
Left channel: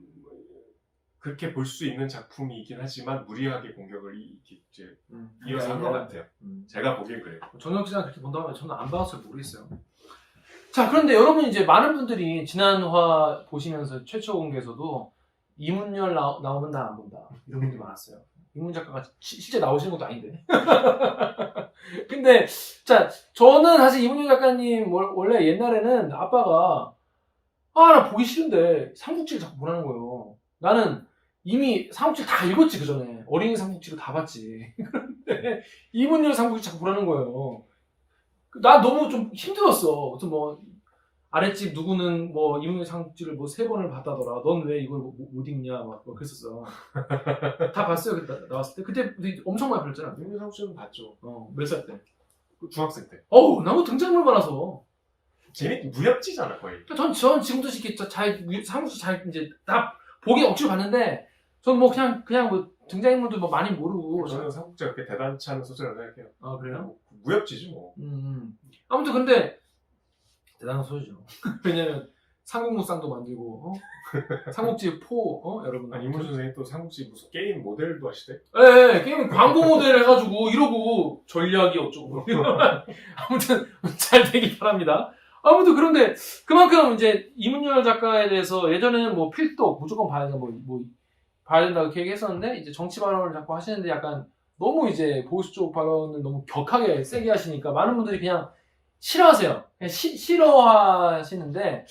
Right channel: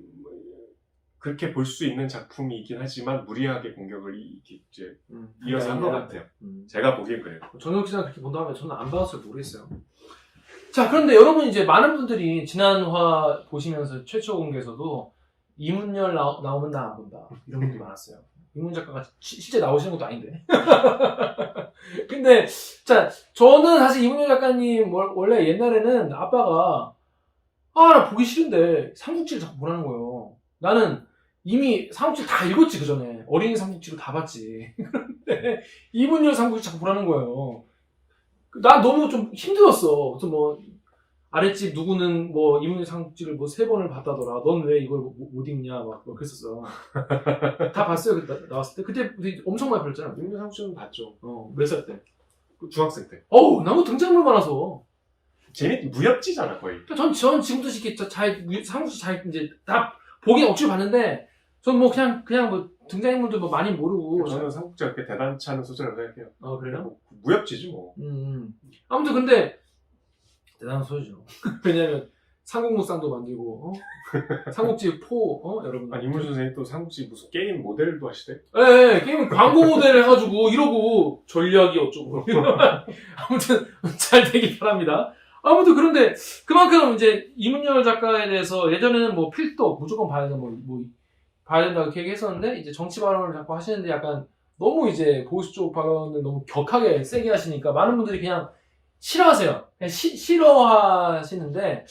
그렇게 볼 수 있는 작품이긴 하지만 무리하게 공격을 이제 이어서 한 것 같아요. 제가 보기엔 그래요. 정영 기자는 그렇게 본다고 하면 저는 안 봐서 모르겠어요. 자, 그런데 여러분 이제 많은 분들이 지난화 보시면서 최초 공개에서도 이문열 나오면 나 안 본다 이런 분들이 많았어요. 이문열 작가가 실제 나오시는 것도 아닌데. 근데 자, 저는 사실 이문열 작가님 원래 옛날에는 아빠가 나 보기 싫은데 삼국지를 자꾸 보라는 거예요. 나는 이미 삼국지 다 읽었지 그 전에 어린이 삼국지로 다 봤지. 그런데 이문열 삼국지 자꾸 보라는 거예요. 나 너무 좀 힘들었어. 그래서 뭐 아랫집 누구는 뭐 이문열 삼국지를 뭐 3번을 봤다더라. 넌 왜 이걸 못 읽냐 막 그랬었어. 다 봤어요. 나왔을 때. 그때 우리 엄청 많이 봤잖아. 이문열 삼국지는 봤죠. 몇 살 때? 중학생 때. 너무 등장물 많아서. 무협지잖아 거의. 전 지금도 이렇게 삼국지 잘 이제 다 보긴 억지로 봤는데 전 뭐 그냥 뭐 등장인물도 뭐 많이 모르고. 저는 삼국지가 그렇게 대단치 않은 소설이라고 생각해요. 그래요? 무협지지 뭐. 아무튼 근데 대단한 소리죠. 왜냐면 삼국무쌍도 만들고 삼국지 4 여러분. 이문열 선생이 또 삼국지 무슨 게임 모델도 하시대? 네, 게임 광고 모델 해가지고 이러고 전략이 어쩌고. 아무튼 잘 되길 바랍니다. 아무튼 그런데 그만큼 이제 이문열 작가에 대해서 예전에는 뭐 필독 무조건 봐야 된다 뭐 봐야 된다고 이렇게 얘기했었는데 이제 정치 발언을 자꾸 하시는데 약간 너무 이제 보수 쪽 발언을 너무 격하게 세게 하시니까 많은 분들이 그냥 싫어하세요. 그냥 싫어하시는데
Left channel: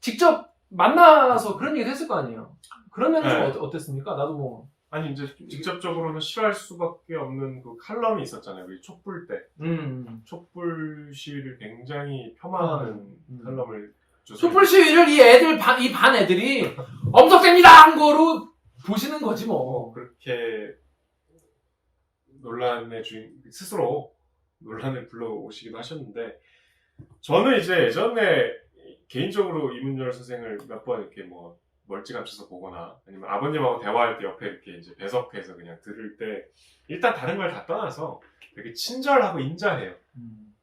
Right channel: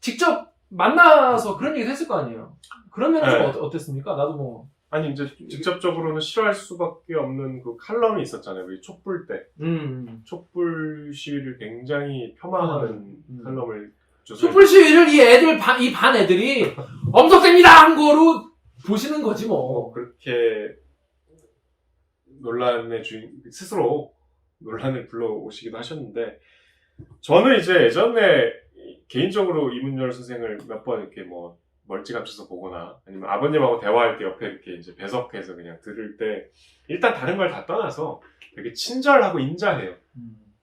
직접 만나서 그런 얘기도 했을 거 아니에요. 그런 면은 좀 어땠습니까? 나도 뭐 아니 이제 직접적으로는 싫어할 수밖에 없는 그 칼럼이 있었잖아요. 우리 촛불 때 촛불 시위를 굉장히 폄하하는 칼럼을 촛불 시위를 이 반 애들이 엄석됩니다 한 거로 보시는 거지 뭐. 그렇게 논란의 주인 스스로 논란을 불러오시기도 하셨는데 저는 이제 예전에 개인적으로 이문열 선생을 몇 번 이렇게 뭐 멀찌감쳐서 보거나 아니면 아버님하고 대화할 때 옆에 이렇게 이제 배석해서 그냥 들을 때 일단 다른 걸 다 떠나서 되게 친절하고 인자해요.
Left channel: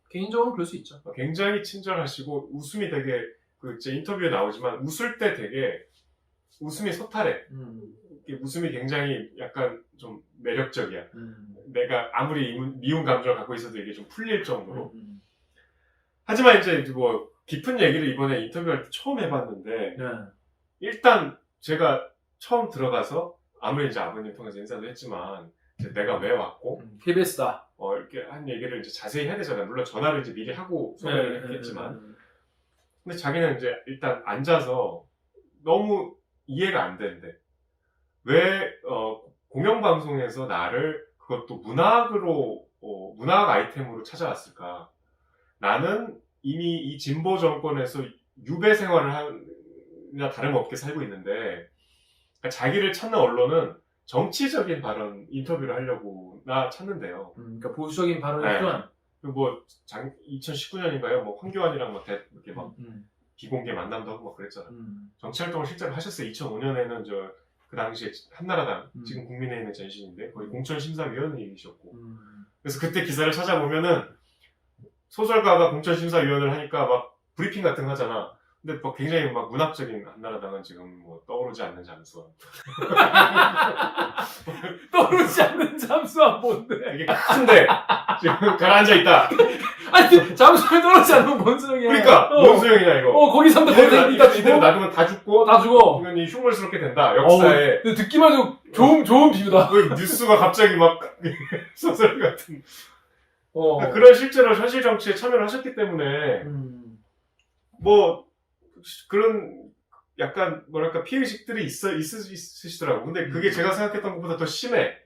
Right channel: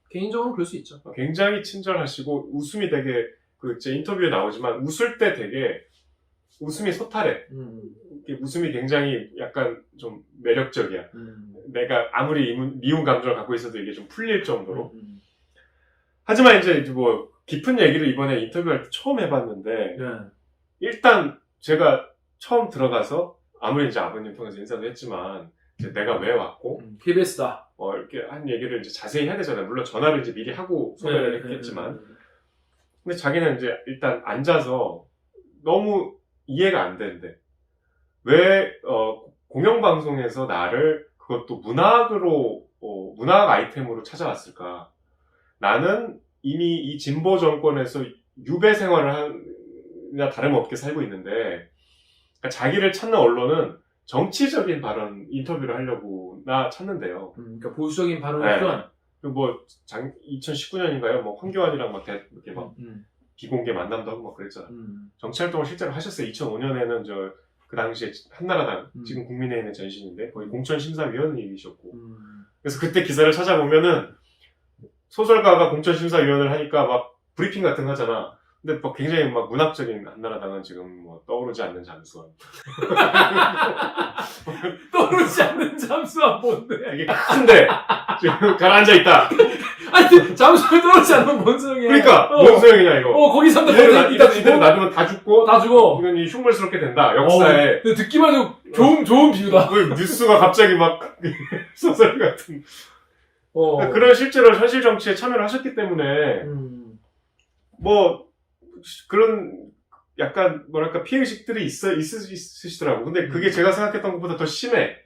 개인적으로는 그럴 수 있죠. 굉장히 친절하시고 웃음이 되게 제 인터뷰에 나오지만 웃을 때 되게 웃음이 소탈해. 웃음이 굉장히 약간 좀 매력적이야. 내가 아무리 미운 감정을 갖고 있어도 이게 좀 풀릴 정도로. 하지만 이제 뭐 깊은 얘기를 이번에 인터뷰할 때 처음 해봤는데 일단 제가 처음 들어가서 아무리 이제 아버님 통해서 인사도 했지만 이제 내가 왜 왔고 KBS다. 이렇게 한 얘기를 이제 자세히 해야 되잖아요. 물론 전화를 이제 미리 하고 섭외를 했겠지만 근데 자기는 이제 일단 앉아서 너무 이해가 안 되는데 왜 공영방송에서 나를 그것도 문학으로 문학 아이템으로 찾아왔을까? 나는 이미 이 진보 정권에서 유배 생활을 하나 다름없게 살고 있는데 그러니까 자기를 찾는 언론은 정치적인 발언 인터뷰를 하려고 나 찾는데요. 그러니까 보수적인 발언이 필요한. 그리고 뭐 2019년인가요? 뭐 황교안이랑 막 이렇게 막 비공개 만남도 하고 막 그랬잖아. 정치활동을 실제로 하셨어요. 2005년에는 그 당시에 한나라당 지금 국민의힘의 전신인데 거의 공천심사위원님이셨고 그래서 그때 기사를 찾아보면은 소설가가 공천심사위원을 하니까 막 브리핑 같은 거 하잖아. 근데 뭐 굉장히 막 문학적인 한나라당은 지금 뭐 떠오르지 않는 잠수함. 떠오르지 않는 잠수함 뭔데? 이게 큰데 지금 가라앉아 있다. 아니 잠수함에 떨어지지 않으면 뭔 소용이야? 그러니까 뭔 소용이냐 이거. 거기 산다 거기 이대로 놔두면 다 죽고 다 죽어. 이건 흉물스럽게 된다. 역사에. 근데 듣기만 해도 좋은 비유다. 왜 뉴스가 갑자기 막 소설 같은. 그런 실제로 현실 정치에 참여를 하셨기 때문에 뭐 그런 약간 뭐랄까 피해의식들이 있으시더라고. 근데 그게 제가 생각했던 것보다 더 심해.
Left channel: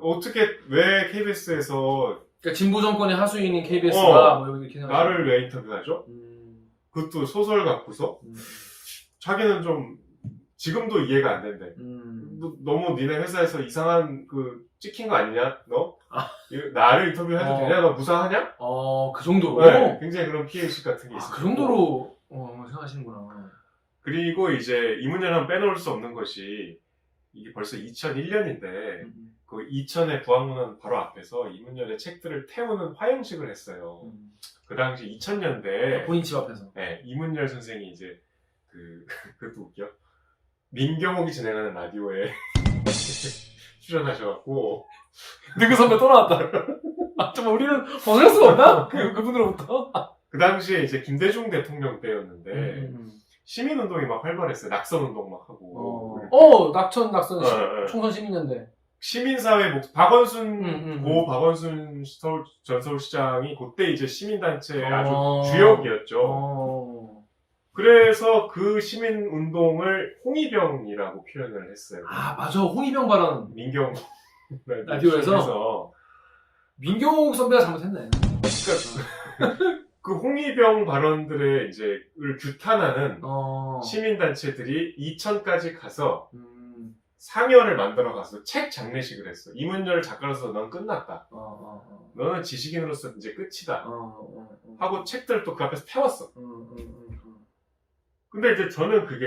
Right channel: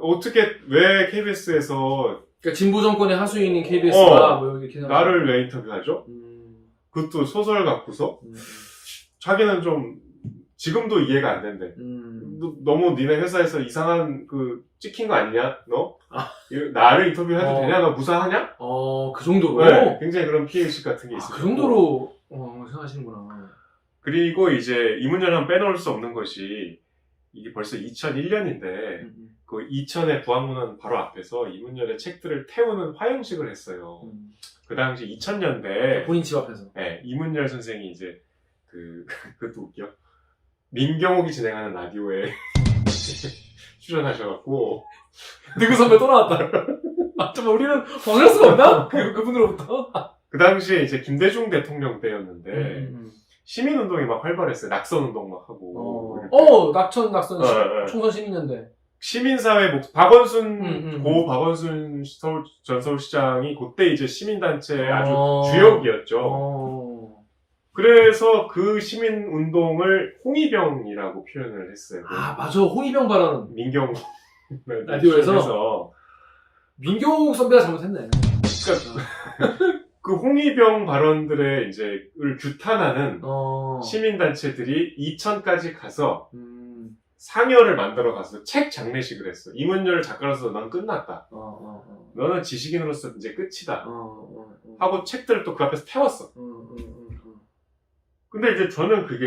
어떻게 왜 KBS에서 그러니까 진보 정권의 하수인인 KBS가 뭐 이렇게 나를 왜 인터뷰하죠? 그것도 소설 갖고서 자기는 좀 지금도 이해가 안 된대. 너무 니네 회사에서 이상한 찍힌 거 아니냐? 너? 나를 인터뷰해도 되냐? 너 무사하냐? 그 정도로? 네, 굉장히 그런 피해의식 같은 게 있어요. 그 정도로 생각하시는구나. 그리고 이제 이문열 하면 빼놓을 수 없는 것이 이게 벌써 2001년인데 그 이천의 부안문헌 바로 앞에서 이문열의 책들을 태우는 화형식을 했어요. 그 당시 2000년대 본인 집 앞에서. 네, 이문열 선생이 이제 그것도 웃겨. 민경욱이 진행하는 라디오에 출연하셔갖고 누구 선배 또 나왔다. 정말 우리는 벗어날 수가 없나? 그분으로부터. 그 당시에 이제 김대중 대통령 때였는데 시민운동이 막 활발했어요. 낙선운동 막 하고. 낙천 총선 시민연대. 시민사회 박원순 고 박원순 전 서울시장이 그때 이제 시민단체 아주 주역이었죠. 그래서 그 시민운동을 홍위병이라고 표현을 했어요. 맞아. 홍위병 발언. 민경욱 라디오에서. 민경욱 선배가 잘못했네. 그러니까 그 홍위병 발언들의 을 규탄하는 시민단체들이 이천까지 가서 상여를 만들어 가서 책 장례식을 했어. 이문열 작가로서 넌 끝났다. 너는 지식인으로서 이제 끝이다. 하고 책들을 또 그 앞에서 태웠어. 근데 이제 저는 그게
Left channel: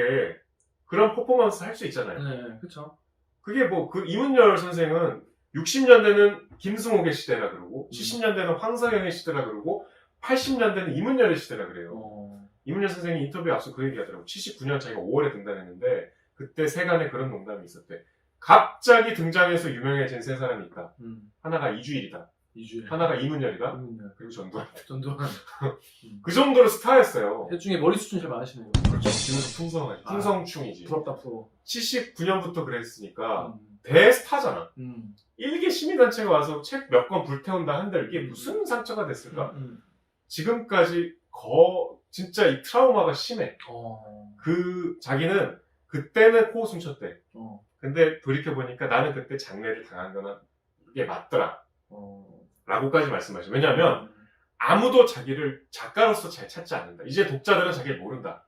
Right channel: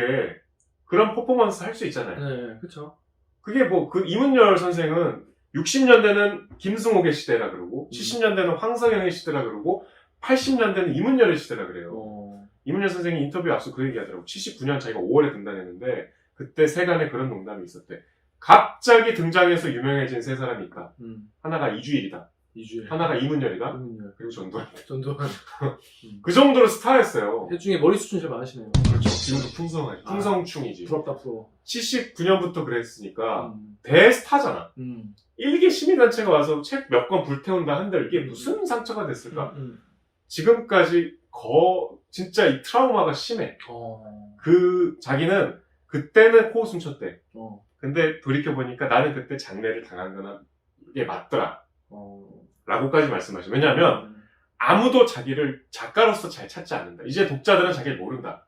그런 퍼포먼스 할 수 있잖아요. 네, 그쵸. 그게 이문열 선생은 60년대는 김승옥의 시대라 그러고 70년대는 황석영의 시대라 그러고 80년대는 이문열의 시대라 그래요. 이문열 선생이 인터뷰 앞서 그 얘기하더라고. 79년 자기가 5월에 등단했는데 그때 세간에 그런 농담이 있었대. 갑자기 등장해서 유명해진 세 사람이 있다. 하나가 이주일이다. 하나가 이문열이다. 그리고 전두환. 그 정도로 스타였어요. 대중에 머리 수준 제일 많으시네요. 그렇죠. 지금도 풍성하지. 풍성충이지. 부럽다, 부러워. 79년부터 그랬으니까 대스타잖아. 일개 시민단체가 와서 책 몇 권 불태운다 한들 이게 무슨 상처가 됐을까? 지금까지 진짜 이 트라우마가 심해. 자기는 그때는 코웃음 쳤대. 근데 돌이켜보니까 나는 그때 장례를 당한 거나 이게 맞더라. 라고까지 말씀하시죠. 왜냐하면 아무도 자기를 작가로서 잘 찾지 않는다. 이제 독자들은 자기를 모른다.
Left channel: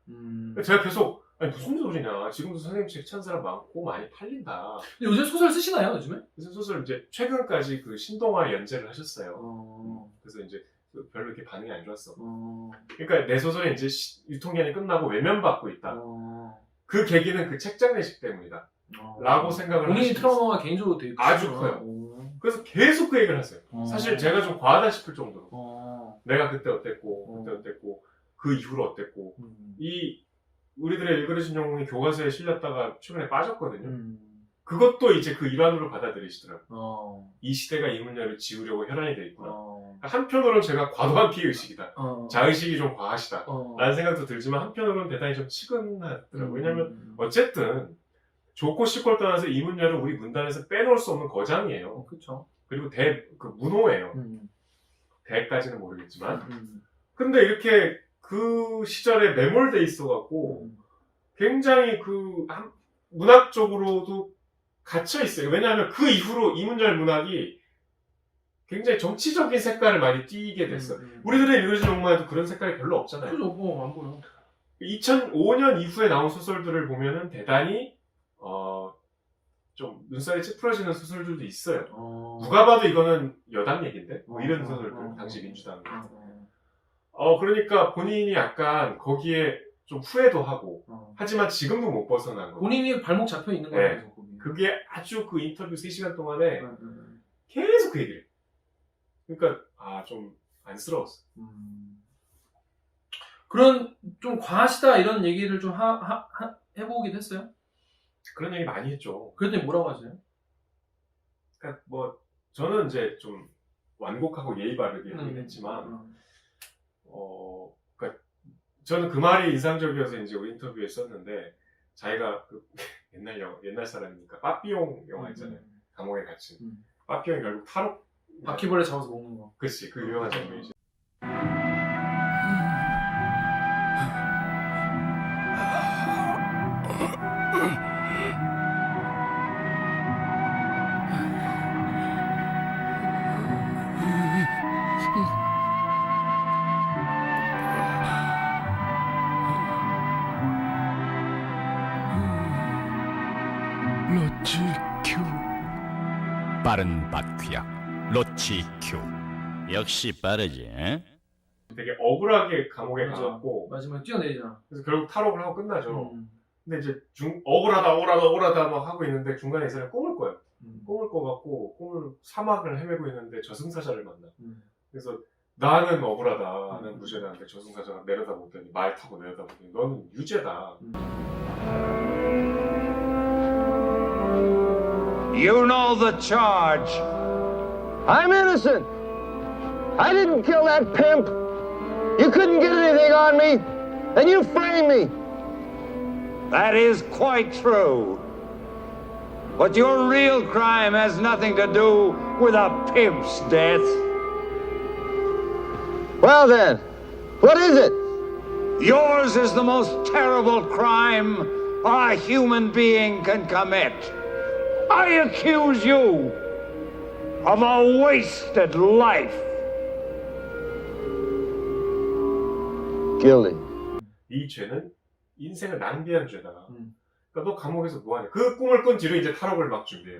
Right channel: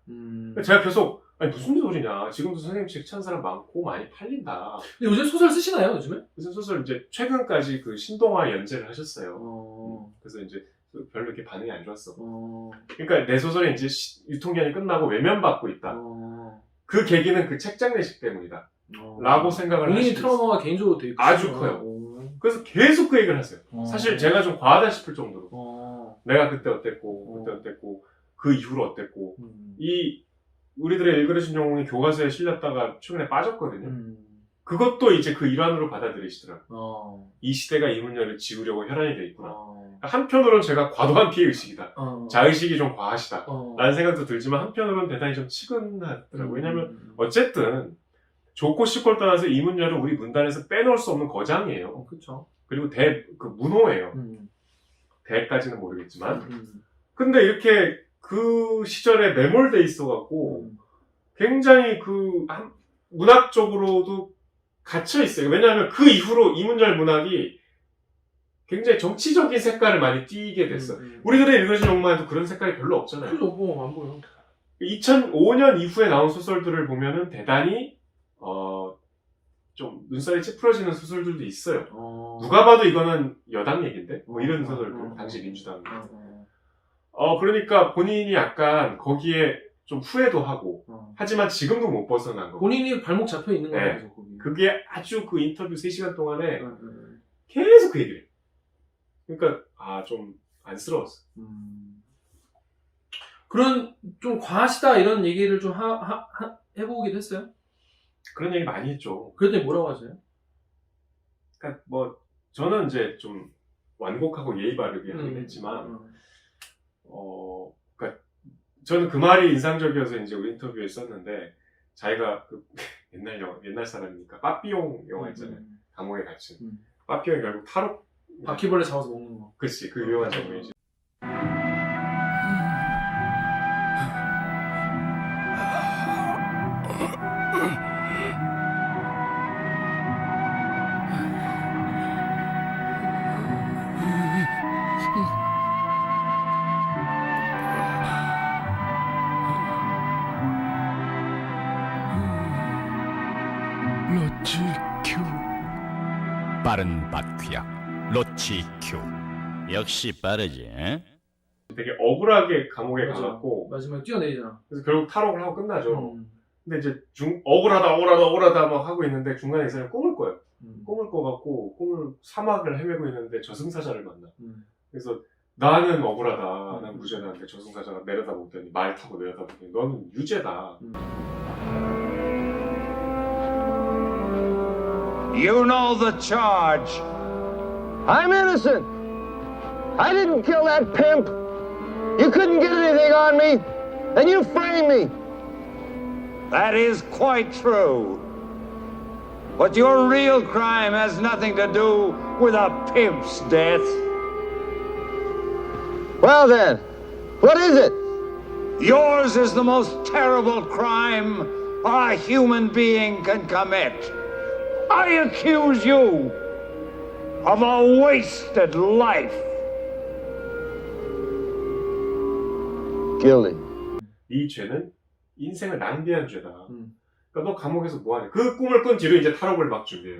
제가 계속 아니 무슨 소리냐. 지금도 선생님 책 찾는 사람 많고 많이 팔린다. 근데 요새 소설 쓰시나요, 요즘에? 무슨 소설 이제 최근까지 그 신동아 연재를 하셨어요. 그래서 이제 별로 이렇게 반응이 안 좋았어. 그러니까 내 소설이 이제 유통기한이 끝나고 외면받고 있다. 그 계기는 그 책 장례식 때문이다. 라고 생각을 본인이 하시고 트라우마가 개인적으로 되게 아주 크구나. 커요. 그래서 계속 그 얘기를 했어요. 사실 제가 좀 과하다 싶을 정도로 내가 그때 어땠고 그때 어땠고 그 이후로 어땠고 이 우리들의 일그러진 영웅이 교과서에 실렸다가 최근에 빠졌거든요. 그것도 이제 그 일환으로 받아들이시더라고요. 이 시대가 이 문제를 지우려고 혈안이 돼 있구나. 한편으로는 제가 과도한 피해의식이다. 자의식이 좀 과하시다. 라는 생각도 들지만 한편으로는 대단히 좀 치근하더라고요. 왜냐하면 어쨌든 좋고 싫고를 떠나서 이 문제는 우리 문단에서 빼놓을 수 없는 거장이에요. 그렇죠. 그리고 그 문호예요. 대까지는 모르겠지만. 근데 이렇게 그 시절에 매몰돼 있어갖고 굉장히 문학적으로도 갇혀 있어요. 왜냐하면 그 이후로 이문열 문학이 굉장히 정치적인 색깔을 많이 띠게 됐어. 우리들의 일그러진 영웅만 해도 그런 색깔이 별로 없잖아요. 그죠, 안 보여. 2005년 이후에 나온 소설들을 보면은 대단히 좀 눈살이 찌푸러지는 소설들도 있어요. 누가 봐도 이거는 여당 얘긴데? 뭐 이런 소설들, 당시 민주당. 그러니까 본인이 약간 거기에 좀 후회도 하고, 하지만 지금도 못 벗어난 거. 본인이 발목 잡혀 있는 거예요. 네. 거기. 그게 아주 그 인터뷰 3시간 동안에 계속 그 얘기를 해. 그러니까, 좀 안쓰러웠어. 그런, 좀 과하시다 이런 얘기를 좀 해보기도 했어요? 그런 얘기 많이 했죠. 그랬더니 뭐라고 하세요? 그러니까 뭐, 저는 이제 좀 완곡하고 예의 바르게 하긴 했지만, 그러니까 저는 그 말이 인상적이어서 이제 우리 인터뷰에 썼는데, 자기가 그 옛날 사람이니까, 빠삐용 영화 있잖아요. 감옥에 갇힌. 빠삐용이 결국 탈옥. 바퀴벌레 잡아서 먹는 거. 그치, 그 유명한 장면이지. 로치큐 빠른 바퀴약 로치큐 역시 빠르지. 되게 억울하게 감옥에 맞아. 가갖고 마지막에 뛰어내리잖아. 그래서 결국 탈옥을 하고 끝나죠. 근데 이제 억울하다 막 하고 있는데 중간에 이 사람이 꿈을 꿔요. 꿈을 꿔갖고 사막을 헤매고 있는데 저승사자를 만나. 그래서 나는 억울하다, 난 무죄다는데 저승사자가 내려다보더니 말 타고 내려다보더니 너는 유죄다. You know the charge. I'm innocent. I didn't kill that pimp. You couldn't get anything on me, and you framed me. That is quite true. But your real crime has nothing to do with a pimp's death. Well then, what is it? Yours is the most terrible crime a human being can commit. I accuse you of a wasted life. Guilty. 이 죄는 인생을 낭비한 죄다. 그러니까 너 감옥에서 뭐하냐. 그 꿈을 꾼 뒤로 이제 탈옥을 막 준비해요.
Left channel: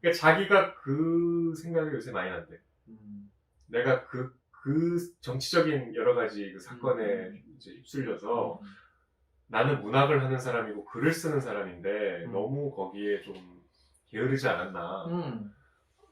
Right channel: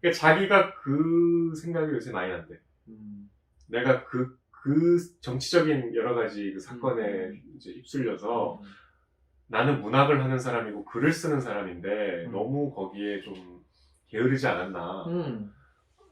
그러니까 자기가 그 생각이 요새 많이 난대. 내가 그 정치적인 여러 가지 그 사건에 이제 휩쓸려서 나는 문학을 하는 사람이고 글을 쓰는 사람인데 너무 거기에 좀 게으르지 않았나.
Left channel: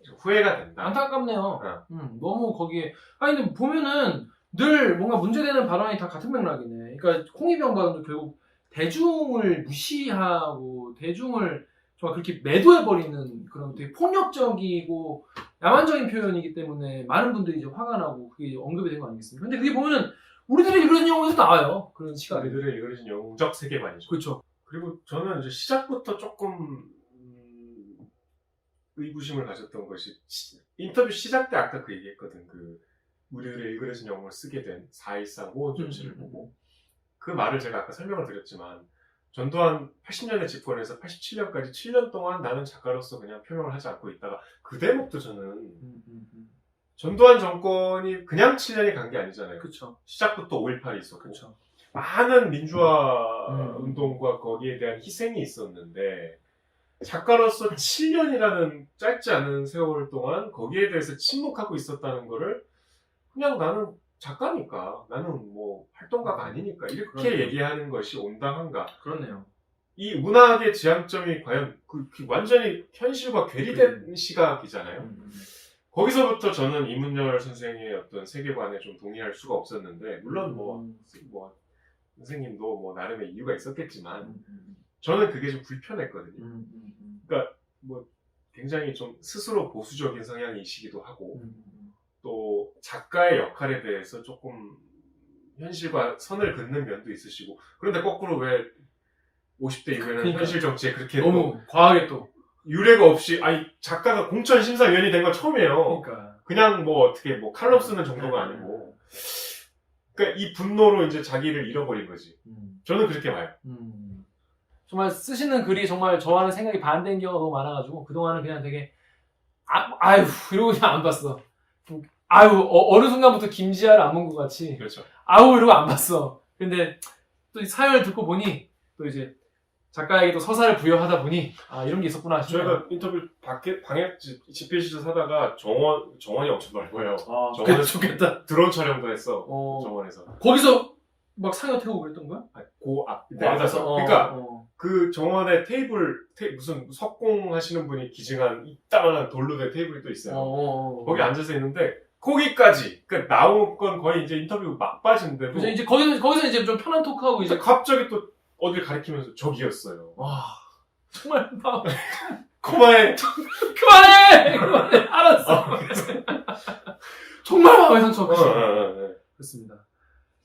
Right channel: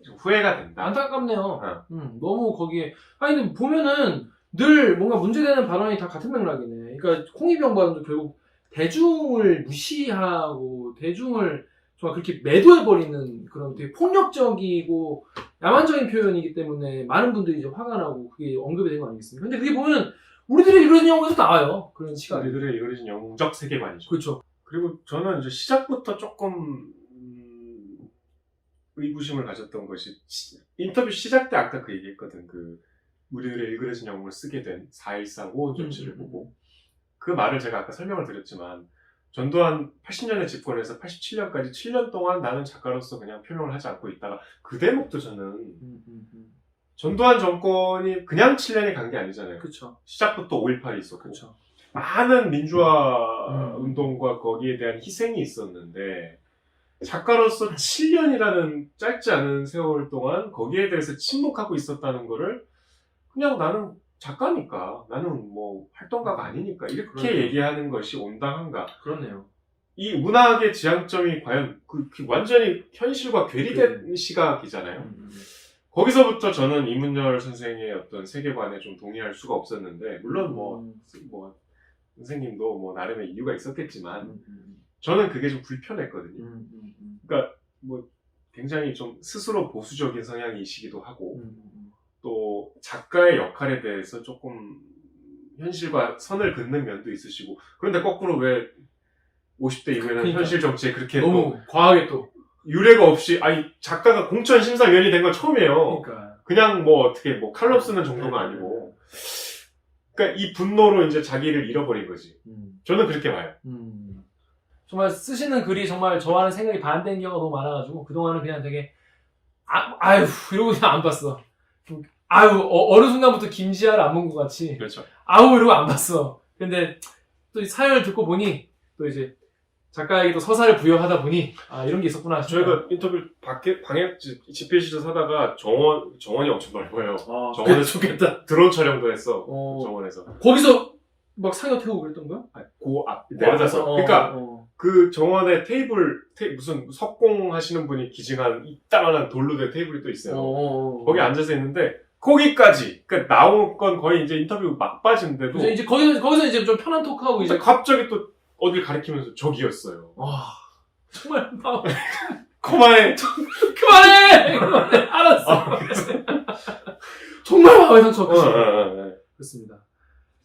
좀 후회가 된다. 안타깝네요. 너무 거기에. 아니, 근데 보면은 늘 뭔가 문제되는 발언이 다 같은 맥락이네. 그러니까 홍위병 발언도 결국 대중을 무시하고 대중을 정말 그렇게 매도해버리는 그런 되게 폭력적이고 야만적인 표현이기 때문에 많은 분들이 이제 화가 나고 그게 언급이 된 거 아니겠습니까? 근데 그게 보면은 우리들의 일그러진 영웅에서 나와요. 그런 시각이. 우리들의 일그러진 영웅적 세계관이죠. 그렇죠. 그리고 저는 이제 시작부터 조금 의구심을 가졌던 것이 인터뷰 시작 때 아까 그 얘기했거든. 그 우리들의 일그러진 영웅을 쓰게 된 4.13 호원 조치를 보고 그 말을 제가 아까 설명을 드렸지만 전두환 80년에 집권해서 87년까지 7년 동안 나는 작가로서 그냥 표명을 하지 않고 있다가 그 대목도 저는 전두환 정권이 그냥 7년이 간 게 아니잖아요. 그쵸. 시작부터 5.18이 있었고 그쵸. 많은 민주화 운동과 거기에 대한 희생이 있었는데 작가로서 7년이라는 짧지 않은 세월 동안 거기에 대해서 침묵하고 있었다는 거를 그냥 나는 작가니까 나는 뭐 활동가가 아니니까 이렇게 그러네요. 얘기하는 것이 온당한가. 그렇네요. 이 문학의 지향점이 과연 그 완전히 현실과 괴리된 시각이잖아요. 거기서부터 저는 이문열 선생의 어떤 세계관에 좀 동의할 수가 없었는데 물론 뭐 선생님도 뭐 나름의 이유가 있었겠지만 저는 그게 좀 불편했거든요. 그러니까 뭐 굉장히 좀 스스로 보수적인 성향이시기도 하고 또 작가의 역할에 대해서 조금 현실과 선을 긋는 면도 있으시고 그런데 거꾸로 왜 50대 이후에는 그러니까. 현실 정치에 그렇게 너무 과하게 또. 유례가 없이 아니 작가가 공천 심사위원이 된 건 처음이에요. 그러니까. 그냥 뭐 어떻게 뭐 칼럼 쓰는 정도가 아니고 그러니까 이 분노로 이제 자기를 잃어버린 거지. 저는 그렇게 봐요. 정말 쓰시는 글이 정말 저와는 생각이 반대인 경우가 너무 많아가지고 그동안은 그냥 되게 아유 이러고 그냥 안 봤어. 아유 어느 순간부터 김지아를 안 본 것 같이 그렇죠. 아우 이러고 안 봤어. 근데 또 이 사연을 듣고 보니 또 이제 작가에게 또 서사를 부여하다 보니 아 이런 게 있었구나 싶어요. 저희가 인터뷰 방에 집필실에서 사다가 정원이 엄청 넓어요. 아, 정원에 좋겠다. 드론 촬영도 했어. 어. 정원에서. 거기서 막 상여 태우고 그랬던 거야? 그 앞 내려다서. 그러니까 그 정원에 테이블 무슨 석공 하시는 분이 기증한 이따만한 돌로 된 테이블이 또 있어요. 거기 앉아서 있는데 거기까지 그러니까 나온 건 거의 이제 인터뷰 막바지인데도 그래서 이제 거기서 이제 좀 편한 토크하고 이제 갑자기 또 어딜 가리키면서 저기였어요. 와 정말 막 그만해. 그만해 알았어. 정말 마음의 상처가 크시네요. 그렇습니다.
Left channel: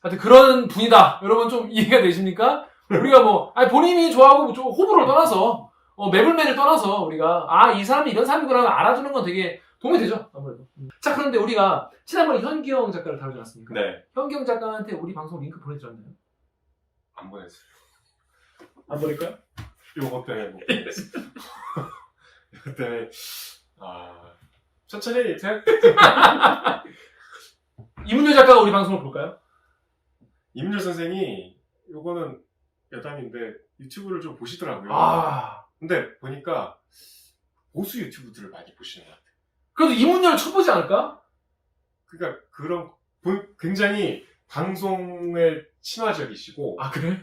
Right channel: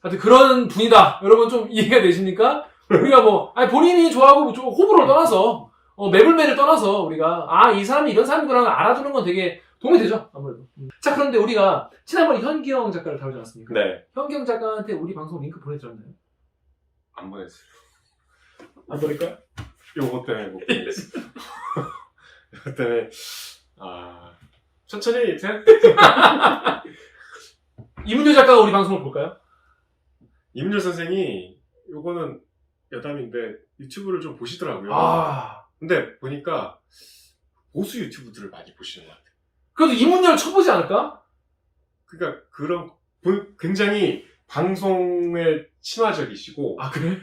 하여튼 그런 분이다. 여러분 좀 이해가 되십니까? 우리가 뭐 아니 본인이 좋아하고 뭐 호불호를 떠나서 매불매를 떠나서 우리가 이 사람이 이런 사람이구나 알아두는 건 되게 도움이 되죠 아무래도. 자 그런데 우리가 지난번에 현기영 작가를 다루지 않았습니까? 네. 현기영 작가한테 우리 방송 링크 보내드렸나요? 안 보냈어요. 안 보낼 거야? 요거 때문에 못 보냈어요. 요거 때문에 천천히 생각. 이문열 작가가 우리 방송을 볼까요? 이문열 선생이 요거는 여담인데 유튜브를 좀 보시더라고요. 근데 보니까 보수 유튜브들을 많이 보시는 것 같아요. 그래도 이문열 쳐보지 않을까? 그러니까 그런 굉장히 방송에 친화적이시고 그래?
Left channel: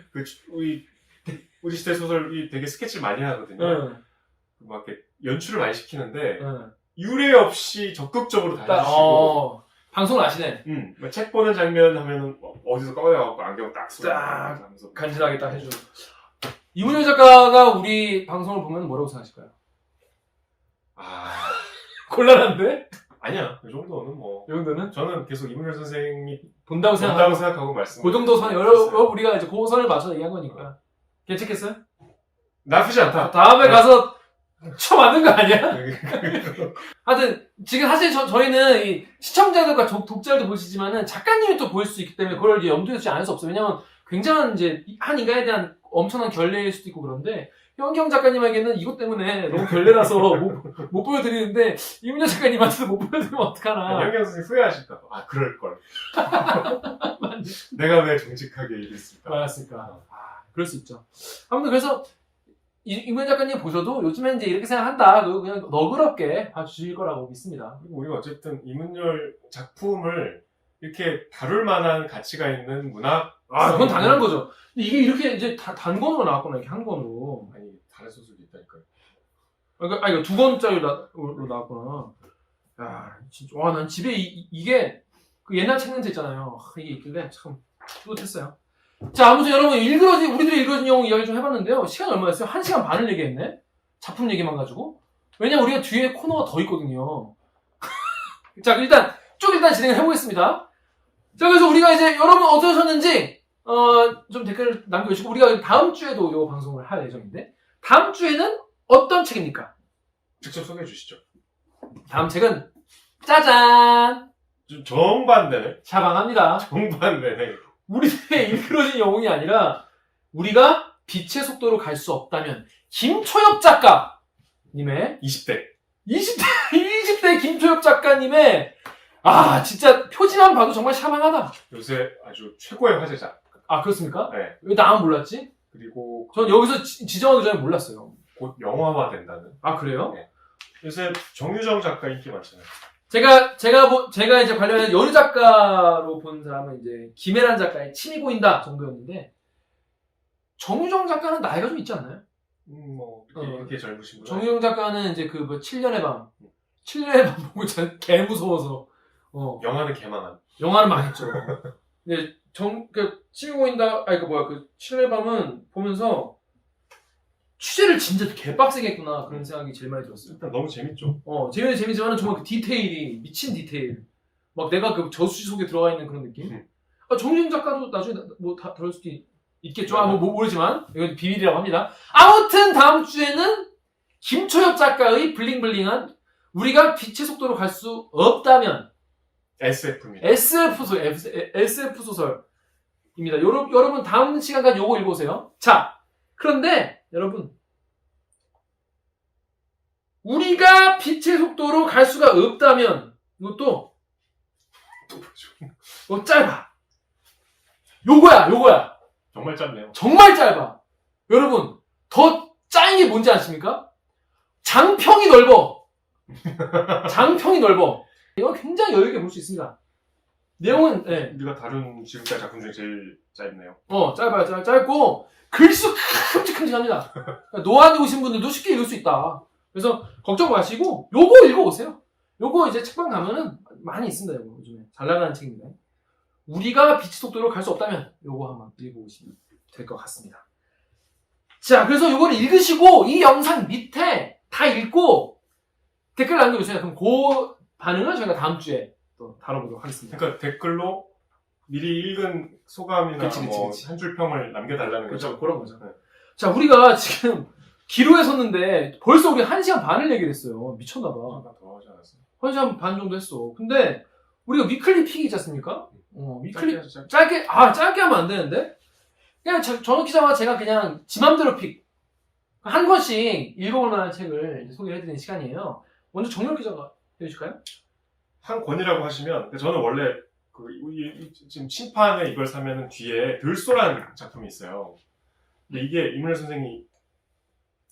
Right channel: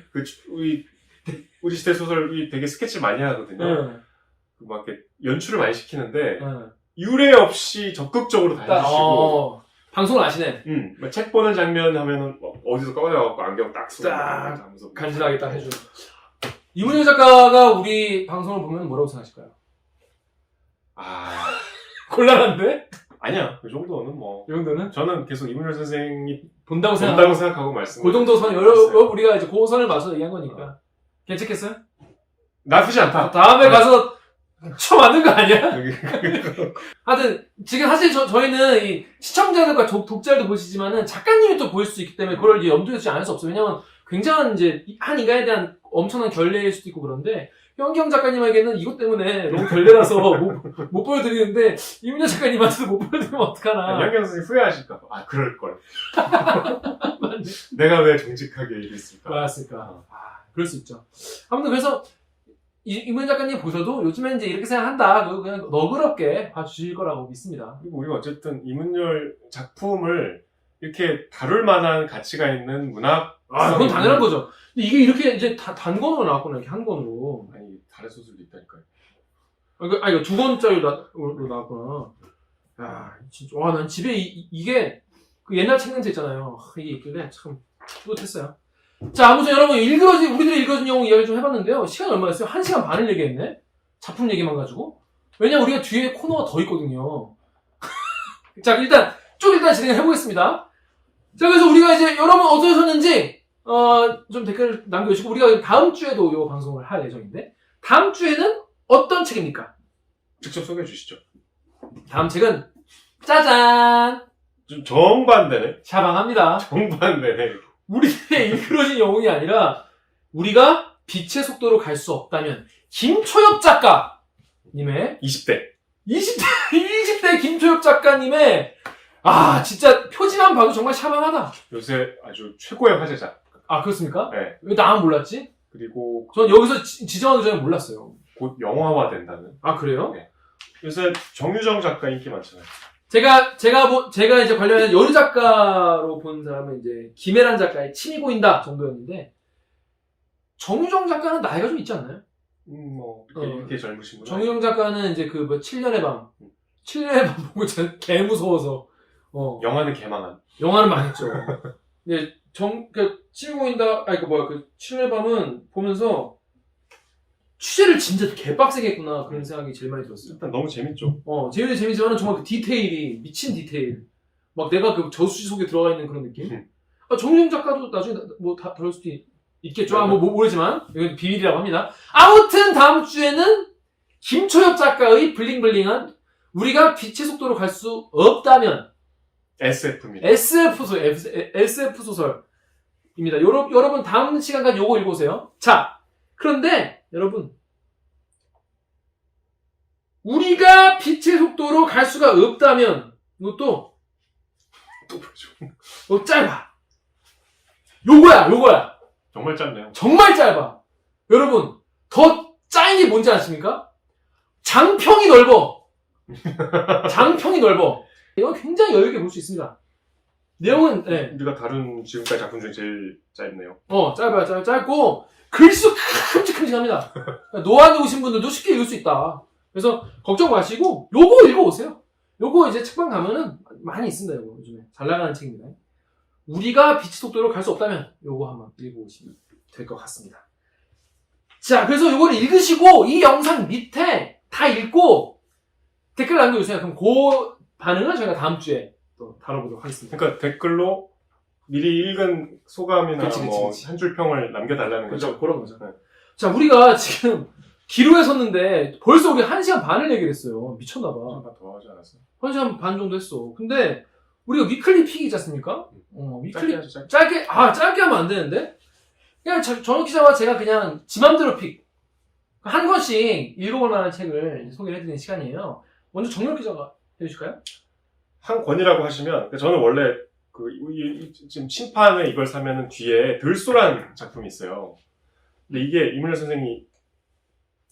우리 시대 소설이 되게 스케치를 많이 하거든요. 막 이렇게 연출을 많이 시키는데 유례 없이 적극적으로 다 해주시고 방송을 아시네. 막책 보는 장면 하면은 어디서 꺼내갖고 안경 딱 쓰고 하면서 간지나게 딱 해주는. 이문열 작가가 우리 방송을 보면 뭐라고 생각하실까요? 곤란한데? 아니야 그 정도는 뭐 이 정도는? 저는 계속 이문열 선생이 본다고 생각하고 말씀. 그 정도 선 우리가 이제 그 선을 맞춰서 얘기한 거니까. 괜찮겠어요? 나쁘지 않다. 다음에 가서 쳐맞는 거 아니야? 하여튼 지금 사실 저희는 이 시청자들과 독자들도 보시지만은 작가님이 또 보일 수 있기 때문에 그걸 이제 염두에 두지 않을 수 없어요. 왜냐면 굉장한 이제 한 인간에 대한 엄청난 결례일 수도 있고 그런데 현기영 작가님에게는 이것 때문에 너무 결례라서 못 보여드리는데 이문열 작가님한테도 못 보여드리면 어떡하나. 현기영 선생님 후회하실까봐. 그럴걸. 내가 왜 정직하게 얘기했을까. 맞았을까. 그럴 수 있죠. 아무튼 그래서 이문열 작가님 보셔도 요즘엔 이제 이렇게 생각한다. 그냥 너그럽게 봐주실 거라고 믿습니다. 그리고 우리가 어쨌든 이문열 작품을 이렇게 다룰 만한 가치가 있는 문학. 그건 당연한 거죠. 근데 이게 이렇게 이제 단권으로 나왔구나, 이렇게 한 권으로. 아니, 다른 소설도 있다니까요. 이거 두 권짜리로 나왔구나. 야, 진짜. 와, 난 집에 이게 그 옛날 책 냄새 있잖아요. 이게 있길래 참 뿌듯했어요. 자, 아무튼 여러분, 우리들이 읽어준 영웅 이야기 좀 해봤는데요. 시간이 얼마였어요? 1시간 반을 얘기했네? 작품 얘기만 가지고. 왜냐면 우리가 뒤에 코너가 더 있거든요. 자, 일단 진행을 해보겠습니다. 자, 그래서 우리가 이제 여러분 어떠셨는지, 좀 댓글 남겨주시고, 우리가 다음 주에도 이 방송을 할 예정인데, 다음 주에는 어떤 책입니까? 직접 소개해 주시죠. 다음 책은, 짜잔! 좀 정반대네. 샤방합니다. 정반대네. 우리들의 일그러진 영웅이 아니라, 우리가 빛의 속도로 갈 수 없다면 김초엽 작가님의 20대 김초엽 작가님의 진짜 표지만 봐도 정말 샤방하다. 요새 아주 최고의 화제작. 아, 그렇습니까? 네. 왜 나만 몰랐지? 그리고 전 여기서 지정하기 전에 몰랐어요. 곧 영화화 된다는. 아, 그래요? 네. 요새 정유정 작가 인기 많잖아요. 제가 이제 관련해서 여류 작가로 본 사람은 이제 김혜란 작가의 침이 보인다 정도였는데, 정유정 작가는 나이가 좀 있지 않나요? 이렇게 젊으신 분. 정유정 작가는 이제 7년의 밤. 7년의 밤 보고 진짜 개 무서워서, 영화는 개망한. 영화는 망했죠. 근데 침이 보인다, 7년의 밤은 보면서, 취재를 진짜 개빡세게 했구나, 그런 생각이 제일 많이 들었어요. 일단 너무 재밌죠. 재미지만은 정말 그 디테일이, 미친 디테일. 막 내가 그 저수지 속에 들어가 있는 그런 느낌? 정유정 작가도 나중에 다 들을 수도 있겠죠. 모르지만. 이건 비밀이라고 합니다. 아무튼 다음 주에는 김초엽 작가의 블링블링한 우리가 빛의 속도로 갈 수 없다면 SF입니다. SF 소설입니다. 여러분 다음 시간까지 요거 읽어오세요. 자, 그런데 여러분, 우리가 빛의 속도로 갈 수가 없다면 이것도 짧아. 요거야. 정말 짧네요. 정말 짧아. 여러분, 더 짜인 게 뭔지 아십니까? 장평이 넓어. 이건 굉장히 여유있게 볼 수 있습니다. 내용은, 우리가 다룬 지금까지 작품 중에 제일 짧네요. 짧아요. 짧고, 글수 큼직큼직합니다. 노안에 오신 분들도 쉽게 읽을 수 있다. 그래서, 걱정 마시고, 요거 읽어오세요. 요거 이제 책방 가면은 많이 있습니다, 요거. 요즘에. 잘 나가는 책입니다. 우리가 빛의 속도로 갈 수 없다면, 요거 한번 읽어보시면 될 것 같습니다. 자, 그래서 요거를 읽으시고, 이 영상 밑에 다 읽고, 댓글 남겨주세요. 그럼 그 반응은 저희가 다음 주에 또 다뤄보도록 하겠습니다. 그러니까 댓글로 미리 읽은 소감이나 그치. 한 줄 평을 남겨달라는 거죠. 그렇죠. 그런 거죠. 네. 자, 우리가 지금 기로에 섰는데 벌써 우리 1시간 반을 얘기를 했어요. 미쳤나봐. 더 하지 않았어. 1시간 반 정도 했어. 근데 우리가 위클리 픽이 있지 않습니까? 위클리 짧게 하면 안 되는데? 그냥 전욱 기자와 제가 그냥 지 맘대로 픽. 한 권씩 읽어볼 만한 책을 소개를 해드리는 시간이에요. 먼저 정렬 기자가 해주실까요? 한 권이라고 하시면, 저는 원래 지금 신판에 이걸 사면은 뒤에 들소란 작품이 있어요. 근데 이게 이문열 선생이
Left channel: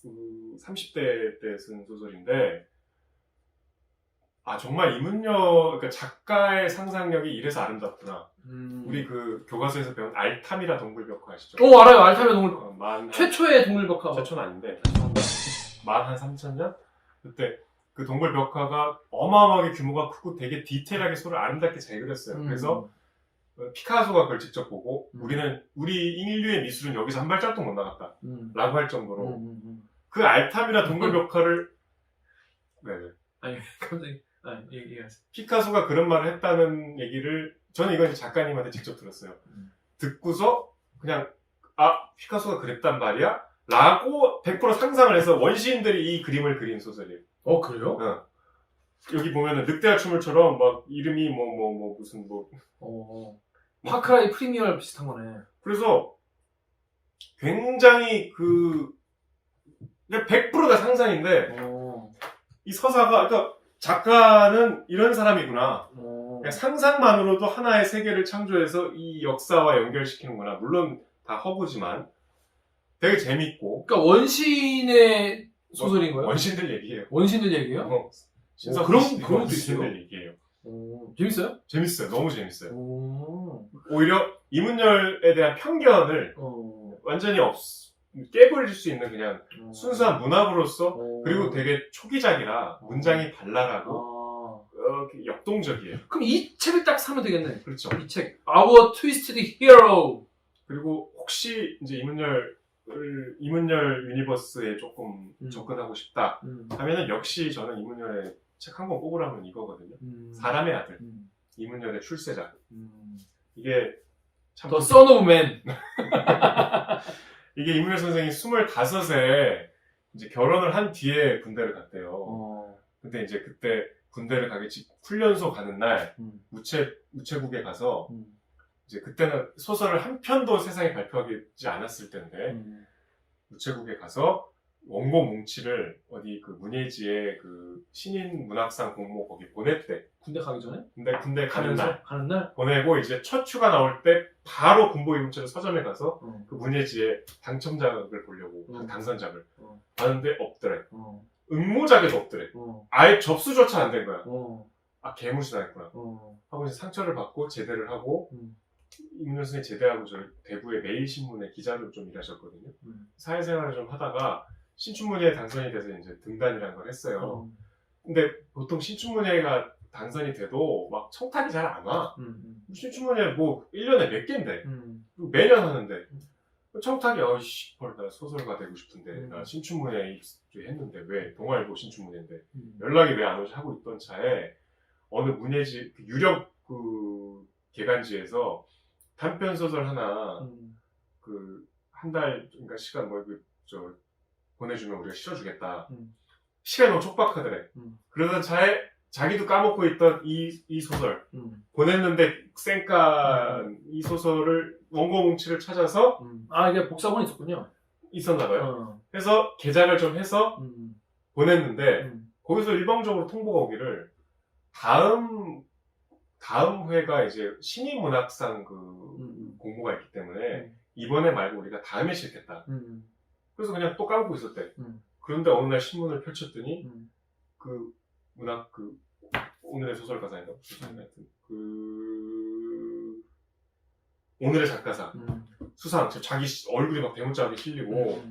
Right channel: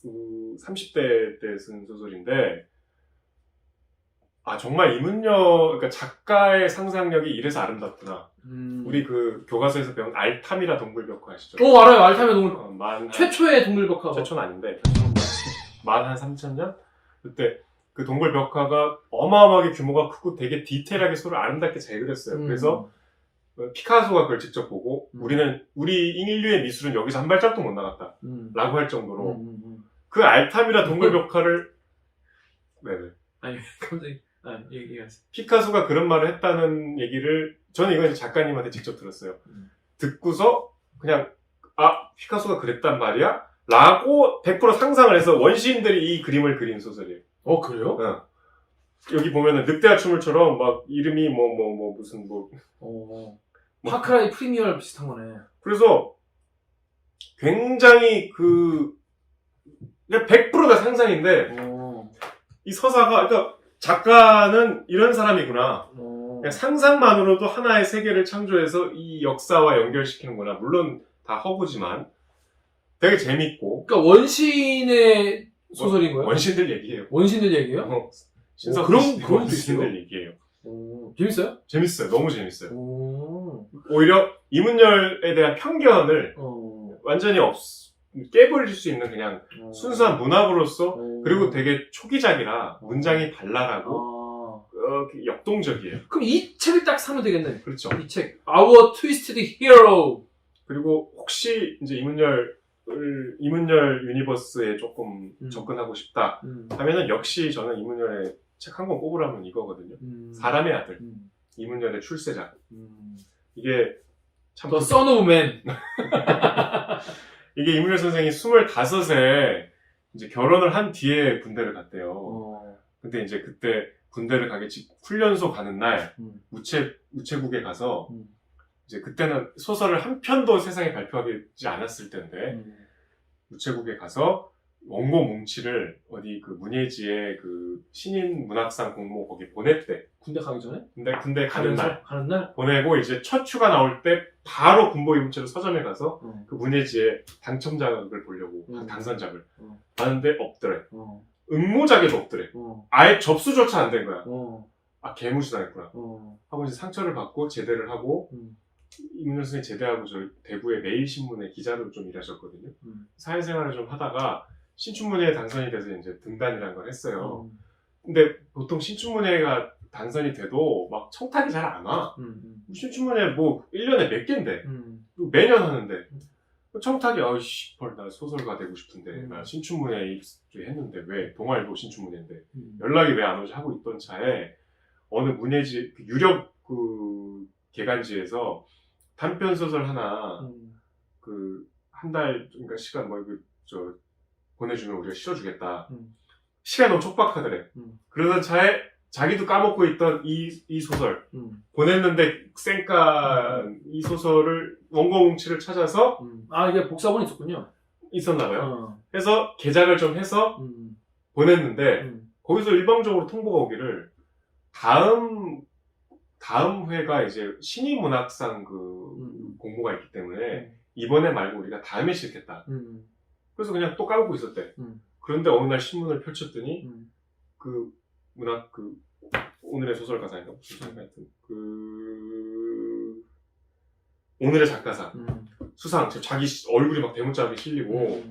30대 때 쓴 소설인데, 정말 그러니까 작가의 상상력이 이래서 아름답구나. 우리 그 교과서에서 배운 알탐이라 동굴벽화 아시죠? 알아요. 알타메 동물. 최초의 동물벽화. 최초는 아닌데, 만 한 3,000년? 그때 그 동굴벽화가 어마어마하게 규모가 크고 되게 디테일하게 소를 아름답게 잘 그렸어요. 그래서 피카소가 그걸 직접 보고 우리 인류의 미술은 여기서 한 발짝도 못 나갔다 라고 할 정도로 그 알탐이라 동굴벽화를 네네. 아니, 갑자기 얘기하세요. 피카소가 그런 말을 했다는 얘기를 저는 이건 이제 작가님한테 직접 들었어요. 듣고서 그냥 피카소가 그랬단 말이야? 라고 100% 상상을 해서 원시인들이 이 그림을 그린 소설이에요. 그래요? 여기 보면은 늑대와 춤을처럼 막 이름이 무슨 파크라이 프리미어 비슷한 거네. 그래서 굉장히 100%가 상상인데 이 서사가 그러니까 작가는 이런 사람이구나. 그냥 상상만으로도 하나의 세계를 창조해서 이 역사와 연결시키는구나. 물론 다 허구지만 되게 재밌고. 그러니까 원시인의 소설인 거예요? 원신들 얘기예요. 원신들 얘기예요? 그런 것도 있어요? 원신들 얘기예요. 재밌어요? 재밌어요. 너무 재밌어요. 오히려 이문열에 대한 편견을 완전히 깨버릴 수 있는 그냥 순수한 문학으로서 그리고 되게 초기작이라 문장이 발랄하고 역동적이에요. 그럼 이 책을 딱 사면 되겠네. 그렇죠. 이 책 Our Twisted Hero. 그리고 혹시 이제 이문열 유니버스에 조금 접근하고 싶다 하면은 역시 저는 이문열의 책 한 권 뽑으라면 이거거든요. 사람의 아들. 이문열의 출세작. 이게 참 The Son of Man. 이게 이문열 선생이 25에 이제 결혼을 한 뒤에 군대를 갔대요. 근데 이제 그때 군대를 훈련소 가는 날 우체국에 가서 이제 그때는 소설을 한 편도 세상에 발표하지 않았을 때인데 우체국에 가서 원고 뭉치를 어디 그 문예지의 그 신인 문학상 공모 거기 보냈대. 군대 가기 전에? 근데 군대 가는 날 가는 날? 보내고 이제 첫 휴가 나올 때 바로 군복 입은 채로 서점에 가서 어. 그 문예지의 당첨작을 보려고 당선작을 봤는데 없더래. 응모작에도 없더래. 아예 접수조차 안 된 거야. 아 개무시당했구나. 하고 이제 상처를 받고 제대를 하고 이문열 선생님 제대하고 저 대구의 매일신문에 기자로 좀 일하셨거든요. 사회생활을 좀 하다가 신춘문예에 당선이 돼서 이제 등단이라는 걸 했어요. 근데 보통 신춘문예가 당선이 돼도 막 청탁이 잘 안 와. 신춘문예 뭐 1년에 몇 개인데 매년 하는데 청탁이 어이씨 나 소설가 되고 싶은데 나 신춘문예 했는데 왜 동아일보 신춘문예인데 연락이 왜 안 오지 하고 있던 차에 어느 문예지 유력 그 개간지에서 단편 소설 하나 그 한 달 그러니까 시간 뭐 이거 저 보내주면 우리가 실어주겠다. 시간이 너무 촉박하더래. 그러던 차에 자기도 까먹고 있던 이 소설 보냈는데 쌩깐 이 소설을 원고 뭉치를 찾아서 아 이게 복사본이 있었군요. 있었나봐요. 해서 개작을 좀 해서 보냈는데 거기서 일방적으로 통보가 오기를 다음 회가 이제 신인문학상 그 공모가 있기 때문에 이번에 말고 우리가 다음에 실겠다. 그래서 그냥 또 까먹고 있었대. 그런데 어느 날 신문을 펼쳤더니 그 문학 그 오늘의 소설가상인가 하여튼 그 오늘의 작가상 수상 자기 얼굴이 막 대문짝하게 실리고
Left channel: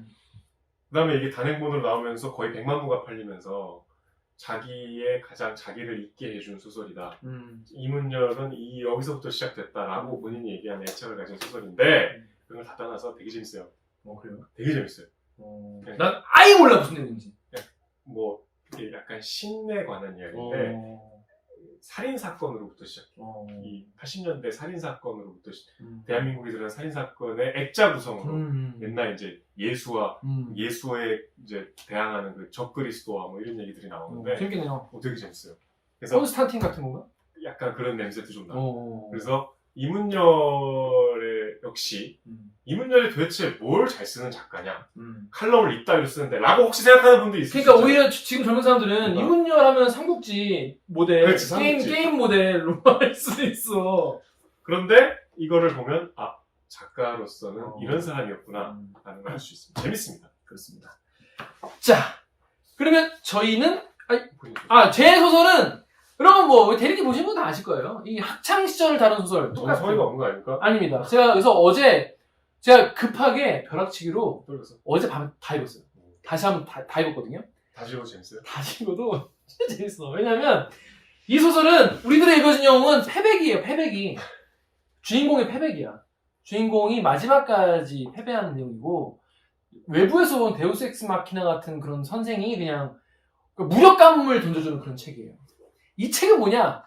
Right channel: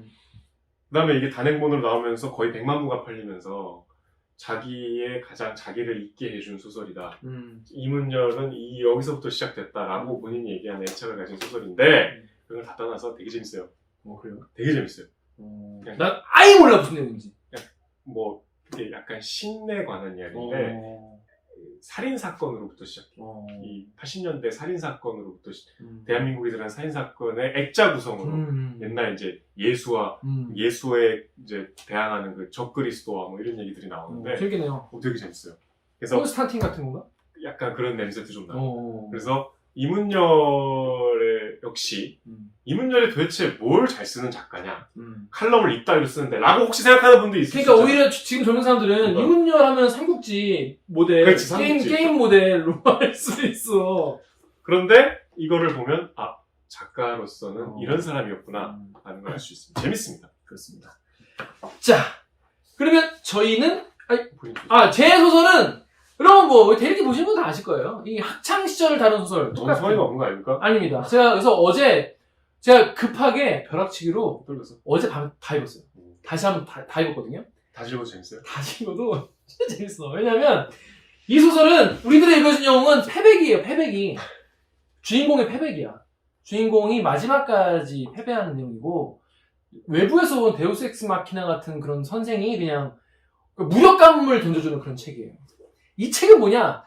그다음에 이게 단행본으로 나오면서 거의 100만 부가 팔리면서 자기의 가장 자기를 잊게 해준 소설이다. 이문열은 여기서부터 시작됐다라고 본인이 얘기한 애착을 가진 소설인데 그런 걸 다 떠나서 되게 재밌어요. 그래요? 되게 재밌어요. 난 아예 몰라 무슨 내용인지. 뭐 그게 약간 신에 관한 이야기인데 살인 사건으로부터 시작해. 이 80년대 살인 사건으로부터 대한민국이 일어난 살인 사건의 액자 구성으로 옛날 이제 예수에 이제 대항하는 그 적그리스도와 뭐 이런 얘기들이 나오는데 재밌겠네요. 되게 재밌어요. 그래서 콘스탄틴 같은 건가? 약간 그런 냄새도 좀 나고. 그래서 이문열의 역시 이문열이 도대체 뭘 잘 쓰는 작가냐? 칼럼을 이따위로 쓰는데 라고 혹시 생각하는 분도 있을 수 있어요. 그러니까 오히려 지금 젊은 사람들은 이문열 하면 삼국지 모델, 그렇지, 삼국지. 게임 모델로 할 수 있어. 그런데 이거를 보면 아 작가로서는 이런 사람이었구나 라는 걸 알 수 있습니다. 재밌습니다. 그렇습니다. 자, 그러면 저희는 제 소설은 그럼 뭐 대리기 보신 분 다 아실 거예요. 이 학창 시절을 다룬 소설 너무 똑같아요. 성의가 없는 거 아닙니까? 아닙니다. 제가 그래서 어제 제가 급하게 벼락치기로 어제 밤에 다 읽었어요. 다시 한번 다 읽었거든요. 다시 읽어도 재밌어요? 다시 읽어도 진짜 재밌어. 왜냐면 이 소설은 우리들의 읽어준 영웅은 패백이에요. 패백이 주인공의 패백이야. 주인공이 마지막까지 패배하는 내용이고 외부에서 온 데우스 엑스 마키나 같은 그런 선생이 그냥 무력감을 던져주는 그런 책이에요. 이 책은 뭐냐?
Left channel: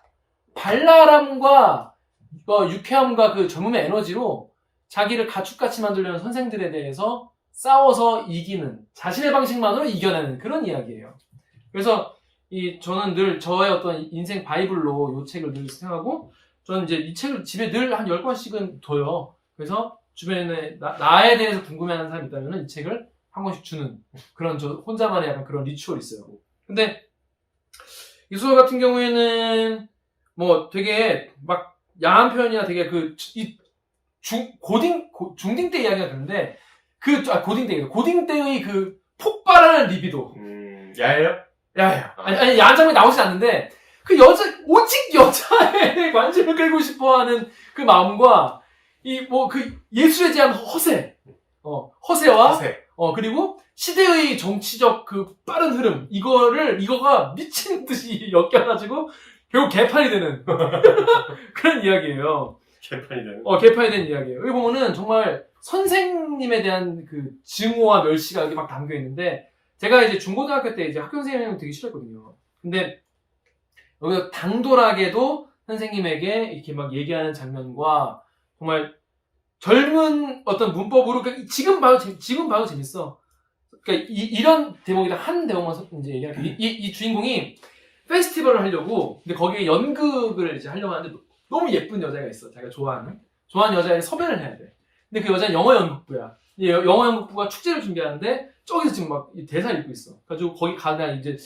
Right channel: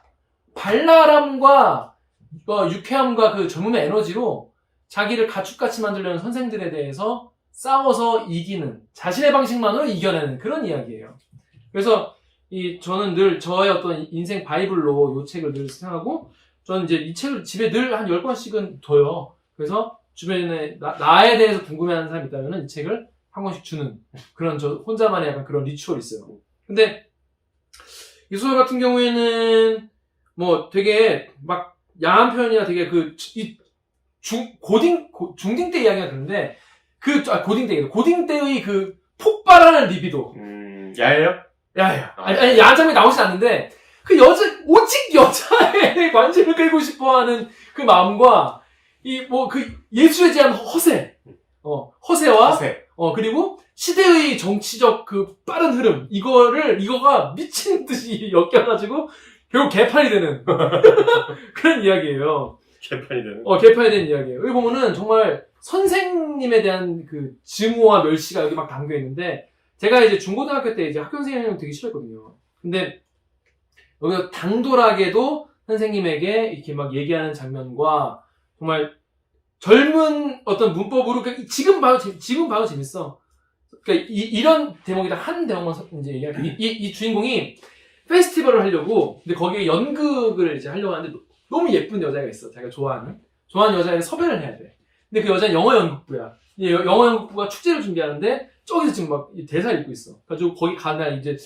발랄함과 유쾌함과 그 젊음의 에너지로 자기를 가축같이 만들려는 선생들에 대해서 싸워서 이기는, 자신의 방식만으로 이겨내는 그런 이야기예요. 그래서 저는 늘 저의 어떤 인생 바이블로 이 책을 늘 생각하고 저는 이제 이 책을 집에 늘 한 10권씩은 둬요. 그래서 주변에 나에 대해서 궁금해하는 사람이 있다면 이 책을 한 권씩 주는 그런 저 혼자만의 약간 그런 리추얼이 있어요. 근데 이 소설 같은 경우에는 뭐 되게 막 야한 표현이나 되게 중딩 때 이야기가 되는데 고딩 때의 그 폭발하는 리비도. 야해요? 야해요. 아니 야한 장면이 나오진 않는데 오직 여자의 관심을 끌고 싶어 하는 그 마음과 예술에 대한 허세와 그리고 시대의 정치적 그 빠른 흐름, 이거가 미친 듯이 엮여가지고, 결국 개판이 되는, 그런 이야기예요. 개판이 되는 이야기예요. 여기 보면은 정말 선생님에 대한 그 증오와 멸시가 여기 막 담겨 있는데, 제가 이제 중고등학교 때 이제 학교 선생님을 되게 싫어했거든요. 근데, 여기서 당돌하게도 선생님에게 이렇게 막 얘기하는 장면과, 정말 젊은 어떤 문법으로, 지금 봐도 재밌어. 그러니까 이런 대목이다. 한 대목만 이제 얘기할게요. 이 주인공이 페스티벌을 하려고, 근데 거기에 연극을 이제 하려고 하는데 너무 예쁜 여자가 있어. 자기가 좋아하는 여자애를 섭외를 해야 돼. 근데 그 여자는 영어 연극부야. 영어 연극부가 축제를 준비하는데 저기서 지금 막 대사를 읽고 있어. 그래가지고 거기 가나 이제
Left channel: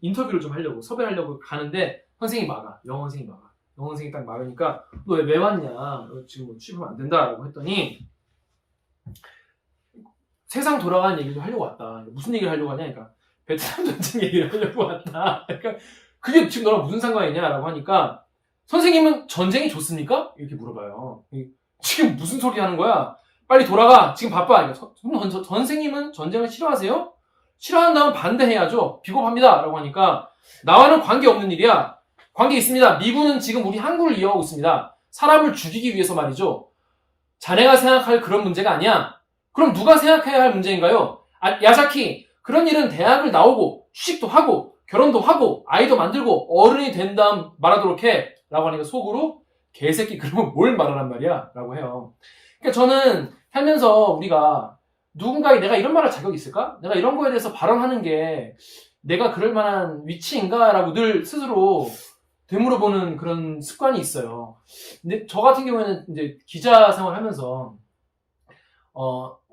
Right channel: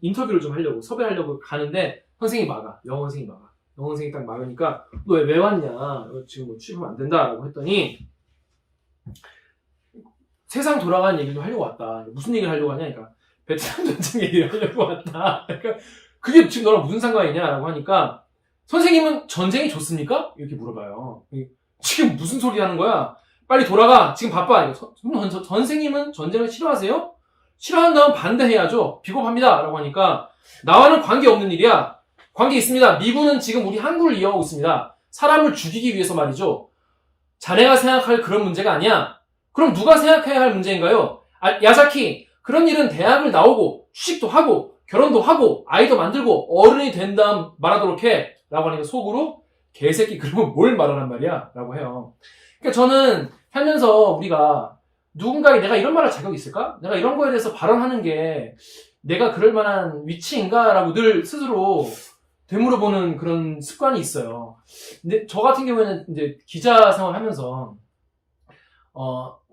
인터뷰를 좀 하려고 섭외를 하려고 가는데 선생님이 막아. 영어 선생님이 막아. 영어 선생님이 딱 막으니까 너 왜 왔냐? 지금 뭐 취업하면 안 된다라고 했더니 세상 돌아가는 얘기를 좀 하려고 왔다. 무슨 얘기를 하려고 하냐? 그러니까 베트남 전쟁 얘기를 하려고 왔다. 그러니까 그게 지금 너랑 무슨 상관이냐라고 하니까 선생님은 전쟁이 좋습니까? 이렇게 물어봐요. 지금 무슨 소리 하는 거야? 빨리 돌아가. 지금 바빠. 그러니까 선생님은 전쟁을 싫어하세요? 싫어한다면 반대해야죠. 비겁합니다. 라고 하니까 나와는 관계없는 일이야. 관계 있습니다. 미군은 지금 우리 항구를 이용하고 있습니다. 사람을 죽이기 위해서 말이죠. 자네가 생각할 그런 문제가 아니야. 그럼 누가 생각해야 할 문제인가요? 야자키, 그런 일은 대학을 나오고 취직도 하고 결혼도 하고 아이도 만들고 어른이 된 다음 말하도록 해. 라고 하니까 속으로 개새끼 그러면 뭘 말하란 말이야? 라고 해요. 그러니까 저는 살면서 우리가 누군가에게 내가 이런 말할 자격이 있을까? 내가 이런 거에 대해서 발언하는 게 내가 그럴 만한 위치인가? 라고 늘 스스로 되물어보는 그런 습관이 있어요. 근데 저 같은 경우에는 이제 기자 생활하면서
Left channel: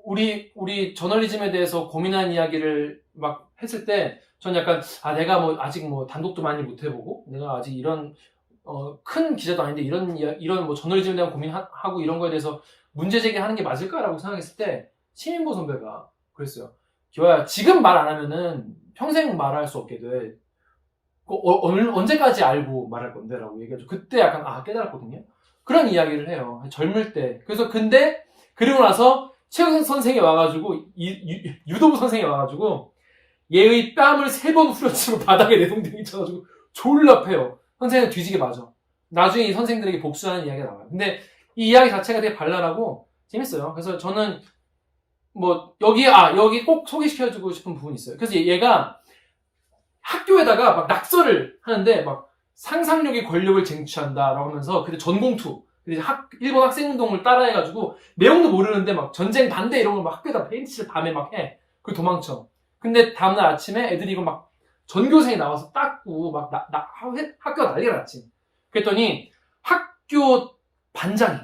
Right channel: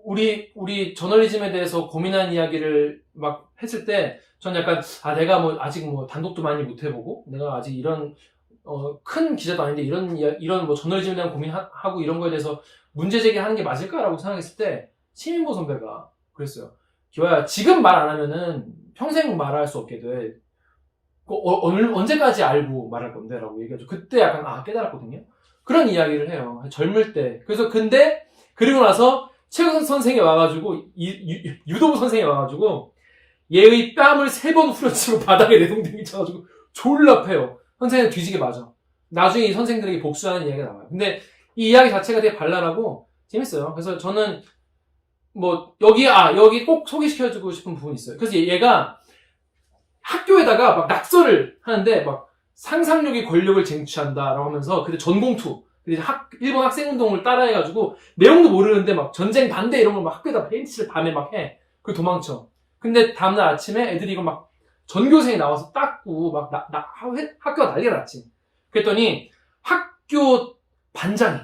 우리 저널리즘에 대해서 고민한 이야기를 막 했을 때 전 약간 내가 뭐 아직 뭐 단독도 많이 못 해보고 내가 아직 이런 큰 기자도 아닌데 이런 뭐 저널리즘에 대한 고민하고 이런 거에 대해서 문제 제기하는 게 맞을까라고 생각했을 때 시민보 선배가 그랬어요. 기화야, 지금 말 안 하면은 평생 말할 수 없게 돼. 언제까지 알고 말할 건데? 라고 얘기하죠. 그때 약간 깨달았거든요. 그런 이야기를 해요. 젊을 때. 그래서 근데 그리고 나서 최근 선생이 와가지고 유도부 선생이 와가지고 얘의 뺨을 3번 후려치고 바닥에 내동댕이 쳐가지고 졸라 패요. 선생은 뒤지게 맞아. 나중에 이 선생들에게 복수하는 이야기가 나와요. 근데 이 이야기 자체가 되게 발랄하고 재밌어요. 그래서 저는 뭐 여기 꼭 소개시켜주고 싶은 부분이 있어요. 그래서 얘가 학교에다가 막 낙서를 하는데 막 상상력이 권력을 쟁취한다라고 하면서 그때 전공투 일본 학생운동을 따라해가지고 내용도 모르는데 막 전쟁 반대 이런 걸 막 학교에다 페인트를 밤에 막 해. 그리고 도망쳐. 근데 다음날 아침에 애들이 이거 막 전교생이 나와서 닦고 막 학교가 난리가 났지. 그랬더니 학교 반장이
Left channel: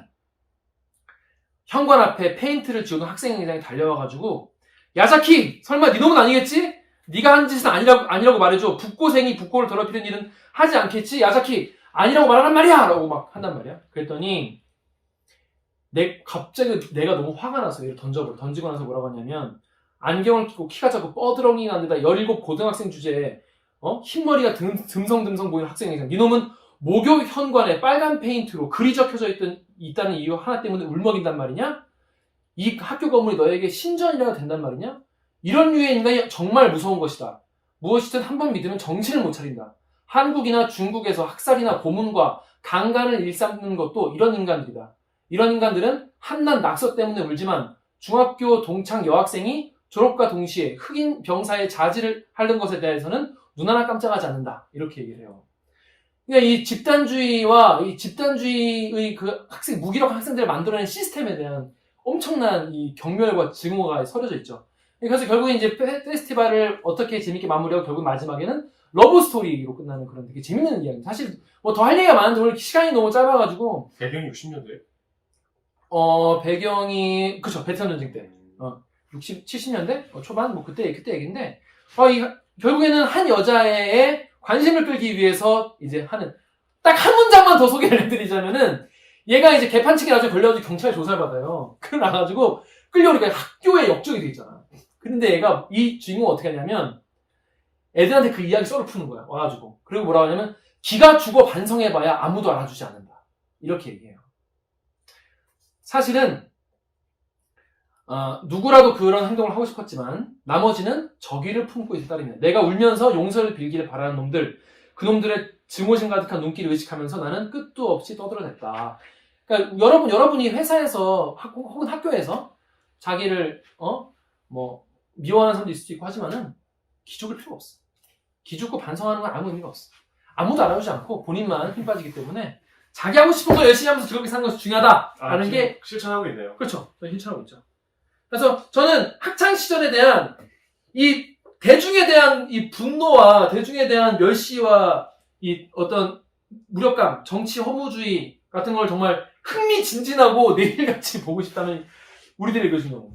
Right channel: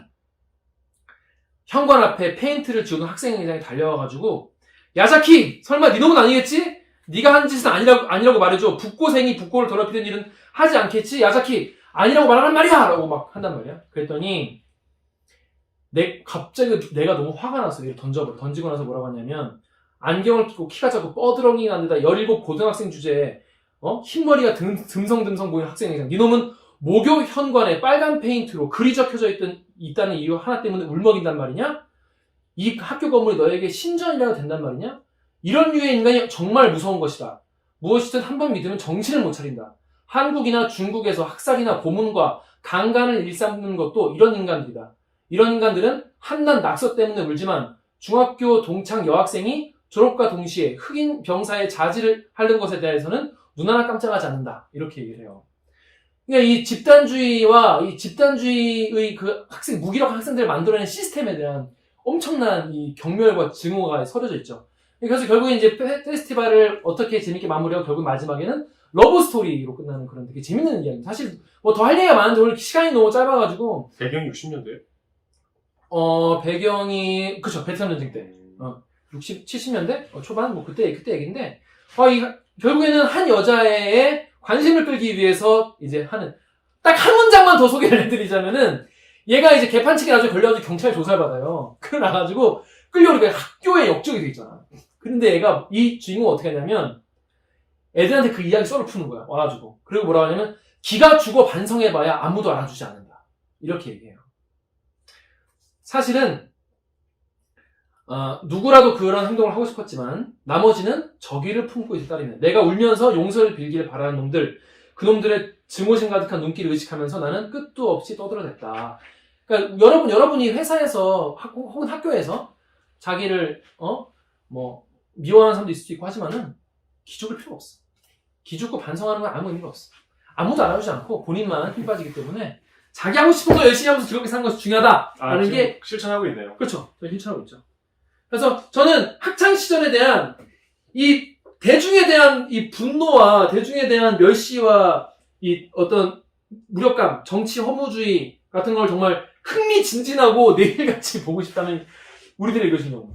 현관 앞에 페인트를 지우던 학생회장이 달려와가지고 야자키 설마 네 놈은 아니겠지? 네가 한 짓은 아니라고 말해줘. 북고생이 북고를 더럽히는 일은 하지 않겠지? 야자키 아니라고 말하란 말이야! 라고 막 한단 말이야. 그랬더니 갑자기 내가 너무 화가 나서 얘를 던지고 나서 뭐라고 하냐면 안경을 끼고 키가 작고 뻐드렁이가 안 되다 17 고등학생 주제에 흰머리가 듬성듬성 보이는 학생회장 네 놈은 모교 현관에 빨간 페인트로 글이 적혀져 있다는 이유 하나 때문에 울먹인단 말이냐? 이 학교 건물이 너에게 신전이라도 된단 말이냐? 이런 류의 인간이 정말 무서운 것이다. 무엇이든 한번 믿으면 정신을 못 차린다. 한국이나 중국에서 학살이나 고문과 강간을 일삼는 것도 이런 인간들이다. 이런 인간들은 한낱 낙서 때문에 울지만 중학교 동창 여학생이 졸업과 동시에 흑인 병사의 자질을 하는 것에 대해서는 눈 하나 깜짝하지 않는다. 이렇게 얘기를 해요. 그러니까 이 집단주의와 이 집단주의의 그 무기력 학생들을 만들어낸 시스템에 대한 엄청난 이 경멸과 증오가 서려져 있죠. 그래서 결국 이제 페스티벌을 어떻게 재밌게 마무리하고 결국 마지막에는 러브 스토리로 끝나는 그런 되게 재밌는 이야기입니다. 사실 뭐 더 할 얘기가 많은데 오늘 시간이 너무 짧아가지고 배경이 60년대? 배경이 그쵸 베트남 전쟁 때 60, 70년대 초반 뭐 그때 얘기인데 결국에는 한 여자의 관심을 끌기 위해서 이제 하는 딱 한 문장만 더 소개를 해드리자면은 얘가 이제 개판치기 나중에 걸려가지고 경찰 조사를 받아요. 그래 나가지고 끌려오니까 학교에 역적이 돼 있잖아. 근데 얘가 이 주인공은 어떻게 하냐면 애들한테 그 이야기 썰을 푸는 거야. 와가지고 그리고 뭐라고 하냐면 기가 죽어 반성해봐야 아무도 알아주지 않는다. 이렇게 얘기해요. 사실은 누구라도 그런 행동을 하고 싶었지만 나머지는 적의를 품고 있을 따름이네. 내가 울면서 용서를 빌기를 바라는 놈들, 그 놈들의 증오심 가득한 눈길을 의식하면서 나는 끝도 없이 떠들어댔다. 그러니까 여러분이 회사에서 혹은 학교에서 자기를 미워하는 사람도 있을 수 있고 하지만은 기죽을 필요가 없어. 기죽고 반성하는 건 아무 의미가 없어. 아무도 알아주지 않고 본인만 힘 빠지기 때문에 자기 하고 싶은 거 열심히 하면서 즐겁게 사는 것이 중요하다라는 게 실천하고 있네요. 그렇죠. 실천하고 있죠. 그래서 저는 학창 시절에 대한 이 대중에 대한 이 분노와 대중에 대한 멸시와 이 어떤 무력감, 정치 허무주의 같은 걸 정말 흥미진진하고 내일같이 보고 싶다면 우리들이 읽으신 경우.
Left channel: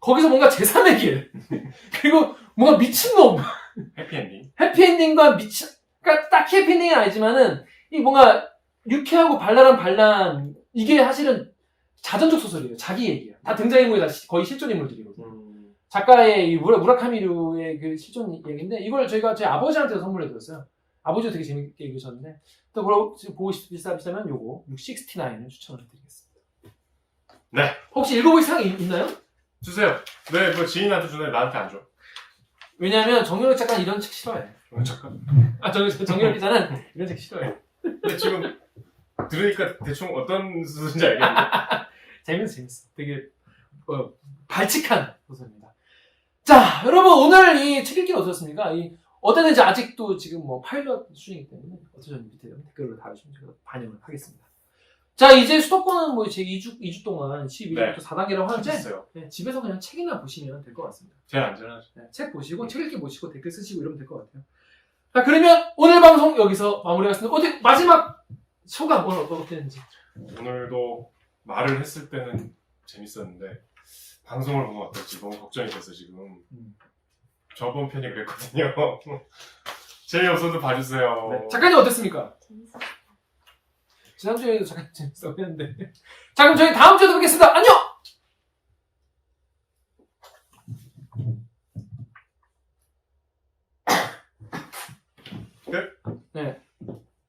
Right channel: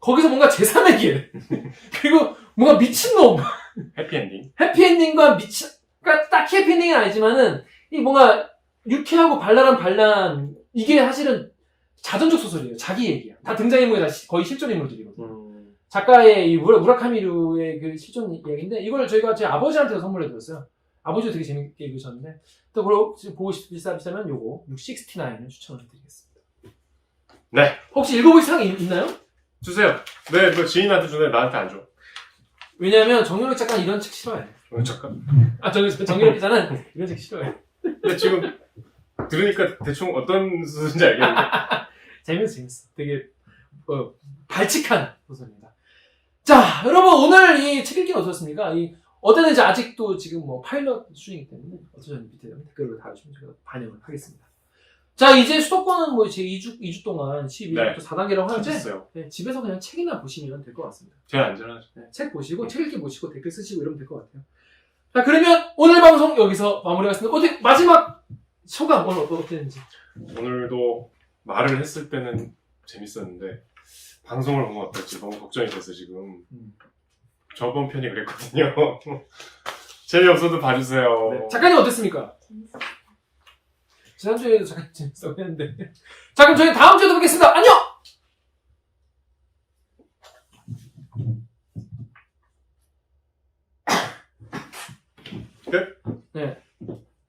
거기서 뭔가 제3의 길. 그리고 뭔가 미친놈. 해피엔딩. 해피엔딩과 그러니까 딱히 해피엔딩은 아니지만은, 이 뭔가 유쾌하고 발랄한 반란, 이게 사실은 자전적 소설이에요. 자기 얘기야. 다 등장인물이 다 거의 실존 인물들이거든요. 작가의 이 무라카미류의 그 실존 이야기인데, 이걸 저희가 제 아버지한테 선물해 드렸어요. 아버지도 되게 재밌게 읽으셨는데, 또 그걸 보고 싶으시다면 요거 669을 추천을 드리겠습니다. 네. 혹시 읽어볼 생각이 있나요? 주세요. 네, 뭐 지인한테 주네, 나한테 안 줘. 왜냐하면 정유럽 작가는 이런 책 싫어해. 잠깐. 정유럽 기자는 이런 책 싫어해. 근데 지금 들으니까 대충 어떤 수준인지 알겠는데. 재밌어. 되게 발칙한 소설입니다. 자, 여러분 오늘 이 책 읽기는 어떠셨습니까? 어땠는지 아직도 지금 뭐 파일럿 중이기 때문에 어떠셨는지 밑에 댓글로 달아주시면 제가 반영을 하겠습니다. 자, 이제 수도권은 뭐 이제 2주 동안 12일부터 4단계라고 하는데, 네, 집에서 그냥 책이나 보시면 될 것 같습니다. 제일 안전하죠. 네, 책 보시고, 책 읽기 보시고, 댓글 쓰시고 이러면 될 것 같아요. 자, 그러면 오늘 방송 여기서 마무리하겠습니다. 어디, 마지막 소감 오늘 어땠는지. 오늘도 말을 했을 때는 재밌었는데, 방송을 보면 어떨지 너무 걱정이 돼서 지금. 저번 편이 그랬거든요. 재미없어도 봐주세요. 네. 작가님 어땠습니까? 재밌었어요. 지난주에도 잠깐 재밌어 했는데. 자, 그럼 저희 다음 주에도 뵙겠습니다. 안녕! 끝? 네.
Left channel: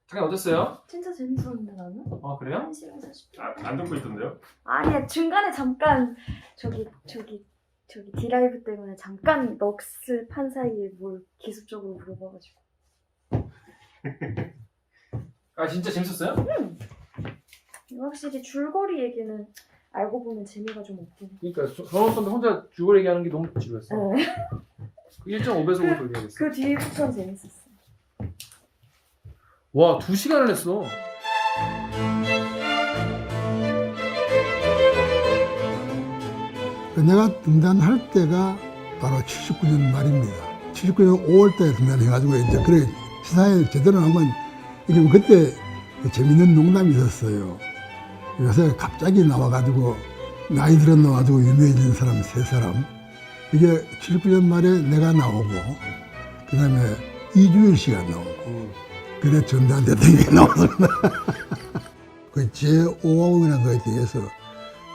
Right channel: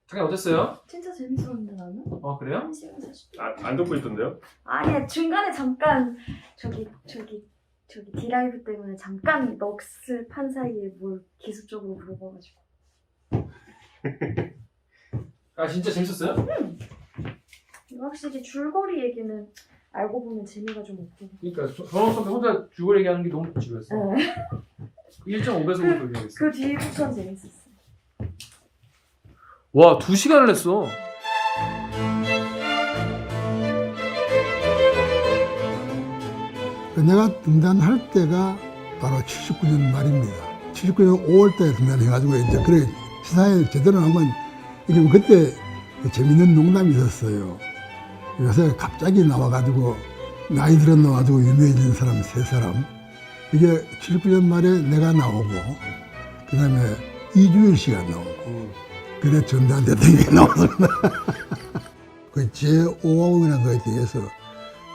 작가님 어땠어요? 진짜 재밌었는데 나는? 그래요? 1시간 40분. 안 듣고 있던데요? 아니 중간에 잠깐 저기 디라이브 때문에 잠깐 넋을 판 사이에 뭘 기술적으로 물어봐가지고. 진짜 재밌었어요? 확실히 줄거리 얘기는 알고 보면 재미가 좀 없긴 해. 그러니까 정원 선배 혼자 줄거리 얘기하는 게 너무 지루했어. 네. 1.5배속으로 얘기했어. 그 뒤에 쿠션 재밌었어. 와, 2시간을 했어. 내가 등단할 때가 바로 79년 말입니다. 79년 5월달에 등단해가지고 이제 그래 시사회 제대로 한번 이게 그때 재밌는 농담이 있었어요. 요새 갑자기 나와가지고 나이 들어 나와가지고 유명해진 사람 3사람. 이게 79년 말에 내가 나오고 그 다음에 이주일 씨가 나오고 그래 전두환 대통령이 나왔습니다. 그 제5호이라는 거에 대해서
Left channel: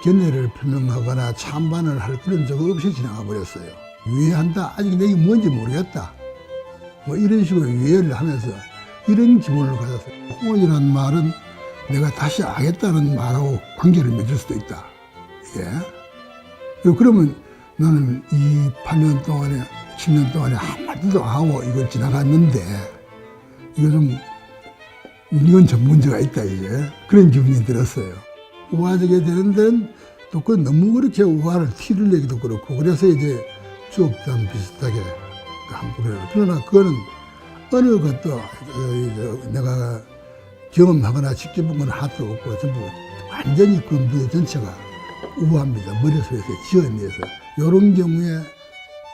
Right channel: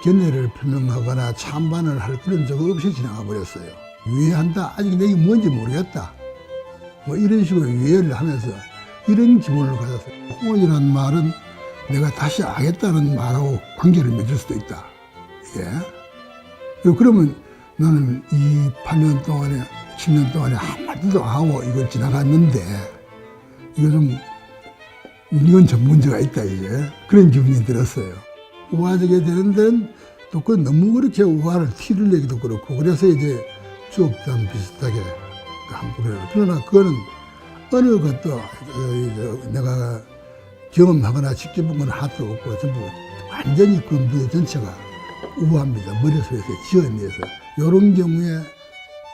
견해를 표명하거나 찬반을 할 그런 적 없이 지나가 버렸어요. 유예한다? 아직 내게 뭔지 모르겠다. 뭐 이런 식으로 유예를 하면서 이런 기분을 가졌어요. 홍원이라는 말은 내가 다시 하겠다는 말하고 관계를 맺을 수도 있다. 예. 그러면 나는 이 8년 동안에, 10년 동안에 한마디도 안 하고 이걸 지나갔는데, 이거 좀, 이건 좀 문제가 있다, 이제. 그런 기분이 들었어요. 우화적이 되는 데는 또 그 너무 그렇게 우화를 티를 내기도 그렇고, 그래서 이제 추억담 비슷하게 한번 그래요. 그러나 그거는 어느 것도 내가 경험하거나 직접 본 건 하나도 없고 전부 완전히 그 무대 전체가 우아합니다. 머릿속에서 지어내서 이런 경우에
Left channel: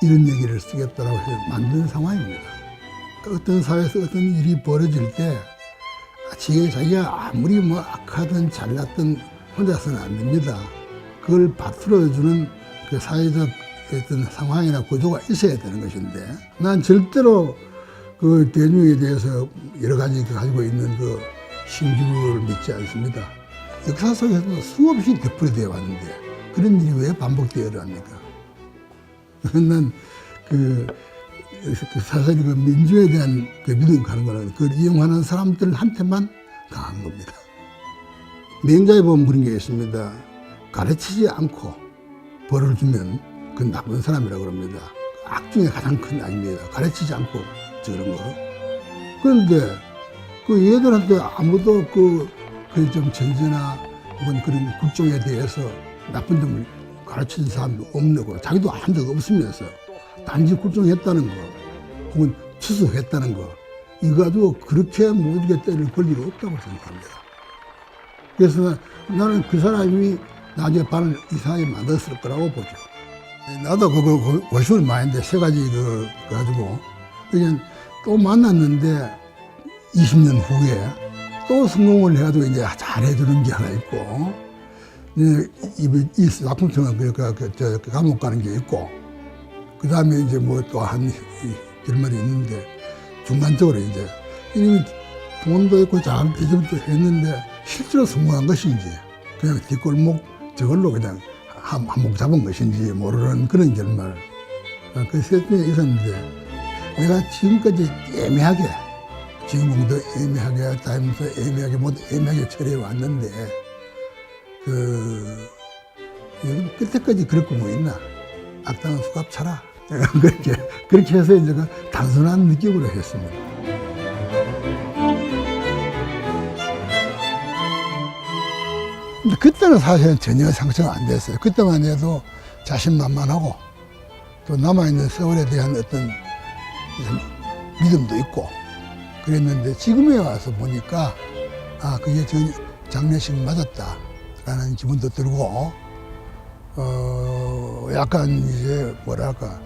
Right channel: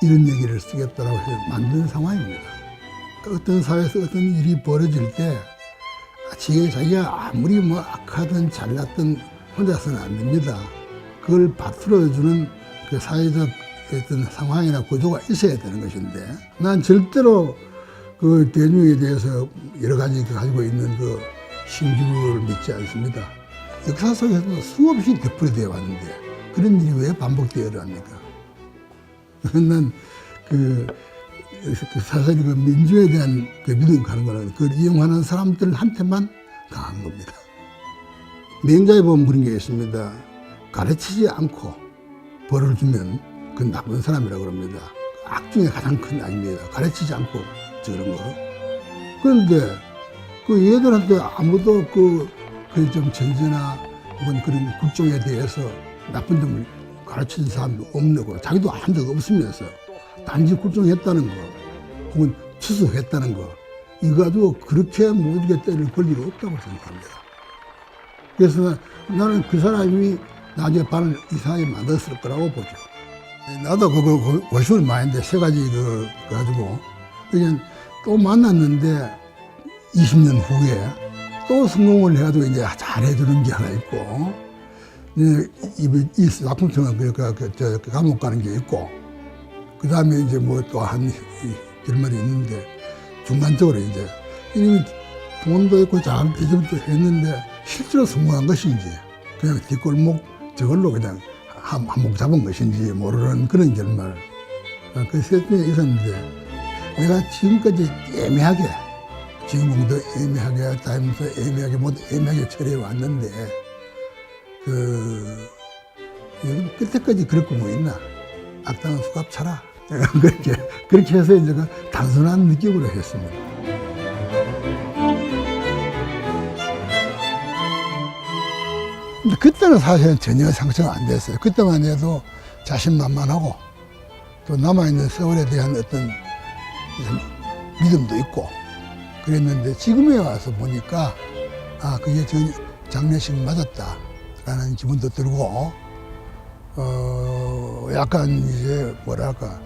이런 얘기를 쓰겠다라고 해서 만든 상황입니다. 어떤 사회에서 어떤 일이 벌어질 때 자기가 아무리 뭐 악하든 잘났든 혼자서는 안 됩니다. 그걸 바틀어주는 그 사회적 어떤 상황이나 구조가 있어야 되는 것인데 난 절대로 그 대중에 대해서 여러 가지 가지고 있는 그 신기루를 믿지 않습니다. 역사 속에서도 수없이 되풀이되어 왔는데 그런 일이 왜 반복되어야 합니까? 난 사실 그 민주에 대한 그 믿음 가는 거는 그걸 이용하는 사람들한테만 강한 겁니다. 맹자에 보면 그런 게 있습니다. 가르치지 않고 벌을 주면 그건 나쁜 사람이라고 그럽니다. 악 중에 가장 큰 악입니다. 가르치지 않고 저런 거. 그런데 그 얘들한테 아무도 좀 전제나 혹은 그런 국정에 대해서 나쁜 점을 가르친 사람도 없는 거, 자기도 한 적 없으면서 단지 국정했다는 거, 혹은 추수했다는 거, 이거 가지고 그렇게 모두게 때릴 권리가 없다고 생각합니다. 그래서 나는 그 사람이 나중에 반을 이상하게 만들었을 거라고 보죠. 나도 그거 고심을 많이 했는데, 3가지 가지고, 그냥 또 만났는데, 20년 후에 또 성공을 해가지고 이제 잘해주는 게 하나 있고, 이 작품성은 저 감옥 가는 게 있고, 그 다음에 이제 뭐 또 한 결말이 있는데, 중간적으로 이제, 이미 돈도 있고 장기점도 했는데, 실제로 성공한 것인지, 그냥 뒷골목 저걸로 그냥 한몫 잡은 것인지 모르는 그런 결말. 그 셋 중에 있었는데, 내가 지금까지 애매하게, 주인공도 애매하게, 타임도 애매하게, 모두 애매하게 처리해 왔는데, 끝에까지 그럴 거 뭐 있나? 악당은 수갑 차라. 그렇게 해서 이제 그 단순한 느낌으로 했습니다. 근데 그때는 사실은 전혀 상처가 안 됐어요. 그때만 해도 자신만만하고 또 남아있는 세월에 대한 어떤 믿음도 있고 그랬는데 지금에 와서 보니까 아, 그게 장례식 맞았다라는 기분도 들고 약간 이제 뭐랄까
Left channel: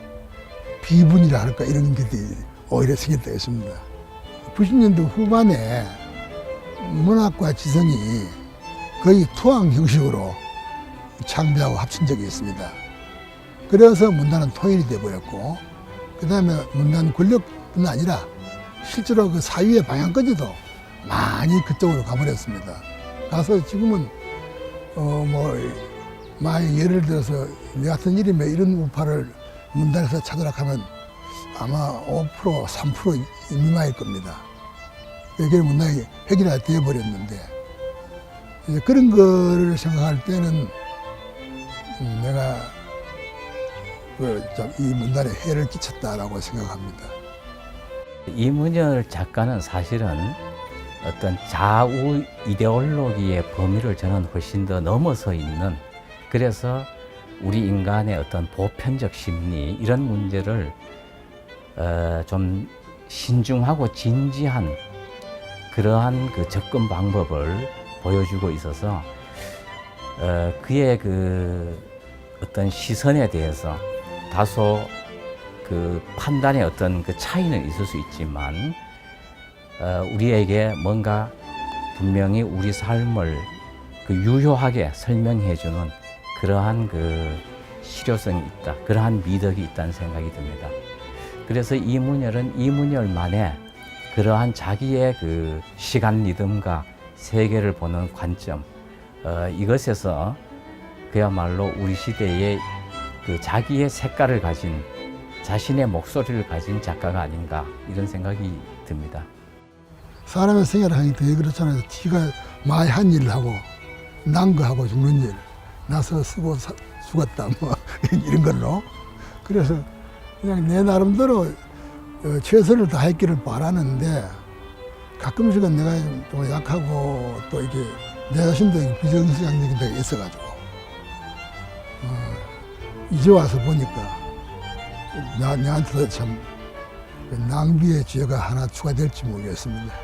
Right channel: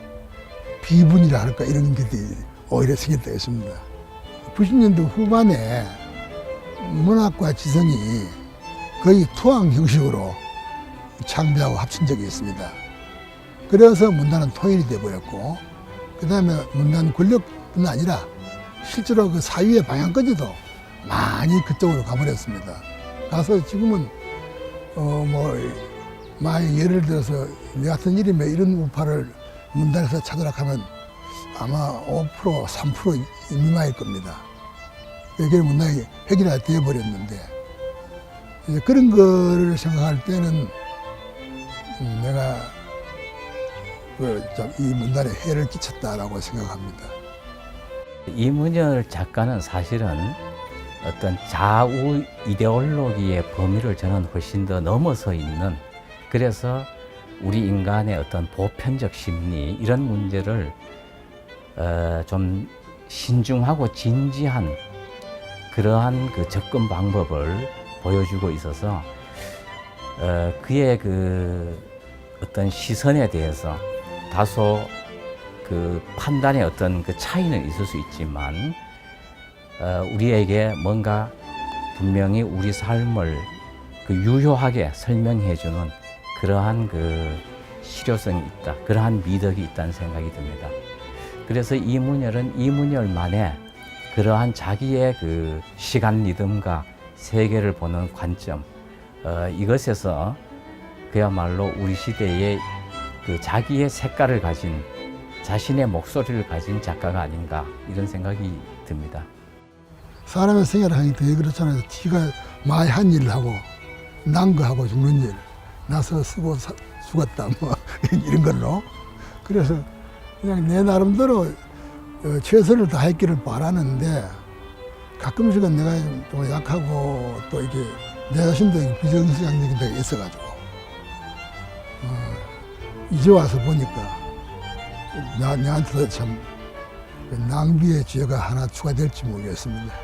비분이라 할까 이런 게 오히려 생겼다 했습니다. 90년대 후반에 문학과 지성이 거의 투항 형식으로 창비하고 합친 적이 있습니다. 그래서 문단은 통일이 돼버렸고 그 다음에 문단 권력뿐 아니라 실제로 그 사유의 방향까지도 많이 그쪽으로 가버렸습니다. 가서 지금은 만약 예를 들어서 내 같은 이름에 이런 우파를 문단에서 찾으라 하면 아마 5% 3% 미만일 겁니다. 그게 문단이 획일화 되어버렸는데 이제 그런 거를 생각할 때는 내가 이 문단에 해를 끼쳤다라고 생각합니다. 이문열 작가는 사실은 어떤 좌우 이데올로기의 범위를 저는 훨씬 더 넘어서 있는, 그래서 우리 인간의 어떤 보편적 심리 이런 문제를 좀 신중하고 진지한 그러한 그 접근 방법을 보여주고 있어서 그의 그 어떤 시선에 대해서 다소 그 판단의 어떤 그 차이는 있을 수 있지만 우리에게 뭔가 분명히 우리 삶을 그 유효하게 설명해주는 그러한 그 실효성이 있다, 그러한 미덕이 있다는 생각이 듭니다. 그래서 이문열은 이문열만의 그러한 자기의 그 시간 리듬과 세계를 보는 관점, 이것에서 그야말로 우리 시대의 그 자기의 색깔을 가진, 자신의 목소리를 가진 작가가 아닌가 이런 생각이 듭니다. 사람의 생애를 하니 되게 그렇잖아요. 지가 많이 한 일을 하고 난 거 하고 죽는 일, 나서 쓰고 죽었다 뭐 이런 걸로. 그래서 그냥 내 나름대로 최선을 다했기를 바라는데 가끔씩은 내가 좀 약하고 또 이게 내 자신도 비정상적인 데가 있어가지고 이제 와서 보니까 나한테도 참 낭비의 죄가 하나 추가될지 모르겠습니다.